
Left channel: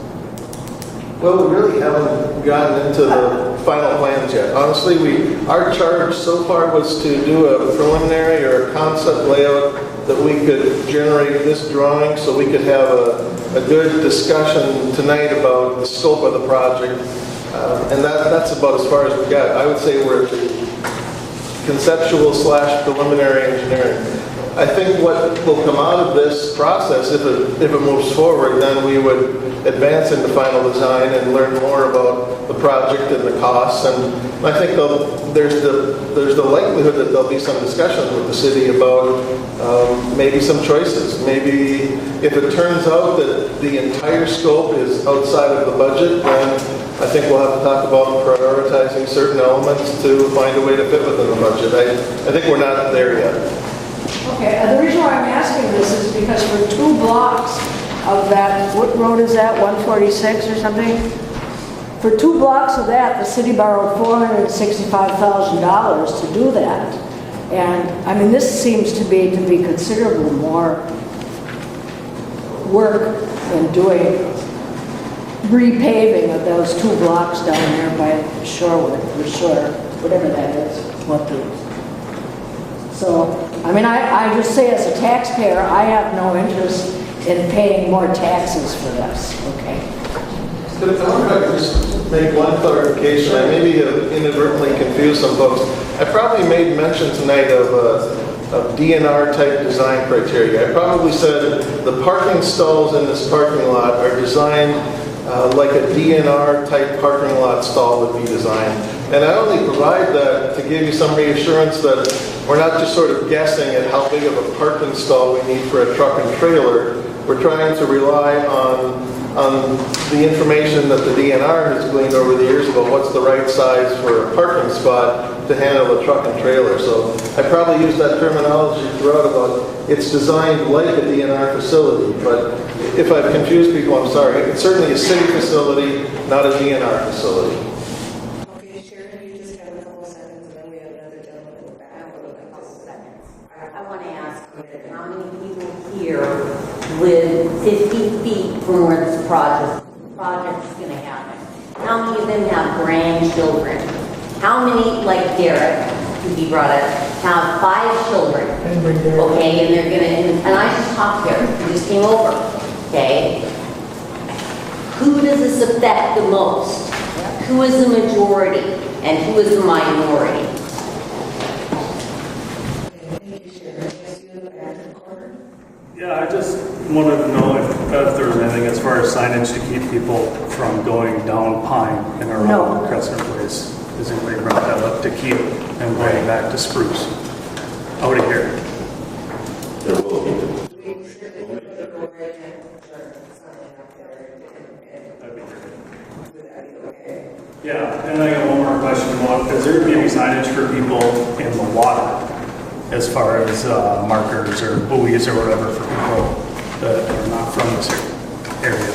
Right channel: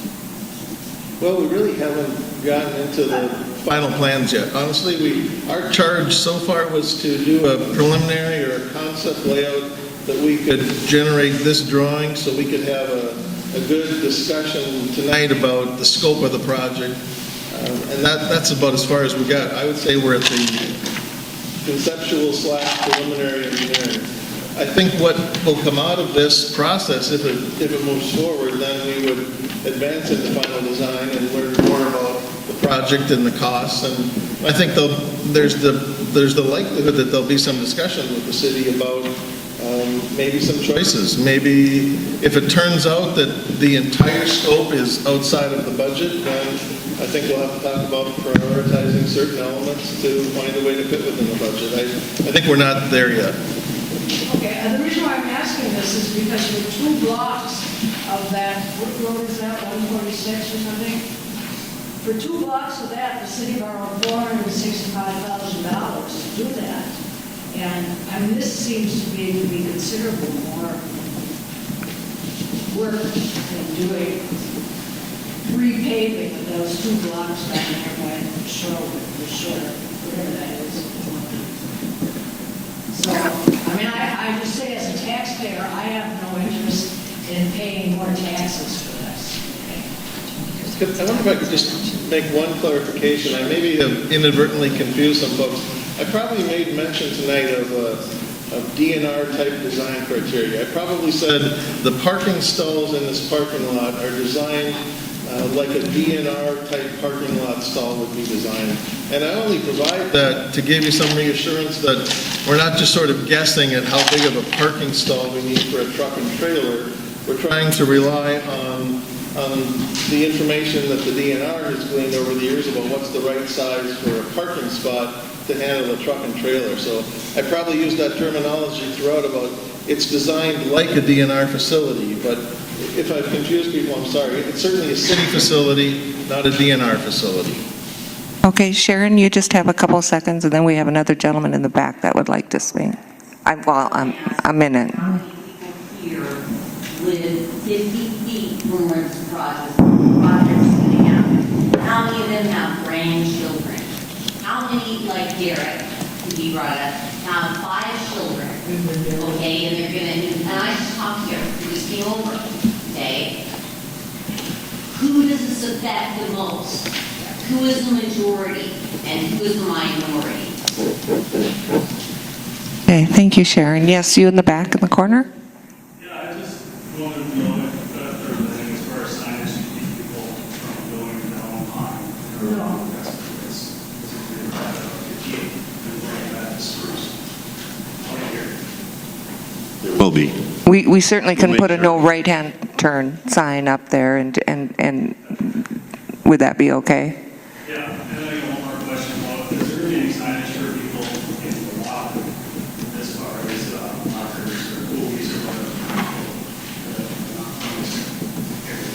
Well, we really haven't gotten into the final plans yet. Honestly, our charge so far was to do a preliminary or a concept layout that we could generate this drawing so we could have a good discussion tonight about the scope of the project. And that's about as far as we got. I would say we're at the conceptual / preliminary engineering. I think what will come out of this process, if it moves forward, then we would advance into final design and learn more about the project and the costs. And I think there's the likelihood that there'll be some discussion with the city about maybe some choices. Maybe if it turns out that the entire scope is outside of the budget, then I think we'll have to talk about prioritizing certain elements to find a way to fit within the budget. I think we're not there yet. Okay, the reason why I'm asking this is because for 2 blocks of that, what road is that, 146 or something? For 2 blocks of that, the city borrowed $465,000 to do that. And, I mean, this seems to be considerably more work than doing repaving of those 2 blocks down there by Shorewood, or Shore, whatever that is. So, I mean, I just say as a taxpayer, I have no interest in paying more taxes for this, okay? I wonder if I could just make one clarification. I maybe have inadvertently confused some folks. I probably made mention tonight of DNR type design criteria. I probably said the parking stalls in this parking lot are designed like a DNR type parking lot stall would be designed. And I only provide that to give you some reassurance that we're not just sort of guessing at how big of a parking stall we need for a truck and trailer. We're trying to rely on the information that the DNR has gleaned over the years about what's the right size for a parking spot to handle a truck and trailer. So I probably use that terminology throughout about it's designed like a DNR facility, but if I've confused people, I'm sorry. It's certainly a city facility, not a DNR facility. Okay, Sharon, you just have a couple seconds, and then we have another gentleman in the back that would like to speak. I'm in it. Here with 50 feet from where this project's going to happen. How many of them have grandchildren? How many, like Derek, who he brought up, have 5 children? Okay, and they're going to, and I just talked to Derek, who just came over, okay? Who does this affect the most? Who is the majority and who is the minority? Okay, thank you, Sharon. Yes, you in the back in the corner? Yeah, I just wanted to know if there was anything as far as signage to keep people from going down Pine and around Crescent Place. Has anybody brought that up to keep and going back to Spruce? Out of here. There will be. We certainly can put a no right-hand turn sign up there, and would that be okay? Yeah, and I got one more question. Is there going to be any signage for people in the water as far as markers or buoys or whatever for people that are not from this area?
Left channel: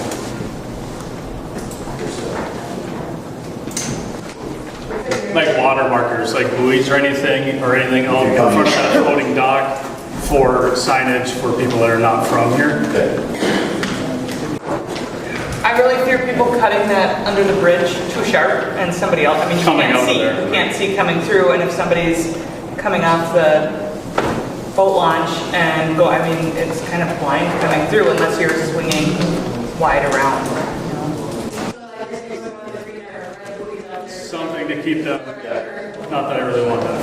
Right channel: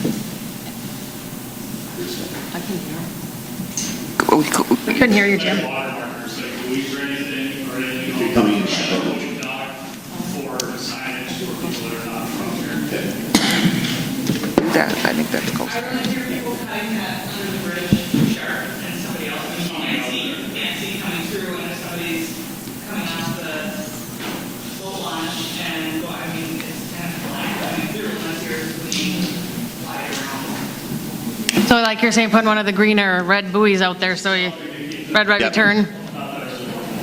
We couldn't hear you. Like water markers, like buoys or anything out on the floating dock for signage for people that are not from here? I really hear people cutting that under the bridge too sharp, and somebody else, I mean, you can't see coming through, and if somebody's coming off the boat launch and go, I mean, it's kind of blind coming through unless you're swinging wide around. So like you're saying, putting one of the green or red buoys out there, so you, red right return. Not that I really want that.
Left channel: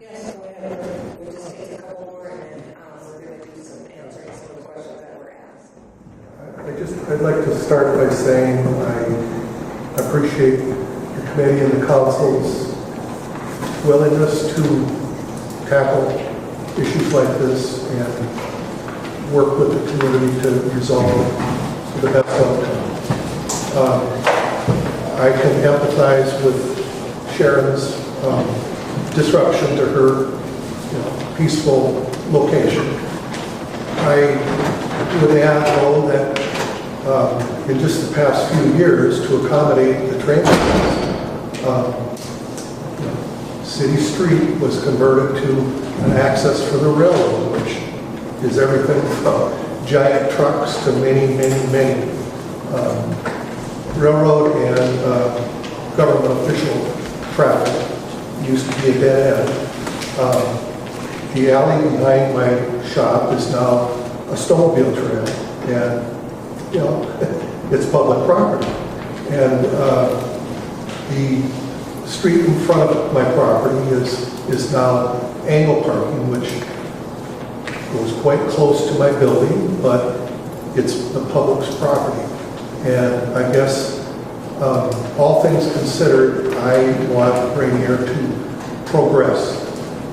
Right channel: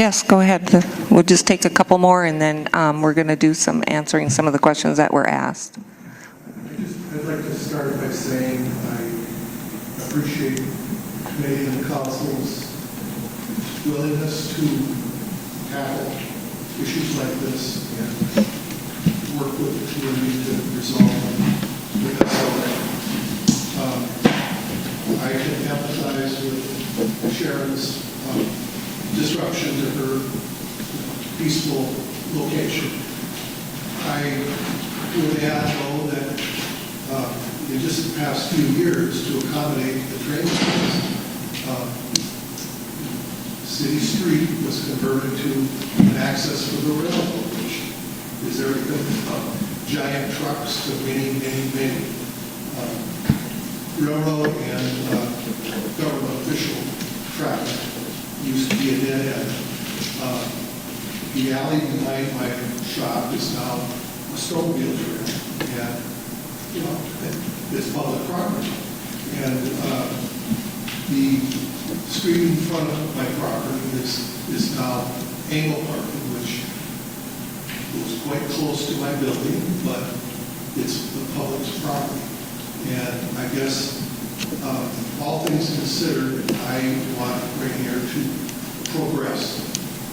Yes, go ahead. We'll just take a couple more, and then we're going to do some answering some of the questions that were asked. I'd like to start by saying I appreciate the committee and the council's willingness to tackle issues like this and work with the community to resolve the best outcome. I can empathize with Sharon's disruption to her peaceful location. I would add, though, that in just the past few years, to accommodate the train lines, City Street was converted to an access for the railroad, which is everything from giant trucks to many railroad and government official traffic. Used to be a dead end. The alley behind my shop is now a snowmobile trail, and it's public property. And the street in front of my property is now angle parking, which goes quite close to my building, but it's the public's property. And I guess all things considered, I want Ranier to progress.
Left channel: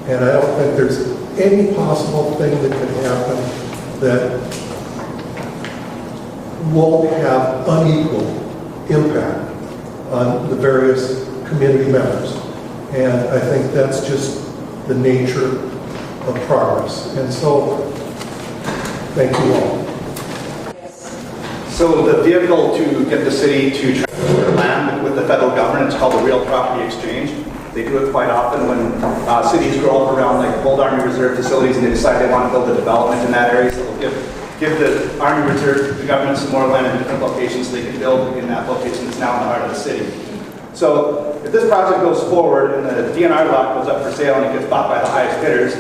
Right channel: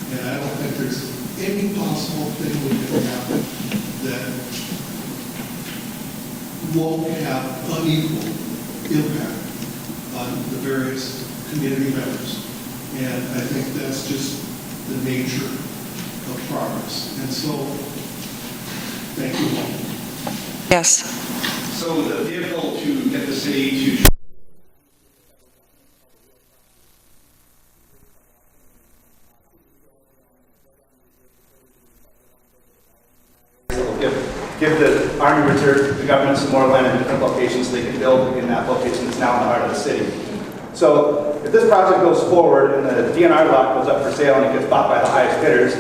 And I don't think there's any possible thing that could happen that won't have unequal impact on the various community members. And I think that's just the nature of progress. And so, thank you all. Yes. So the vehicle to get the city to transfer land with the federal government is called the Real Property Exchange. They do it quite often when cities grow up around like old Army Reserve facilities and they decide they want to build a development in that area. So they'll give the Army Reserve, the government, some more land in different locations so they can build in that location that's now in the heart of the city. So if this project goes forward and the DNR lot goes up for sale and it gets bought by the highest bidders,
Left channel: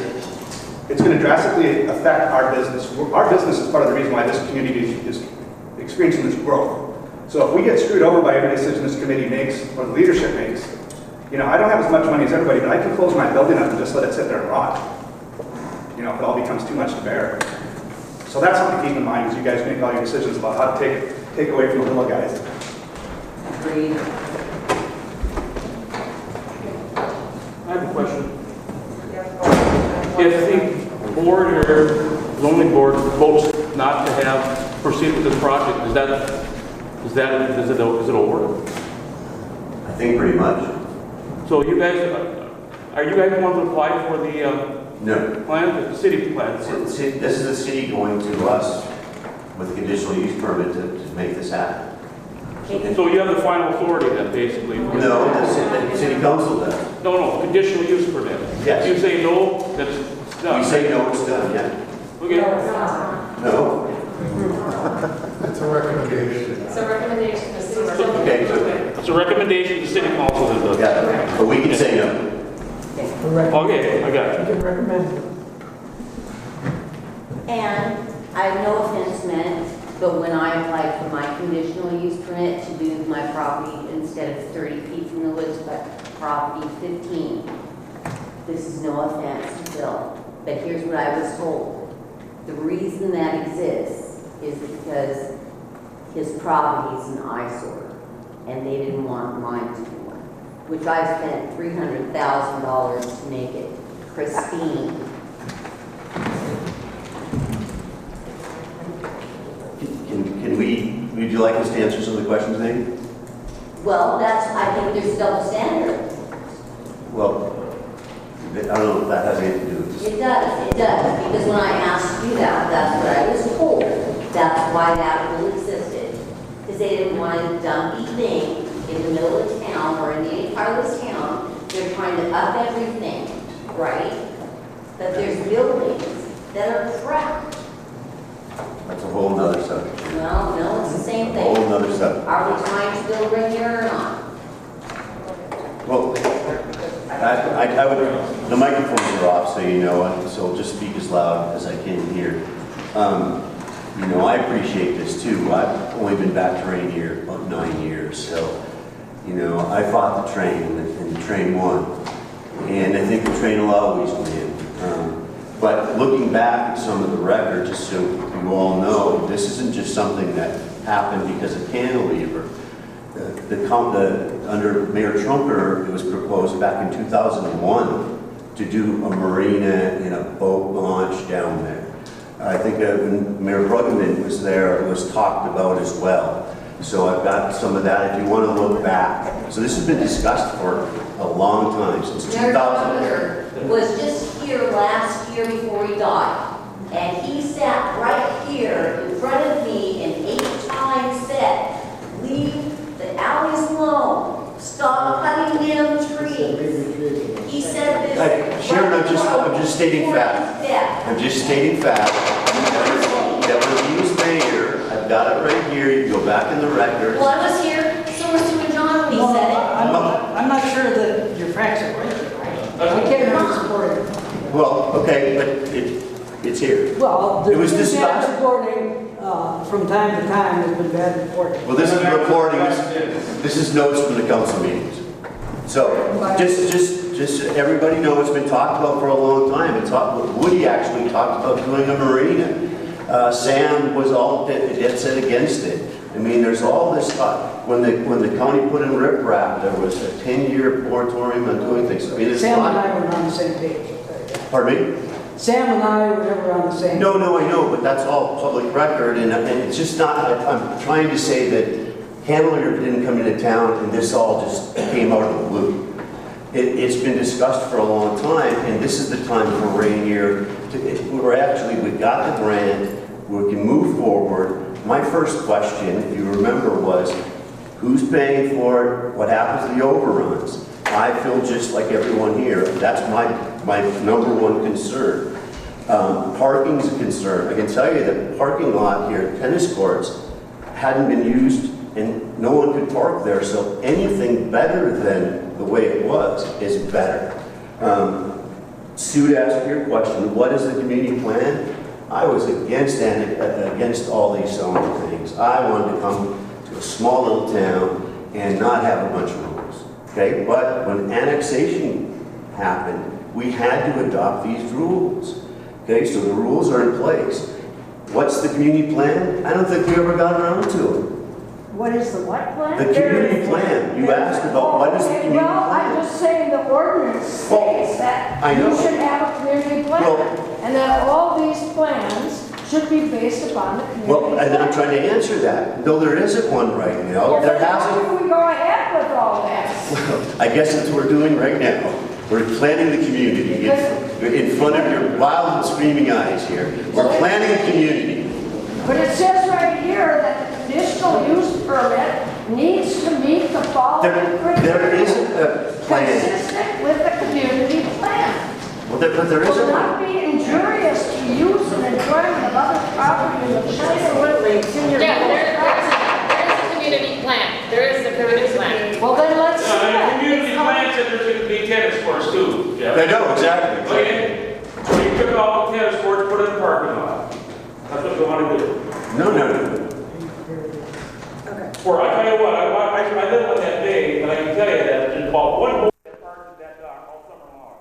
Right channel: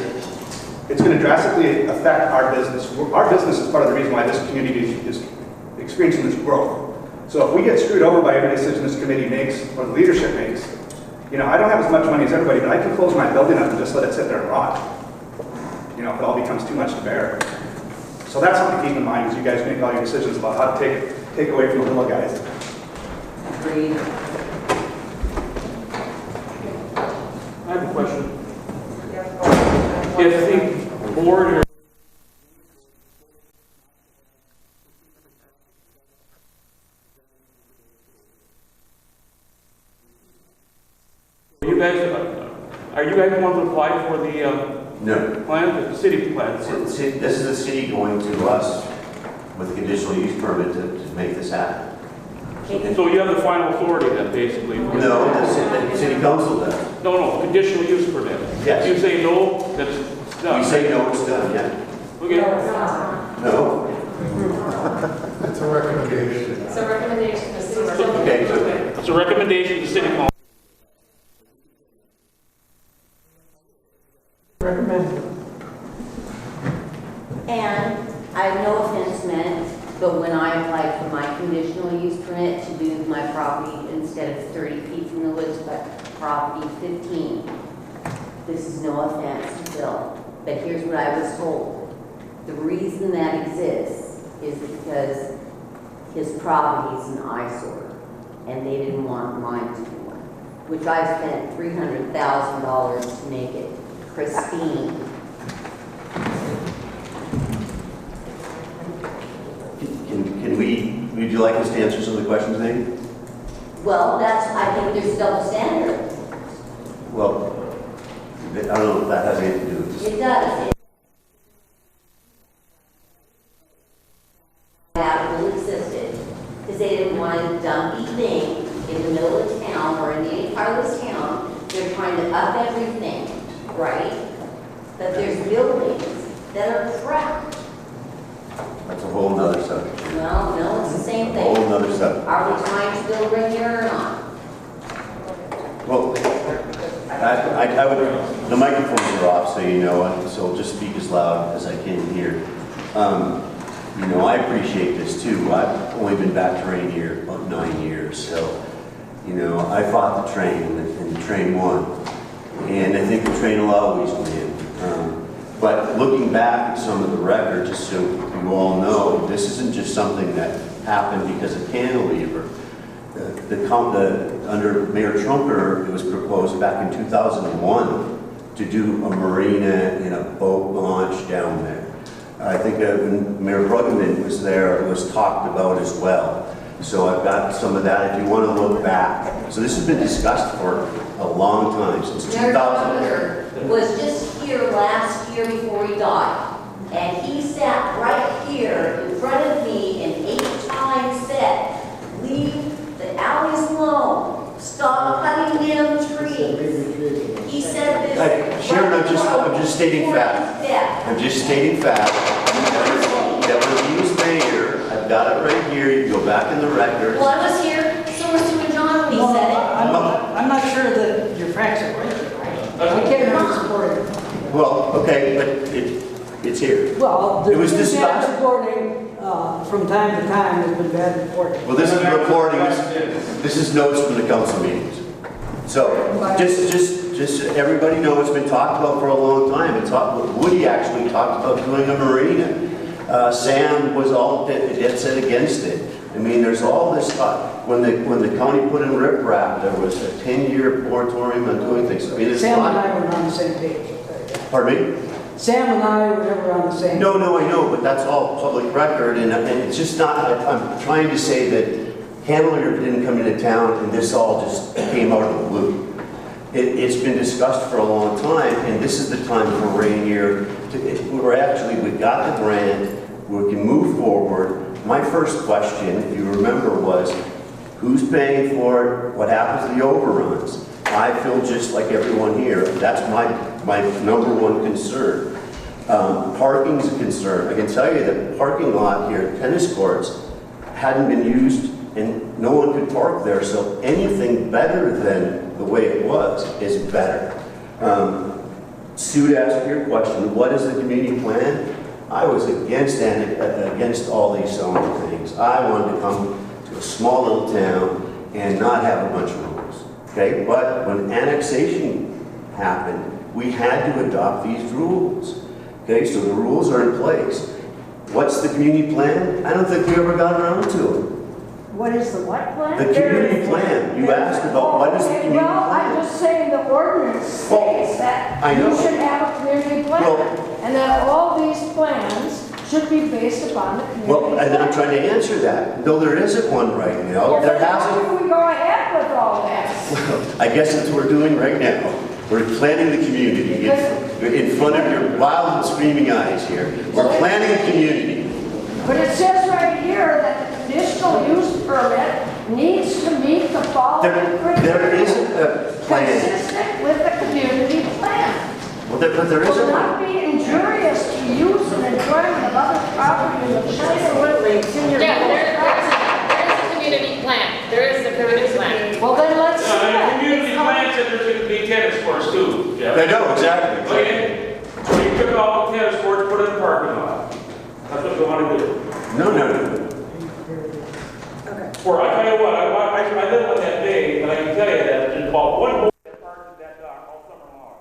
it's going to drastically affect our business. Our business is part of the reason why this community is experiencing this growth. So if we get screwed over by every decision this committee makes or the leadership makes, I don't have as much money as everybody, but I can close my building up and just let it sit there and rot. If it all becomes too much to bear. So that's something to keep in mind as you guys make all your decisions about how to take away from the little guys. Agreed. I have a question. If the board or zoning board votes not to proceed with this project, is it over? I think pretty much. So you guys, are you guys going to apply for the No. plan, the city plan? This is the city going to us with a conditional use permit to make this happen. So you have the final authority then, basically? No, the city council does. No, conditional use permit. Yes. You say no, that's done. We say no, it's done, yeah. Okay. No. It's a recommendation. It's a recommendation to city. Okay, so, It's a recommendation to city council that does. yeah, but we can say no. Okay, I got you. You can recommend it. And I have no offense meant, but when I applied for my conditional use permit to do my property instead of 30 feet from the woods, but property 15, this is no offense to Bill, but here's what I was told. The reason that exists is because his property is an eyesore, and they didn't want mine to be one, which I spent $300,000 to make it pristine. Would you like us to answer some of the questions, Nate? Well, I think there's a double standard. Well, I don't know if that has anything to do with this. It does, because when I asked you that, that's what I was told. That's why that rule existed. Because they didn't want a dumpy thing in the middle of town or in any part of this town. They're trying to up everything, right? But there's buildings that are crap. That's a whole nother subject. No, it's the same A thing. whole nother subject. Are we trying to build Ranier or not? Well, I would, the microphones are off, so you know, so I'll just speak as loud as I can here. I appreciate this too. I've only been back to Ranier about 9 years, so, I fought the train and the train won. and I think the train will always win. But looking back at some of the records, just so you all know, this isn't just something that happened because of cantilever. Under Mayor Trumper, it was proposed back in 2001 to do a marina and a boat launch down there. I think when Mayor Bruggeman was there, it was talked about as well. So I've got some of that if you want to look back. So this has been discussed for a long time, since 2000. Mayor was just here last year before he died, and he sat right here in front of me and 8 times said, leave the alleys alone, stop cutting down trees. He said this. Sharon, I'm just stating fact. I'm just stating fact. That when he was mayor, I've got it right here, you can go back in the records. Well, I was here, so was Sue and John when he said it. I'm not sure that your facts are right. I can't support it. Well, okay, but it's here. Well, It was there's been bad discussed. reporting from time to time. There's been bad reporting. Well, this is reporting, this is notes from the council meetings. So, just so everybody knows, it's been talked about for a long time. Woody actually talked about doing a marina. Sam was all dead set against it. I mean, there's all this stuff. When the county put in riprap, there was a 10-year moratorium on doing things. I mean, it's Sam not. and I were on the same page. Pardon me? Sam and I were never on the same. No, I know, but that's all public record, and it's just not. I'm trying to say that Hanover didn't come into town, and this all just came out of the blue. It's been discussed for a long time, and this is the time for Ranier we've got the grant, we can move forward. My first question, if you remember, was who's paying for it? What happens to the overruns? I feel just like everyone here. That's my number one concern. Parking is a concern. I can tell you that the parking lot here at tennis courts hadn't been used and no one could park there, so anything better than the way it was is better. Sue, to ask your question, what is the community plan? I was against all these zoning things. I wanted to come to a small little town and not have a bunch of rules. Okay, but when annexation happened, we had to adopt these rules. Okay, so the rules are in place. What's the community plan? I don't think we ever got around to it. What is the what plan? The community plan. You asked about what is the community Well, I'm plan? just saying the ordinance states that I know. you should have a community plan. Well- And that all these plans should be based upon the community Well, plan. and I'm trying to answer that. No, there isn't one right now. Well, There then how hasn't. do we go ahead with all this? I guess that's what we're doing right now. We're planning the community in front of your wild and screaming eyes here. We're planning a community. But it says right here that the conditional use permit needs to meet the following criteria. There isn't a plan. Consistent with the community plan. Well, but there Will isn't not one. be injurious to use and enjoyment of other property in the Absolutely. senior. Yeah, there is a community plan. There is a community plan. Well, then let's see The that. community plan said there's going to be tennis courts too, Jeff. I know, exactly. Okay, so you took all the tennis courts, put it in the parking lot. That's what you want to do. No. For, I tell you what, I live on that day, and I can tell you that there's about one boat that parks in that dock all summer long.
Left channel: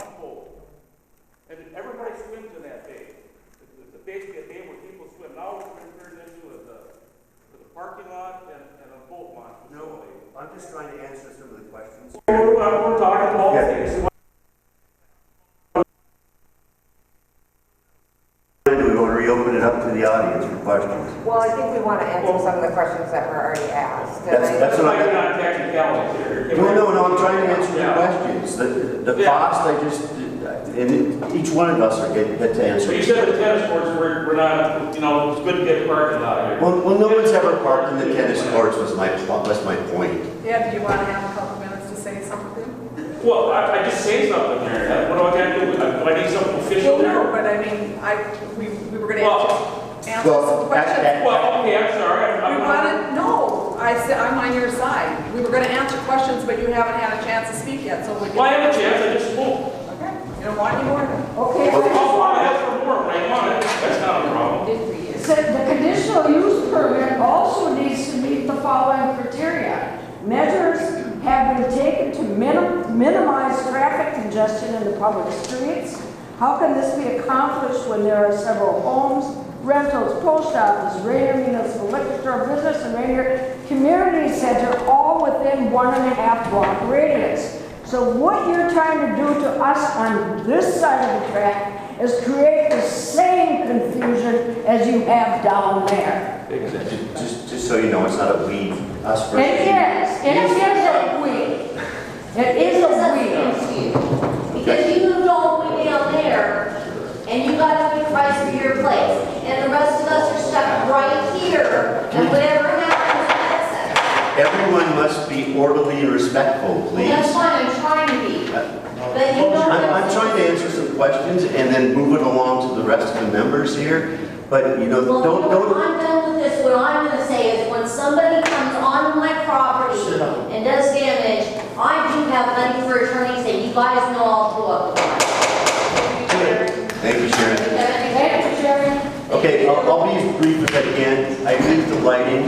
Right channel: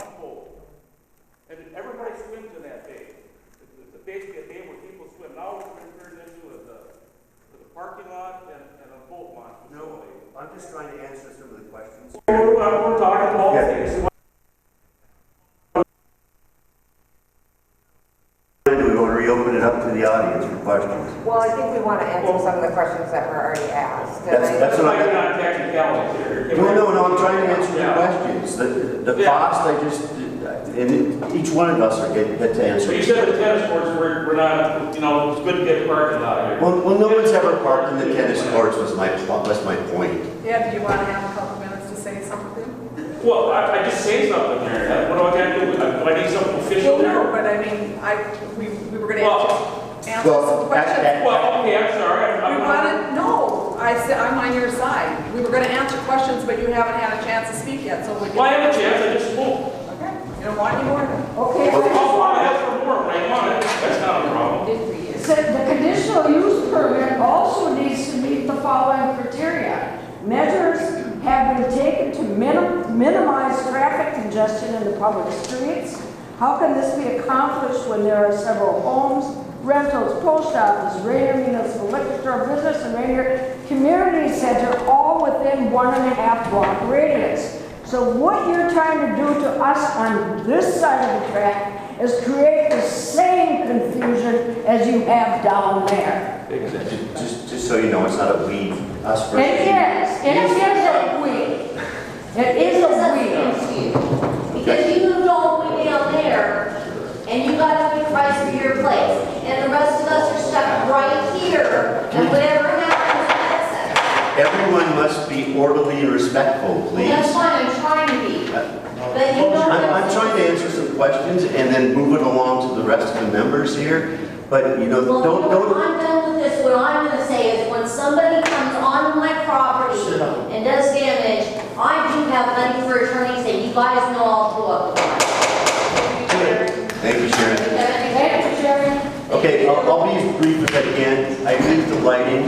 One boat. And everybody swims in that bay. It's basically a bay where people swim. Now it's been turned into a parking lot and a boat launch facility. I'm just trying to answer some of the questions. We're talking about things. We want to reopen it up to the audience for questions. Well, I think we want to answer some of the questions that were already asked. That's what Like I. not technicalities here. No, I'm trying to answer the questions. The cost, and each one of us are get to answer. So you said the tennis courts were not, it's good to get parking lot here. Well, no one's ever parked in the tennis courts was my point. Yeah, do you want to have a couple minutes to say something? Well, I just say something there. What do I got to do? Do I need something official Well, there? no, but I mean, we were going to answer Well, some questions. Well, okay, I'm sorry. We wanted, no, I'm on your side. We were going to answer questions, but you haven't had a chance to speak yet, so we can. Well, I have a chance, I just spoke. Okay, you don't want any more then? Okay. I'll want to ask for more when I want it. That's not a problem. It said the conditional use permit also needs to meet the following criteria. Measures have been taken to minimize traffic congestion in the public streets? How can this be accomplished when there are several homes, rentals, post office, Ranier Municipal Liquor Store, business, and Ranier Community Center all within 1.5 block radius? So what you're trying to do to us on this side of the track is create the same confusion as you have down there. Just so you know, it's not a we, us versus It is. It is a we. It is a we. Because you moved all the way down there, and you got a good price for your place, and the rest of us are stuck right here, and whatever happens, that's it. Everyone must be orderly and respectful, please. That's fine, I'm trying to be. But you don't. I'm trying to answer some questions and then move it along to the rest of the members here. But, you know, Well, don't. I'm done with this. What I'm going to say is when somebody comes onto my property and does damage, I do have money for attorneys, and you guys know I'll pull up the line. Thank you, Sharon. Thank you, Sharon. Okay, I'll be as brief as I can. I agree with the lighting.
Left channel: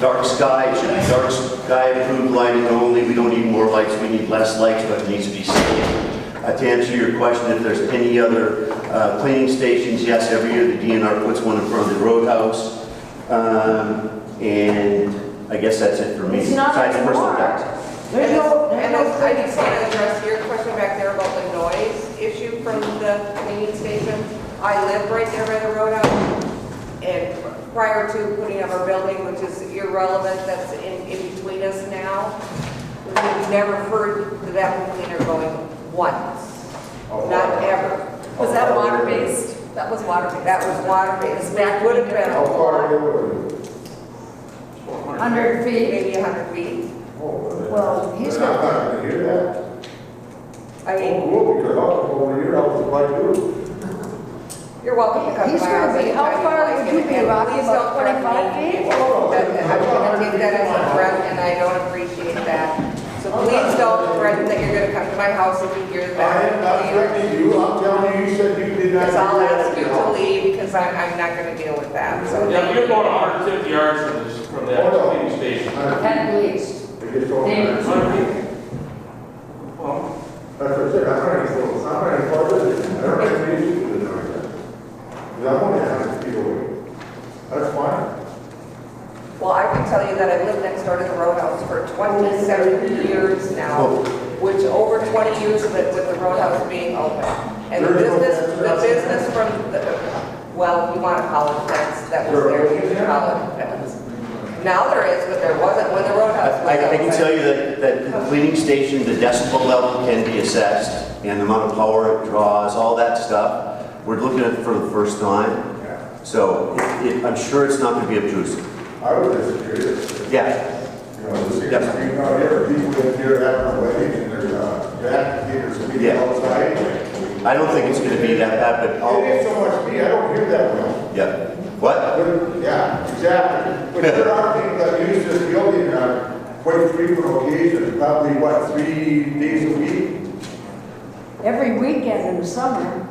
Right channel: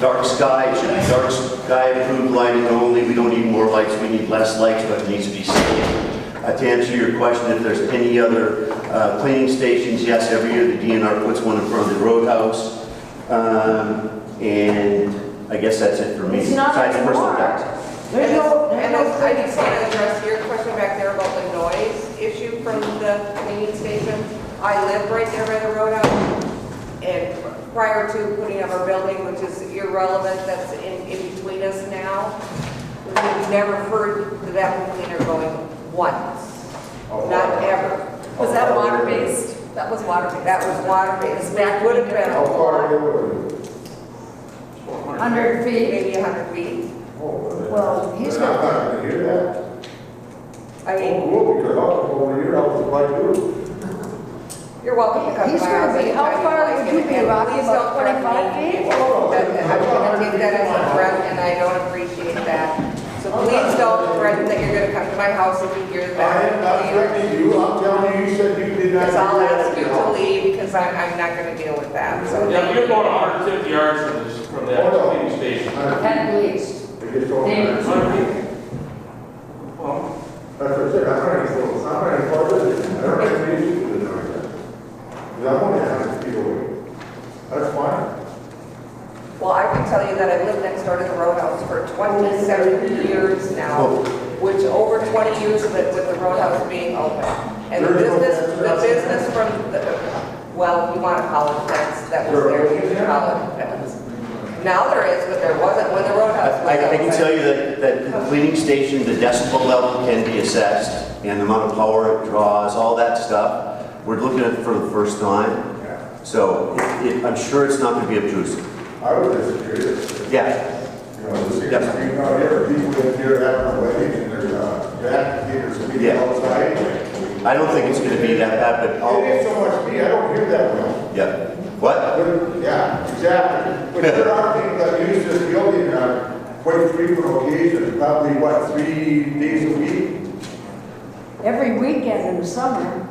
Dark sky, it should be dark sky approved lighting only. We don't need more lights, we need less lights, but it needs to be safe. To answer your question, if there's any other cleaning stations, yes, every year the DNR puts one in front of the roadhouse. And I guess that's it for me. It's not Besides personal anymore. tax. There's no, And I just want to address your question back there about the noise issue from the cleaning station. I live right there by the roadhouse, and prior to putting up our building, which is irrelevant, that's in between us now, we've never heard the vacuum cleaner going once, not ever. Was that water-based? That was water-based. That was water-based. That would have been a lot, 100 feet. maybe 100 feet. Well, he's I'm got. not gonna hear that. I mean, Cool, because I'll come over here, I'll supply too. you're welcome to come to He's my gonna house be- how anytime far like, would you and- be, and Rocky? please About don't threaten 25 me. feet? I'm gonna take that as a threat, and I don't appreciate that. So please don't threaten that you're gonna come to my house if you hear I that. am not threatening you, I'm telling you, you said you did not. Because I'll do that ask you at to all. leave, because I'm not gonna deal with that, so. Yeah, you're going 150 yards from that cleaning station. At least. It gets over David. there. Well, That's what I said, I'm not any close, I'm not any farther than that. I don't have any issue with the noise. Because I'm only 100 feet away. That's fine. Well, I can tell you that I've lived next door to the roadhouse for 27 years now, which over 20 years of it with the roadhouse being open. And the business from the, well, you want to call it fence, that was there, you can call it fence. Now there is, but there wasn't when the roadhouse was I can open. tell you that the cleaning station, the decibel level can be assessed, and the amount of power it draws, all that stuff. We're looking at it for the first time, so I'm sure it's not going to be obtrusive. I was just curious. Yeah. You know, the 6 street out here, people in here having a wedding, and there's activators speaking Yeah. outside. I don't think it's going to be that bad, but It ain't so much me, I don't hear that well. yeah. What? But, yeah, exactly. But there are people that use this building on quite frequent occasions, probably, what, 3 days a week? Every weekend in the summer.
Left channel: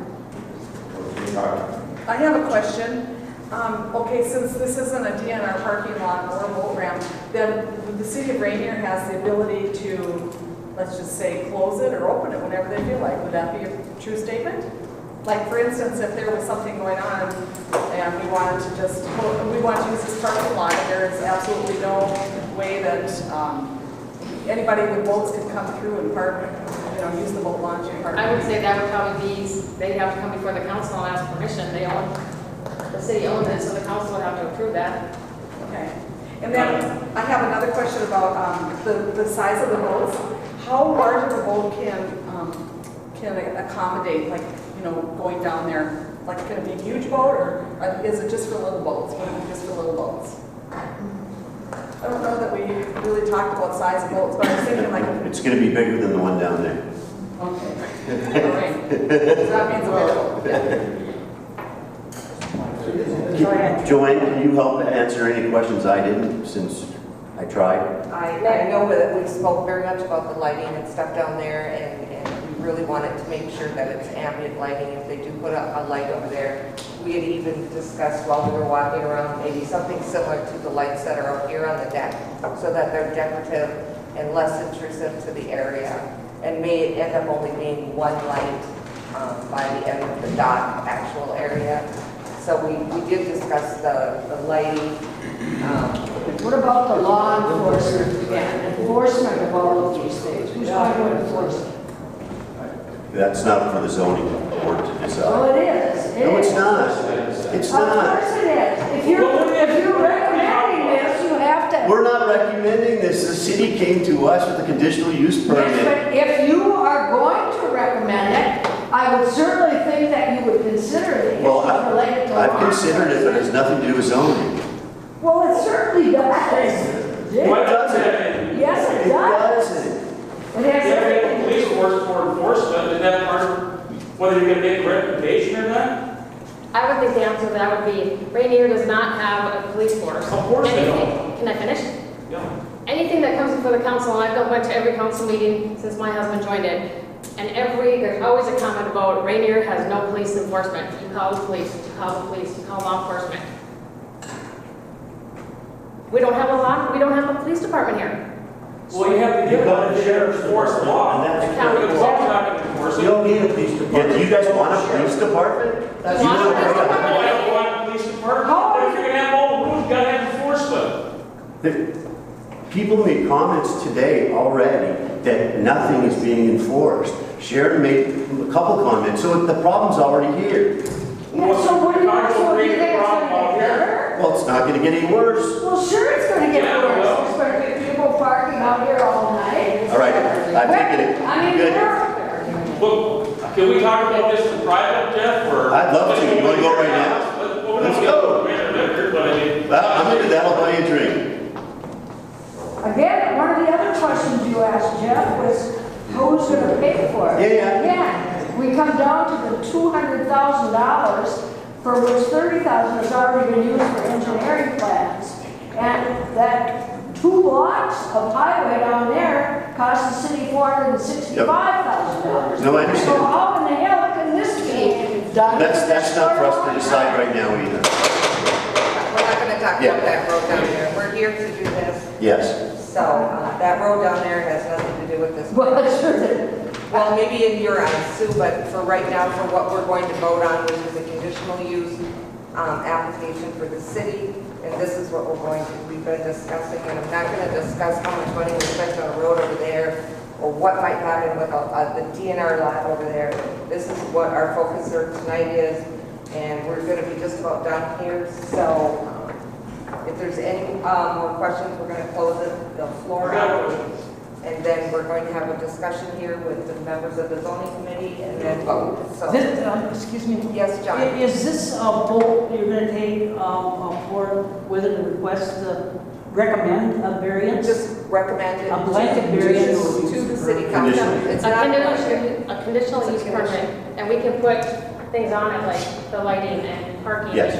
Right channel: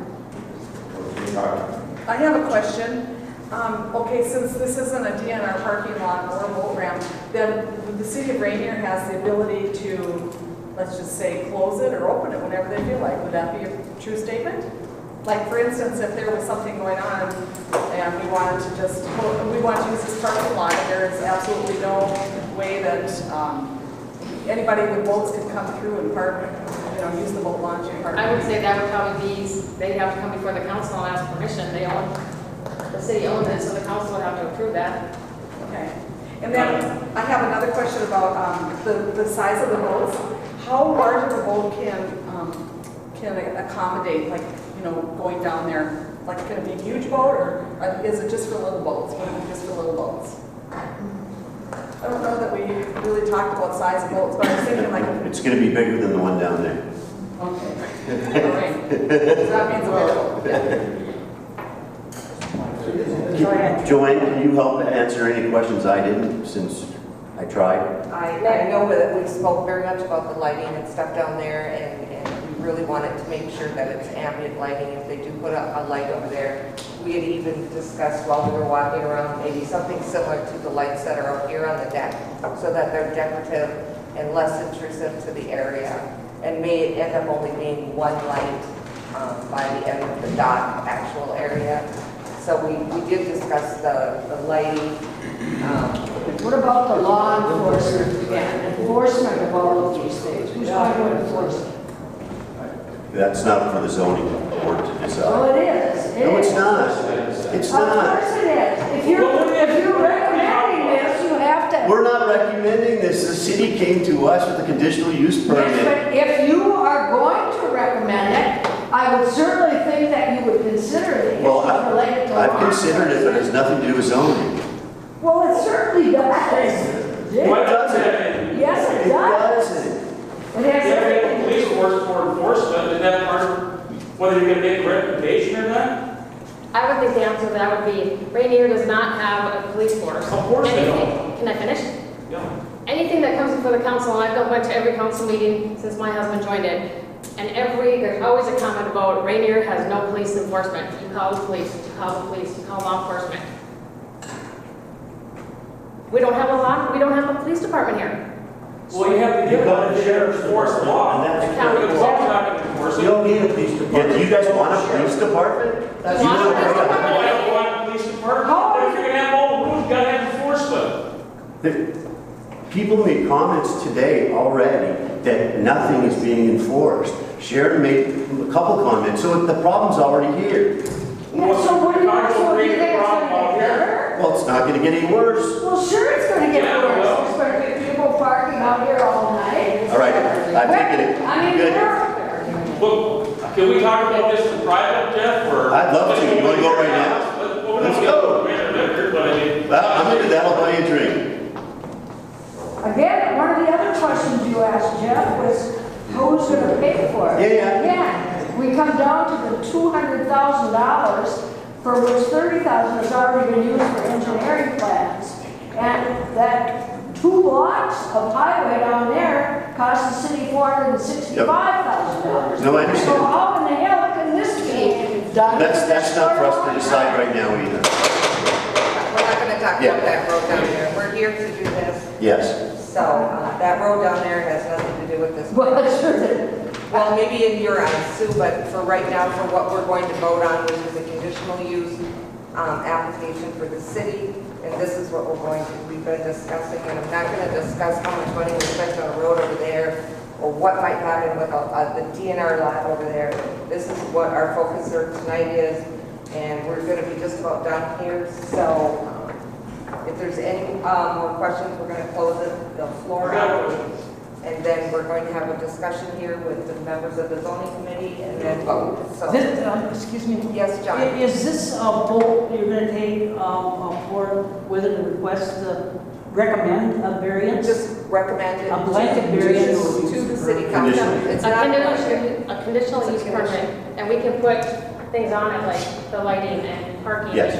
I have a question. Okay, since this isn't a DNR parking lot or a boat ramp, then the city of Ranier has the ability to, let's just say, close it or open it whenever they feel like. Would that be a true statement? Like, for instance, if there was something going on and we wanted to just, we want to use this parking lot, and there is absolutely no way that anybody with boats could come through and park, use the boat launch and park. I would say that would probably be, they'd have to come before the council and ask permission. The city owns it, so the council would have to approve that. Okay. And then I have another question about the size of the boats. How large of a boat can accommodate, like, going down there? Like, can it be a huge boat, or is it just for little boats? Would it be just for little boats? I don't know that we really talked about size of boats, but I was thinking like. It's going to be bigger than the one down there. Okay. All right. So that means a bigger boat. Yeah. Joanne, can you help answer any questions I didn't, since I tried? I know that we spoke very much about the lighting and stuff down there, and we really wanted to make sure that it's ambient lighting. If they do put a light over there, we had even discussed while we were walking around, maybe something similar to the lights that are up here on the deck, so that they're decorative and less intrusive to the area. and may end up only being one light by the end of the dock actual area. So we did discuss the lighting. What about the law enforcement and enforcement of all of these things? Who's going to enforce it? That's not for the zoning board to decide. Well, it is. No, it's not. It's Of not. course it is. If you're recommending this, you have to. We're not recommending this. The city came to us with a conditional use Yes, permit. but if you are going to recommend it, I would certainly think that you would consider the Well, issues related to I've law considered it, but it has nothing to do with zoning. Well, it certainly does. Why doesn't it? Yes, it It does. doesn't. It has You have to everything. get the police force for enforcement, and that part of whether you're gonna make a recommendation or not? I would think the answer to that would be, Ranier does not have a police force. Of course they Anything- don't. Can I finish? Yeah. Anything that comes before the council, and I've went to every council meeting since my husband joined it, and there's always a comment about Ranier has no police enforcement. You call the police, you call the police, you call law enforcement. We don't have a police department here. Well, you have to give it the sheriff's force the law. And that's The law's not gonna enforce it. You don't need a police department. Yeah, do you guys want a police department? That's You not know, a police department. I don't want a police department, but if you're gonna have all the rules, you gotta have enforcement. People made comments today already that nothing is being enforced. Sharon made a couple comments, so the problem's already here. Yeah, so what do you think it's going to get better? Well, it's not gonna get any worse. Well, sure it's going to get Yeah, worse. well. It's going to get people parking out here all night. All right, I've taken it. I mean, Good. Look, can we talk about this in private, Jeff, or? I'd love to. You wanna go right now? Let's go. I'm into that. I'll buy you a drink. Again, one of the other questions you asked, Jeff, was who's going to pay for it? Yeah. Again, we come down to the $200,000, for which $30,000 has already been used for engineering plans. And that 2 blocks of highway down there cost the city $465,000. No, I understand. So how in the hell can this be done? That's not for us to decide right now either. We're not going to talk Yeah. about that road down there. We're here to do this. Yes. So that road down there has nothing to do with this. Well, it sure did. Well, maybe in your eyes, Sue, but for right now, for what we're going to vote on, which is a conditional use application for the city, and this is what we've been discussing, and I'm not going to discuss how much money we spent on a road over there, or what might happen with the DNR lot over there. This is what our focus here tonight is, and we're going to be just about done here. So if there's any more questions, we're going to close the floor out. And then we're going to have a discussion here with the members of the zoning committee and then vote. So, Excuse me. yes, John. Is this a vote you're going to take for whether to request, recommend a variance? Just recommend it A blanket variance to the city council. It's not A conditional use permit, and we can put things on it like the lighting and parking. Yes.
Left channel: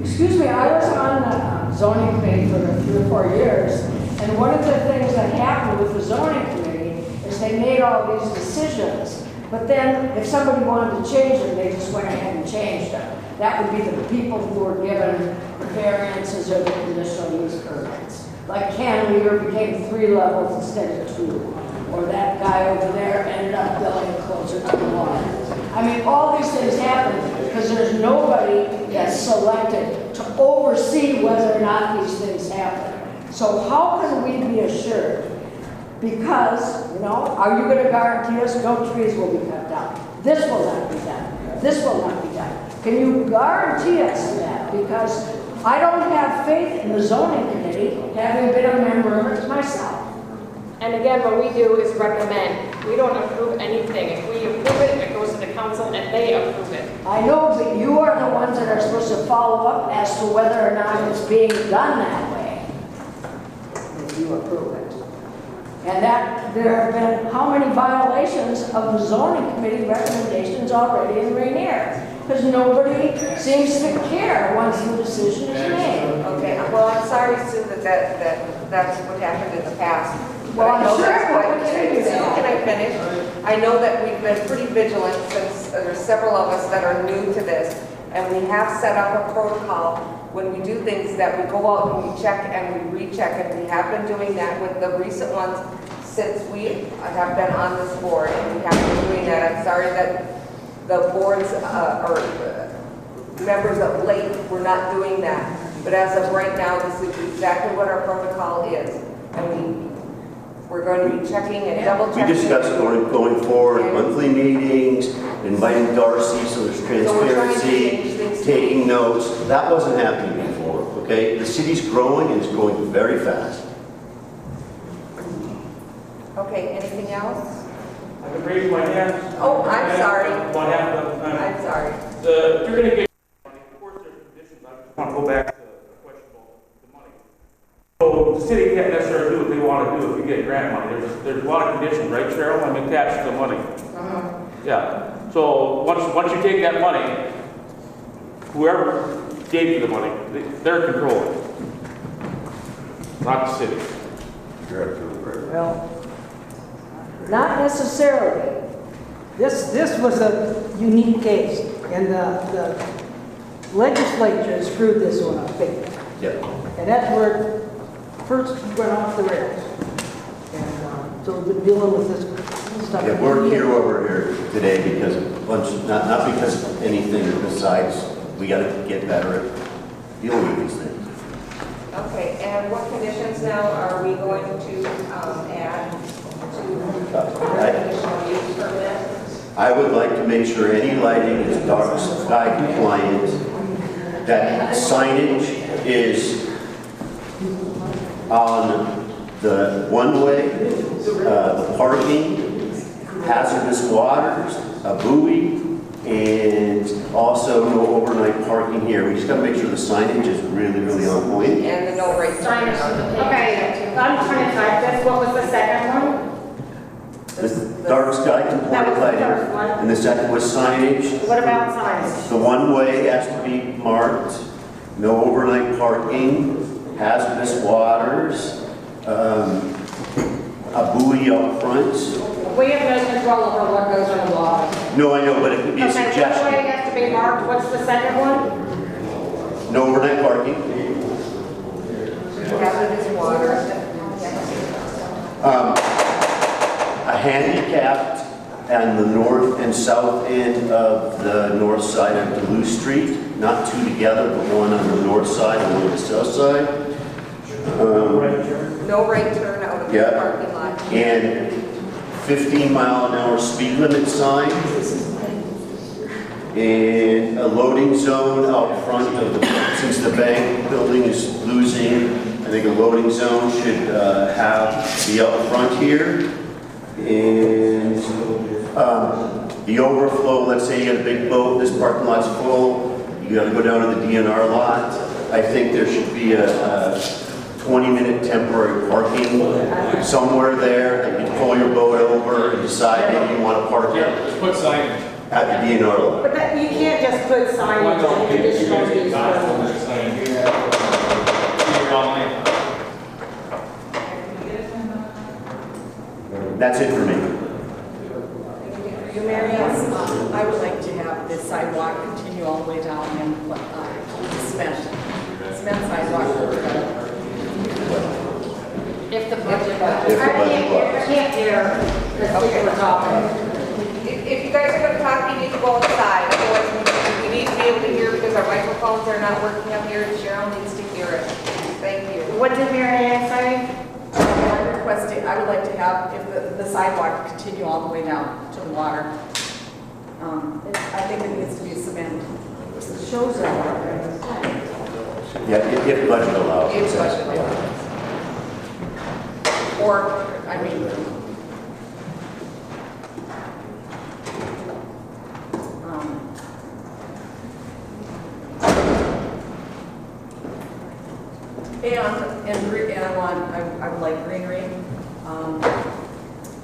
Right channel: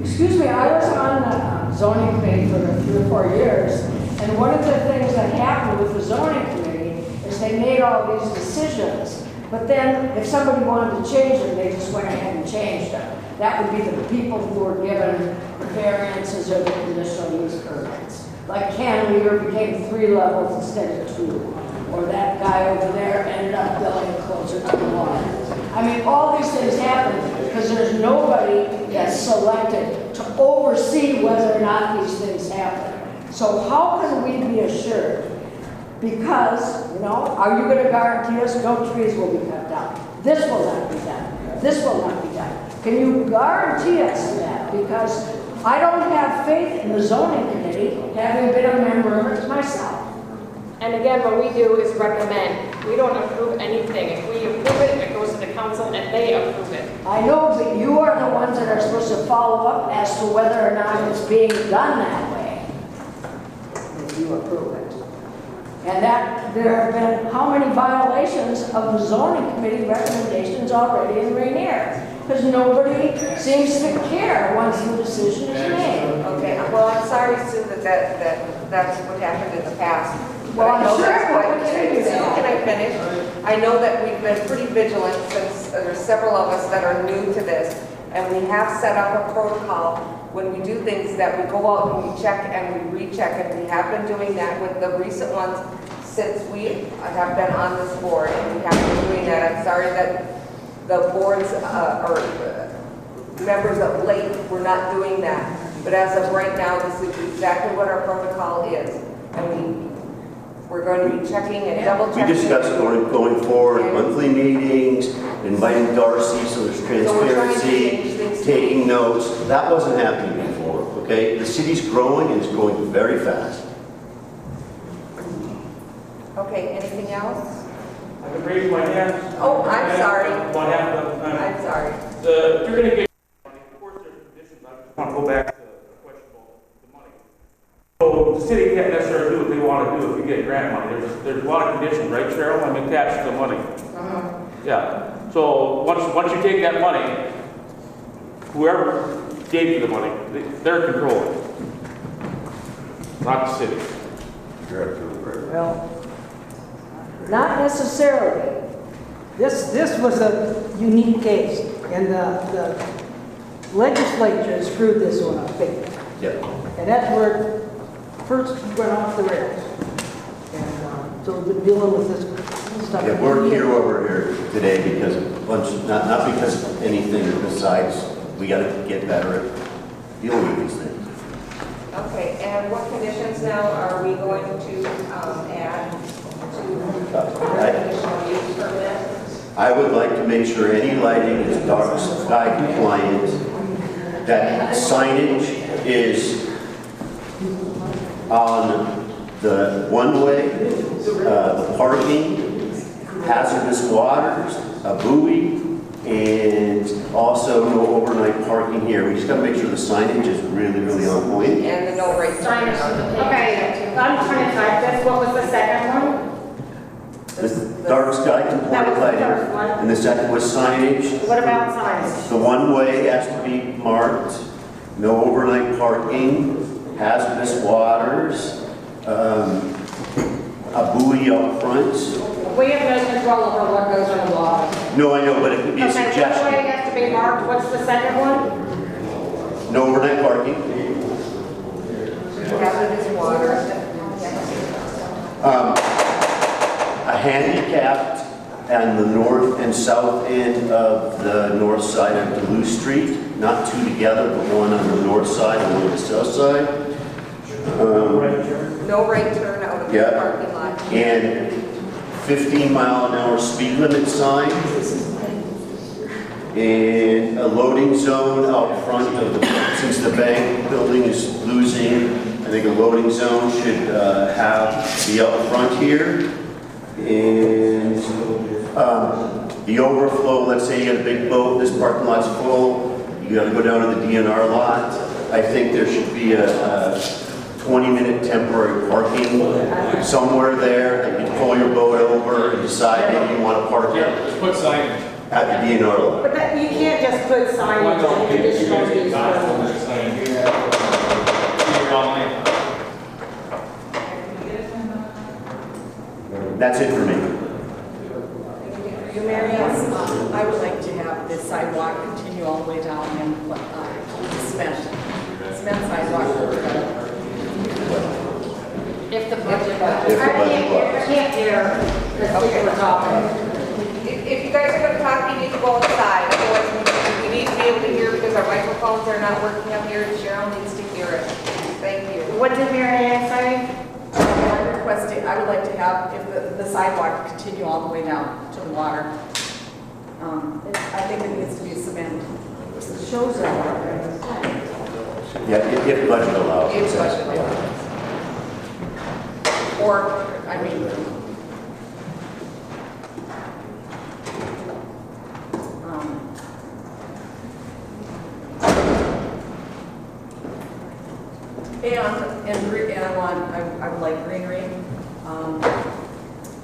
Excuse me, I was on the zoning committee for 3 or 4 years, and one of the things that happened with the zoning committee is they made all these decisions, but then if somebody wanted to change them, they just went ahead and changed them. That would be the people who were given the variances or the conditional use permits. Like Cantilever became 3 levels instead of 2, or that guy over there ended up building closer to the water. I mean, all these things happen because there's nobody that's selected to oversee whether or not these things happen. So how can we be assured? Because, are you going to guarantee us no trees will be cut down? This will not be done. This will not be done. Can you guarantee us that? Because I don't have faith in the zoning committee, having been a member of it myself. And again, what we do is recommend. We don't approve anything. If we approve it, it goes to the council and they approve it. I know, but you are the ones that are supposed to follow up as to whether or not it's being done that way. If you approve it. And that there have been how many violations of the zoning committee recommendations already in Ranier? Because nobody seems to care once the decision is made. Okay, well, I'm sorry, Sue, that's what happened in the past. Well, I'm I know sure that's it what- will continue to happen. Can I finish? I know that we've been pretty vigilant since there's several of us that are new to this, and we have set up a protocol when we do things that we go out and we check and we recheck, and we have been doing that with the recent ones since we have been on this board and we have been doing that, I'm sorry that the boards or members of late were not doing that. But as of right now, this is exactly what our protocol is. And we're going to be checking and double checking. We discussed going forward, monthly meetings, inviting Darcy so there's transparency, taking notes. That wasn't happening before, okay? The city's growing and it's growing very fast. Okay, anything else? I can raise my hand. Oh, I'm sorry. What happened? I'm sorry. You're going to get, of course, there's conditions. I just want to go back to the question about the money. So the city can't necessarily do what they want to do if you get grant money. There's a lot of conditions, right, Cheryl? I'm attached to the money. Yeah. So once you take that money, whoever gave you the money, they're controlling it, not the city. Well, not necessarily. This was a unique case, and the legislature screwed this one up big. Yeah. And that's where it first went off the rails. And so we've been dealing with this stuff. Yeah, we're here over here today because of a bunch, not because of anything besides we got to get better at dealing with these things. Okay, and what conditions now are we going to add to the conditional use permit? I would like to make sure any lighting is dark sky compliant, that signage is on the one-way, the parking, hazardous waters, a buoy, and also no overnight parking here. We just got to make sure the signage is really, really on point. And the no right turn. Okay, I'm trying to type this. What was the second one? The dark sky compliant lighting, and the second was signage. What about signage? The one-way has to be marked, no overnight parking, hazardous waters, a buoy up front. We have no control over what goes on the water. No, I know, but it could be a Okay, suggestion. one way has to be marked. What's the second one? No overnight parking. Hazardous water. A handicapped on the north and south end of the north side of Duluth Street, not two together, but one on the north side and one on the south side. No right turn out of the parking lot. And 15-mile-an-hour speed limit sign. And a loading zone out front of the, since the bank building is losing, I think a loading zone should be up front here. And the overflow, let's say you got a big boat, this parking lot's full, you got to go down to the DNR lot. I think there should be a 20-minute temporary parking somewhere there that you can pull your boat over and decide maybe you want to park it. Just put signage. At the DNR lot. But that, you can't just put signage on conditional use permit. That's it for me. You, Mary Ann, I would like to have the sidewalk continue all the way down and cement sidewalk. If the budget. If the budget I can't hear the speaker talking. If you guys are going to talk, you need to go outside. Otherwise, we need to be able to hear because our microphones are not working up here. Cheryl needs to hear it. Thank you. What did Mary Ann say? I'm requesting, I would like to have, if the sidewalk continue all the way down to the water. I think it needs to be cement. It shows that. Yeah, if budget allows. If budget allows. Or, I mean, and I would like greenery,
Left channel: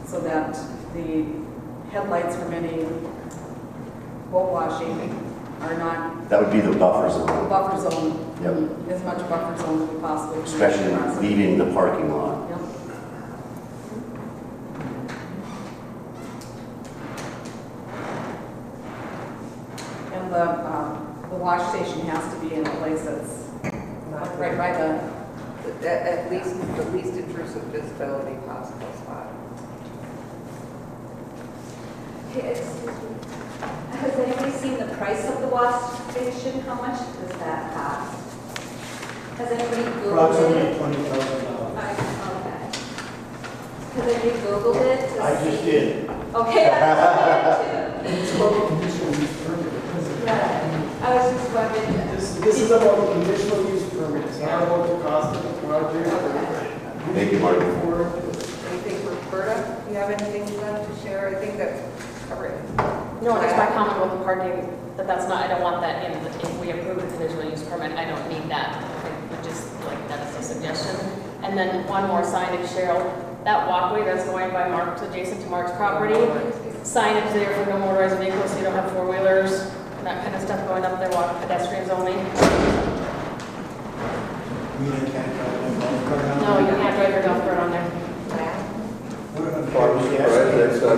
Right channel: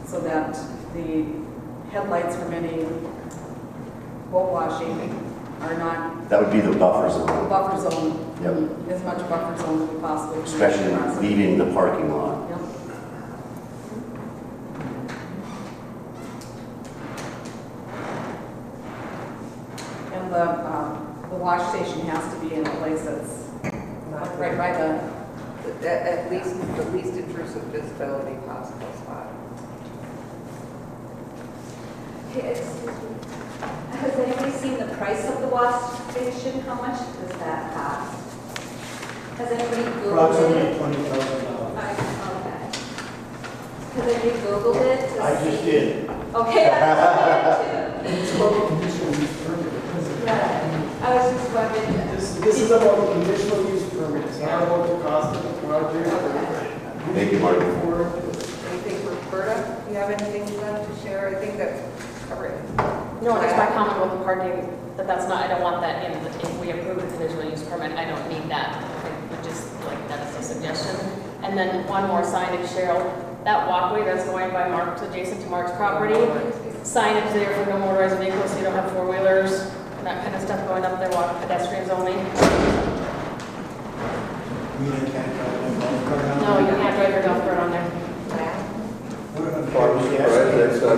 so that the headlights from any boat washing are not. That would be the buffer zone. The buffer zone. Yep. As much buffer zone as we possibly can. Especially leaving the parking lot. Yep. And the wash station has to be in a place that's right by the at least the least intrusive visibility possible spot. Okay, excuse me. Has anybody seen the price of the wash station? How much does that cost? Has anybody Googled it? Approximately $20,000. Okay. Has anybody Googled it? to I just see- did. Okay, I just did It's about the conditional use permit. too. Right. I was just wondering. This is about the conditional use permit. It's not about the cost of the project. Thank you, Mark. Anything for Berta? Do you have anything left to share? I think that's covered. No, just my comment about the parking, that's not, I don't want that in, if we approve the conditional use permit, I don't need that. I would just like, that's a suggestion. And then one more signage, Cheryl, that walkway that's going by Mark's, adjacent to Mark's property, signage there for no motorized vehicles, so you don't have four-wheelers, and that kind of stuff going up there, walk pedestrians only. No, you can't drive your golf cart on there. I'm surprised that's not,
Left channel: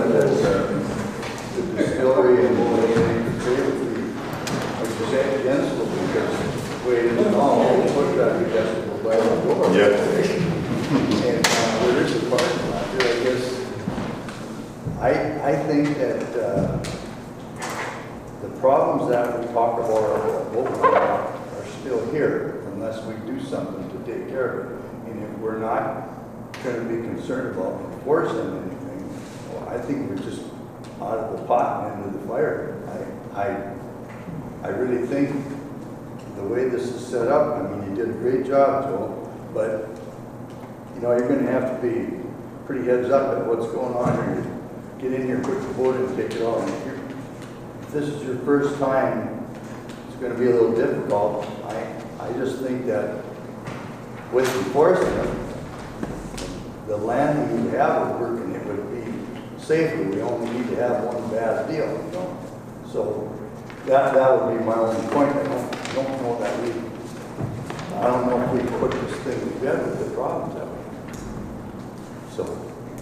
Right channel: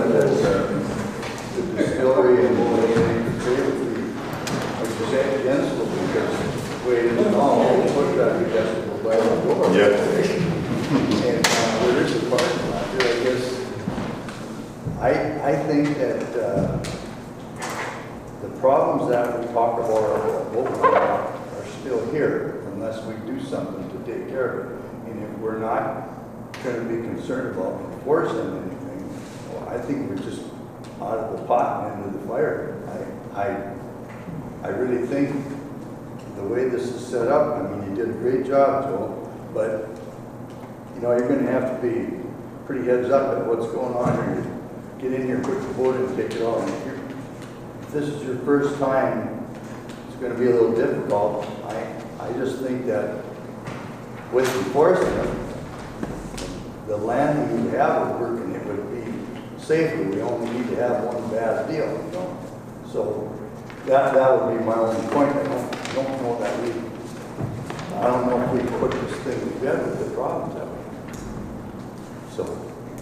the distillery and like you say, against them, because the way it is now, all the foot traffic has to go by the door. And there is a parking lot there, I guess. I think that the problems that we talk about are still here unless we do something to take care of it. And if we're not going to be concerned about enforcing anything, well, I think we're just out of the pot and into the fire. I really think the way this is set up, I mean, you did a great job, Joe, but you know, you're going to have to be pretty heads up at what's going on here. Get in here, put the board and take it all. If this is your first time, it's going to be a little difficult. I just think that with enforcing it, the land that you have working, it would be safer. We only need to have one bad deal, you know? So that would be my only point. I don't know that I don't know if we put this thing together with the problems that we have.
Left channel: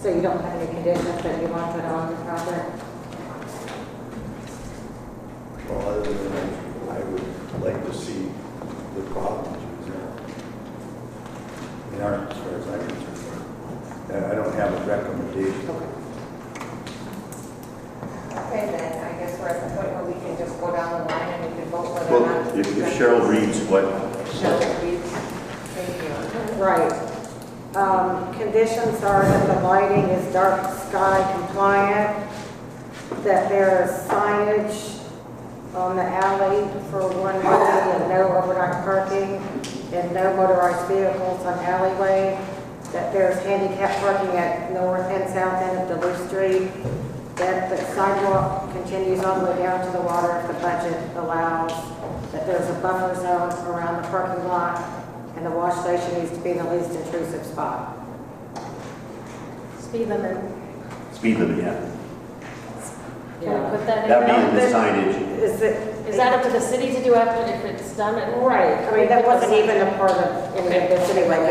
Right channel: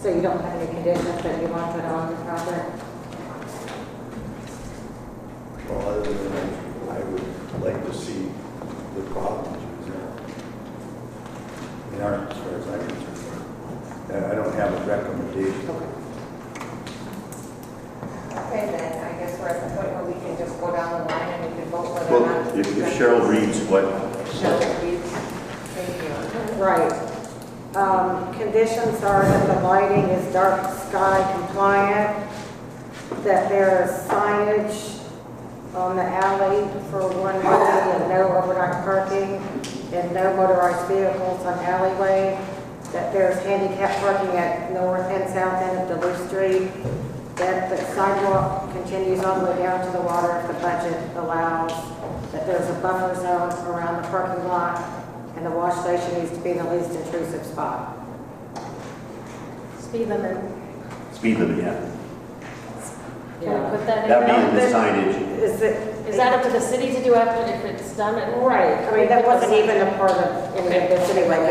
So you don't have any conditions that you want to put on the project? Well, other than that, I would like to see the problems in our, as far as I'm concerned. I don't have a recommendation. Okay, then, I guess we're at the point where we can just go down the line and we can vote whether or Well, not. if Cheryl reads what, Cheryl reads. Thank you. Right. Conditions are that the lighting is dark sky compliant, that there is signage on the alley for one way and no overnight parking, and no motorized vehicles on alleyway, that there's handicap parking at north and south end of Duluth Street, that the sidewalk continues all the way down to the water if the budget allows, that there's a buffer zone around the parking lot, and the wash station needs to be in the least intrusive spot. Speed limit. Speed limit, yeah. Can we put that in? That'd be in the signage. Is that up to the city to do after, if it's done? Right, I mean, that wasn't even a part of any of this anyway, I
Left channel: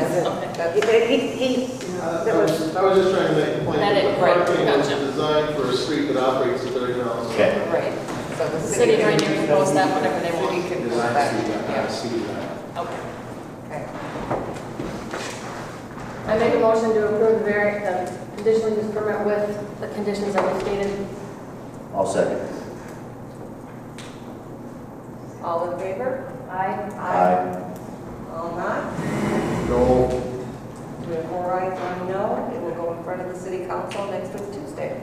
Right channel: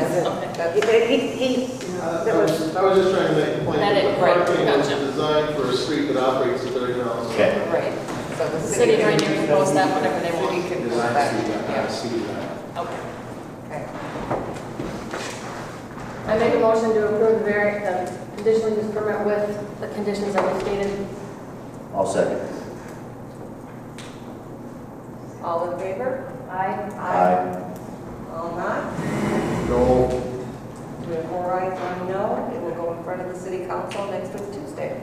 was just trying to make the point that the parking is designed for a street that operates at 30 miles. Okay. Right. So the City of Ranier can post that whenever they want. City can do Design that. street that Yeah. has city limit. Okay. Okay. I make a motion to approve the conditional use permit with the conditions that we stated. I'll second. All in favor? Aye. Aye. All not? No. We have 4 ayes, 1 no. It will go in front of the city council next week, Tuesday.